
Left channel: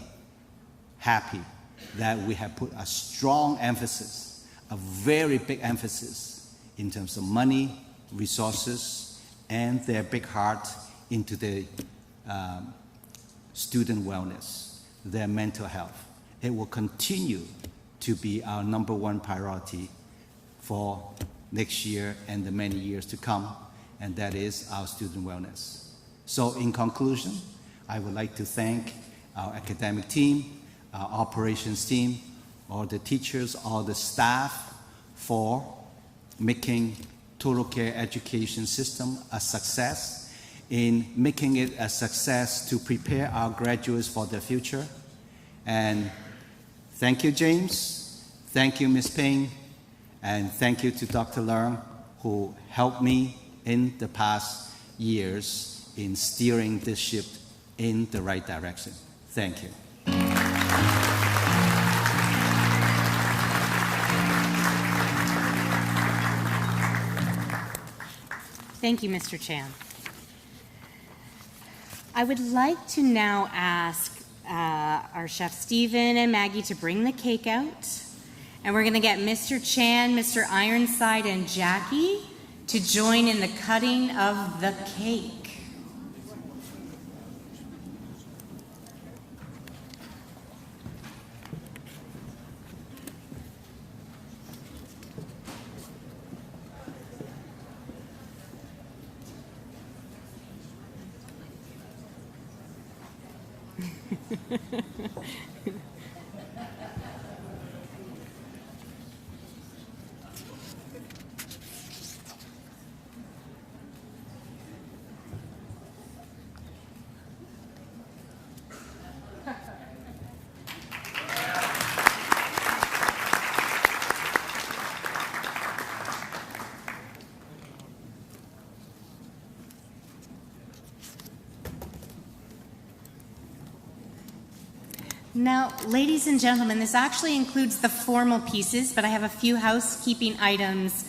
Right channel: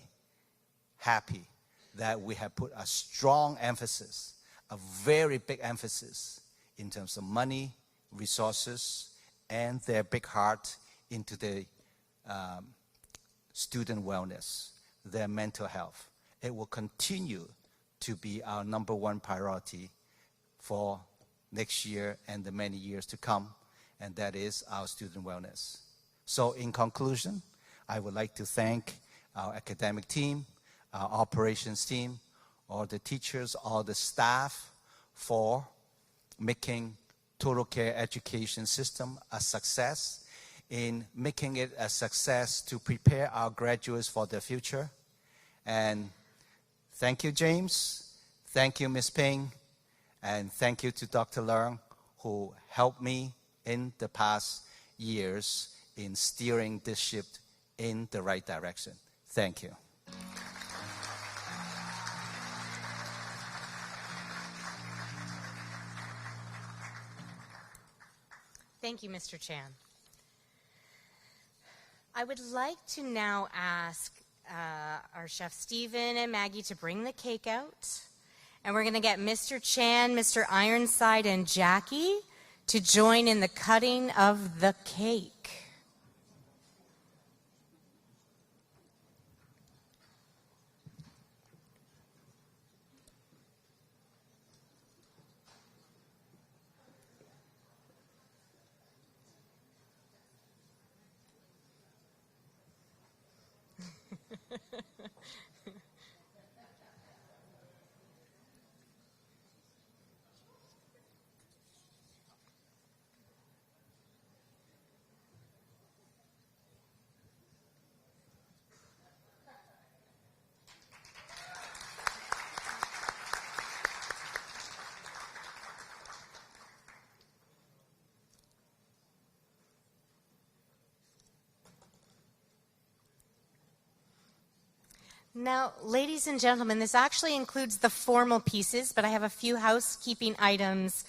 happy that we have put a strong emphasis, a very big emphasis in terms of money, resources, and their big heart into the student wellness, their mental health. It will continue to be our #1 priority for next year and the many years to come, and that is our student wellness. So in conclusion, I would like to thank our academic team, our operations team, all the teachers, all the staff for making total care education system a success, in making it a success to prepare our graduates for their future. And thank you, James. Thank you, Ms. Ping. And thank you to Dr. Leung, who helped me in the past years in steering this ship in the right direction. Thank you. Thank you, Mr. Chan. I would like to now ask our chef Stephen and Maggie to bring the cake out. And we're going to get Mr. Chan, Mr. Ironside, and Jackie to join in the cutting of the cake. Now, ladies and gentlemen, this actually includes the formal pieces, but I have a few housekeeping items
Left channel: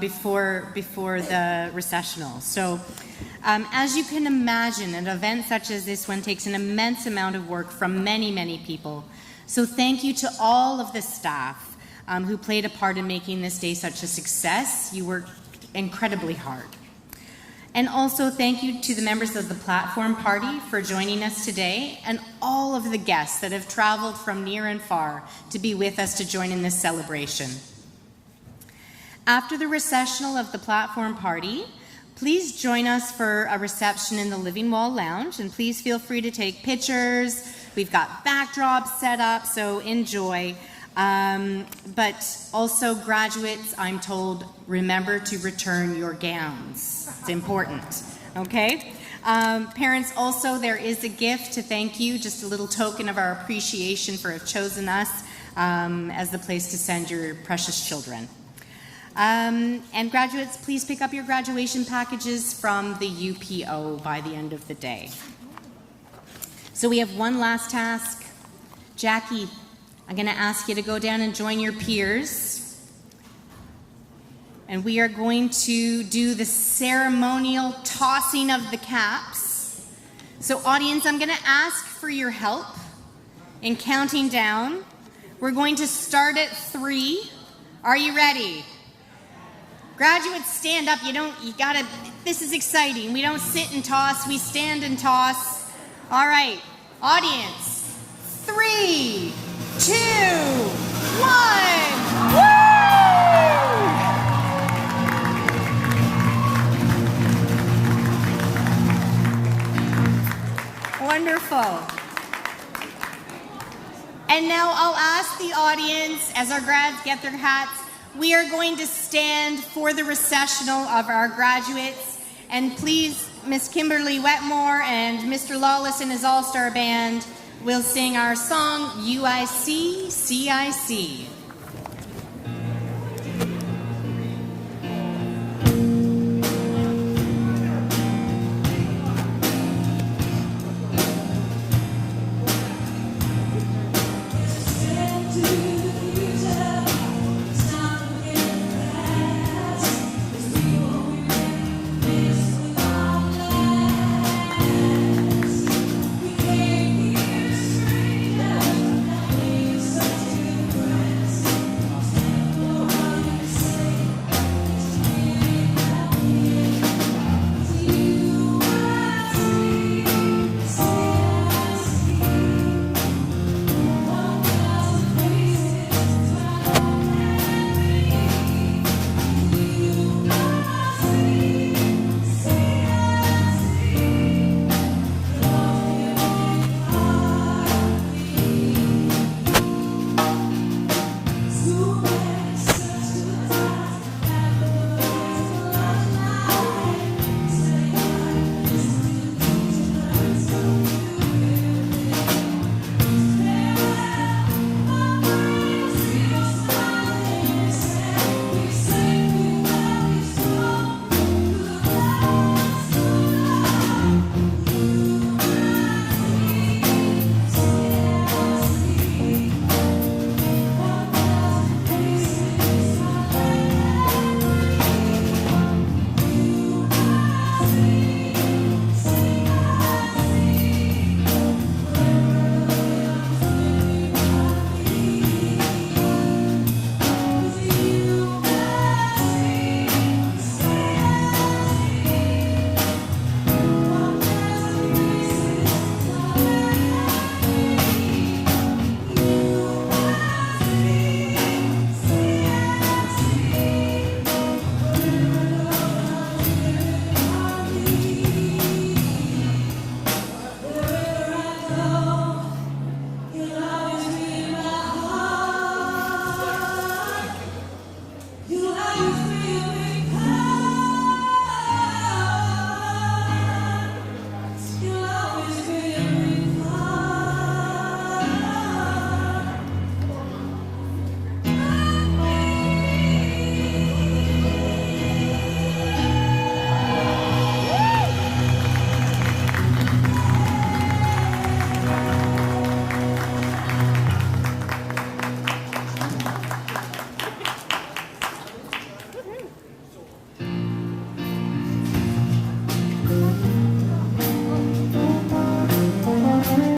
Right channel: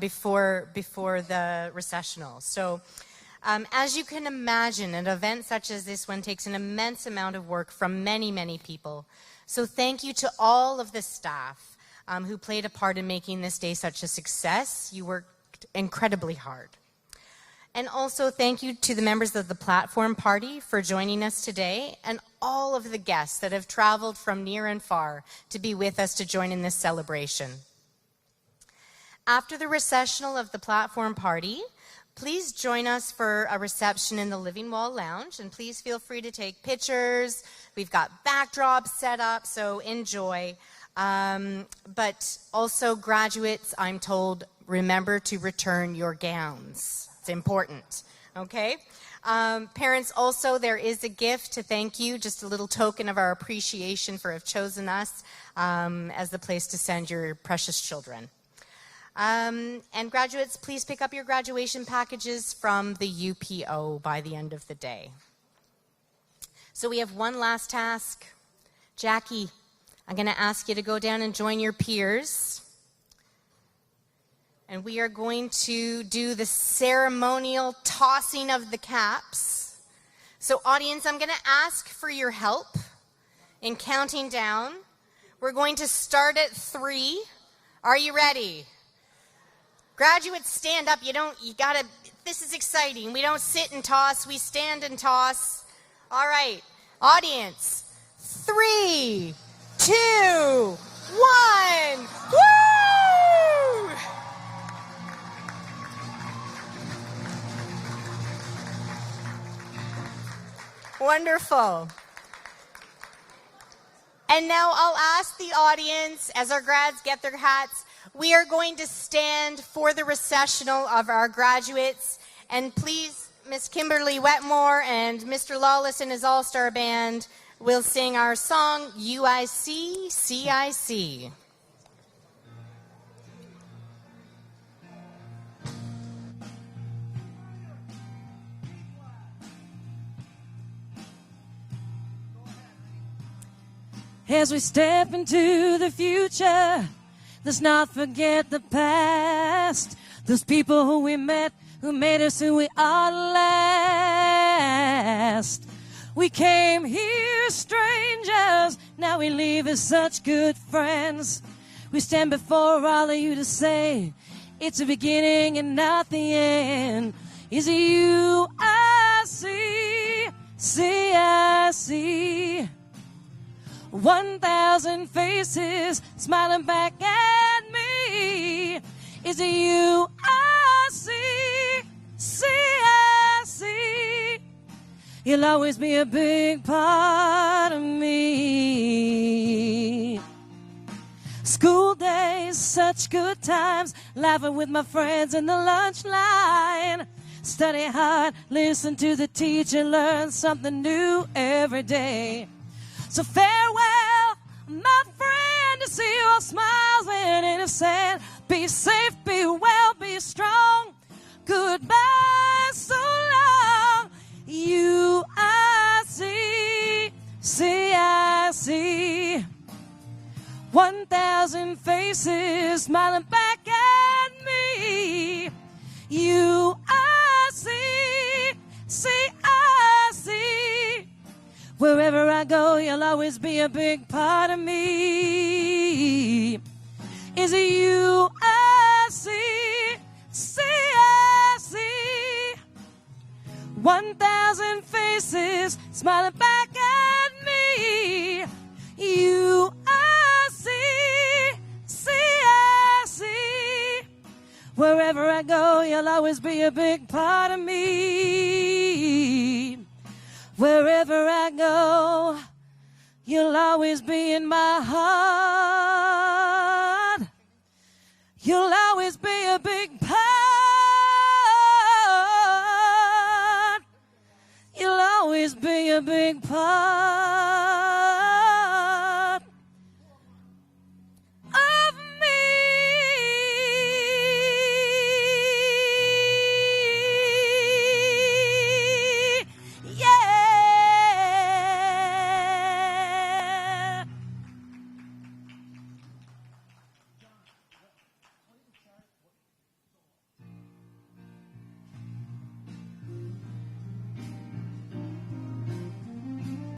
before the recessional. So As you can imagine, an event such as this one takes an immense amount of work from many, many people. So thank you to all of the staff who played a part in making this day such a success. You worked incredibly hard. And also thank you to the members of the platform party for joining us today, and all of the guests that have traveled from near and far to be with us to join in this celebration. After the recessional of the platform party, please join us for a reception in the Living Wall Lounge, and please feel free to take pictures. We've got backdrops set up, so enjoy. But also, graduates, I'm told, remember to return your gowns. It's important, okay? Parents, also, there is a gift to thank you, just a little token of our appreciation for have chosen us as the place to send your precious children. And graduates, please pick up your graduation packages from the UPO by the end of the day. So we have one last task. Jackie, I'm going to ask you to go down and join your peers. And we are going to do the ceremonial tossing of the caps. So audience, I'm going to ask for your help in counting down. We're going to start at 3. Are you ready? Graduates, stand up. This is exciting. We don't sit and toss, we stand and toss. All right, audience, 3, 2, 1, woo! Wonderful. And now I'll ask the audience, as our grads get their hats, we are going to stand for the recessional of our graduates. And please, Miss Kimberly Wetmore and Mr. Lawless and his all-star band will sing our song, UIC, CIC. As we step into the future, let's not forget the past. Those people who we met, who made us who we are last. We came here strangers, now we leave as such good friends. We stand before all of you to say, it's a beginning and not the end. Is it you I see I see 1,000 faces smiling back at me. Is it you I see? You'll always be a big part of me. School days, such good times, laughing with my friends in the lunch line. Study hard, listen to the teacher, learn something new every day. So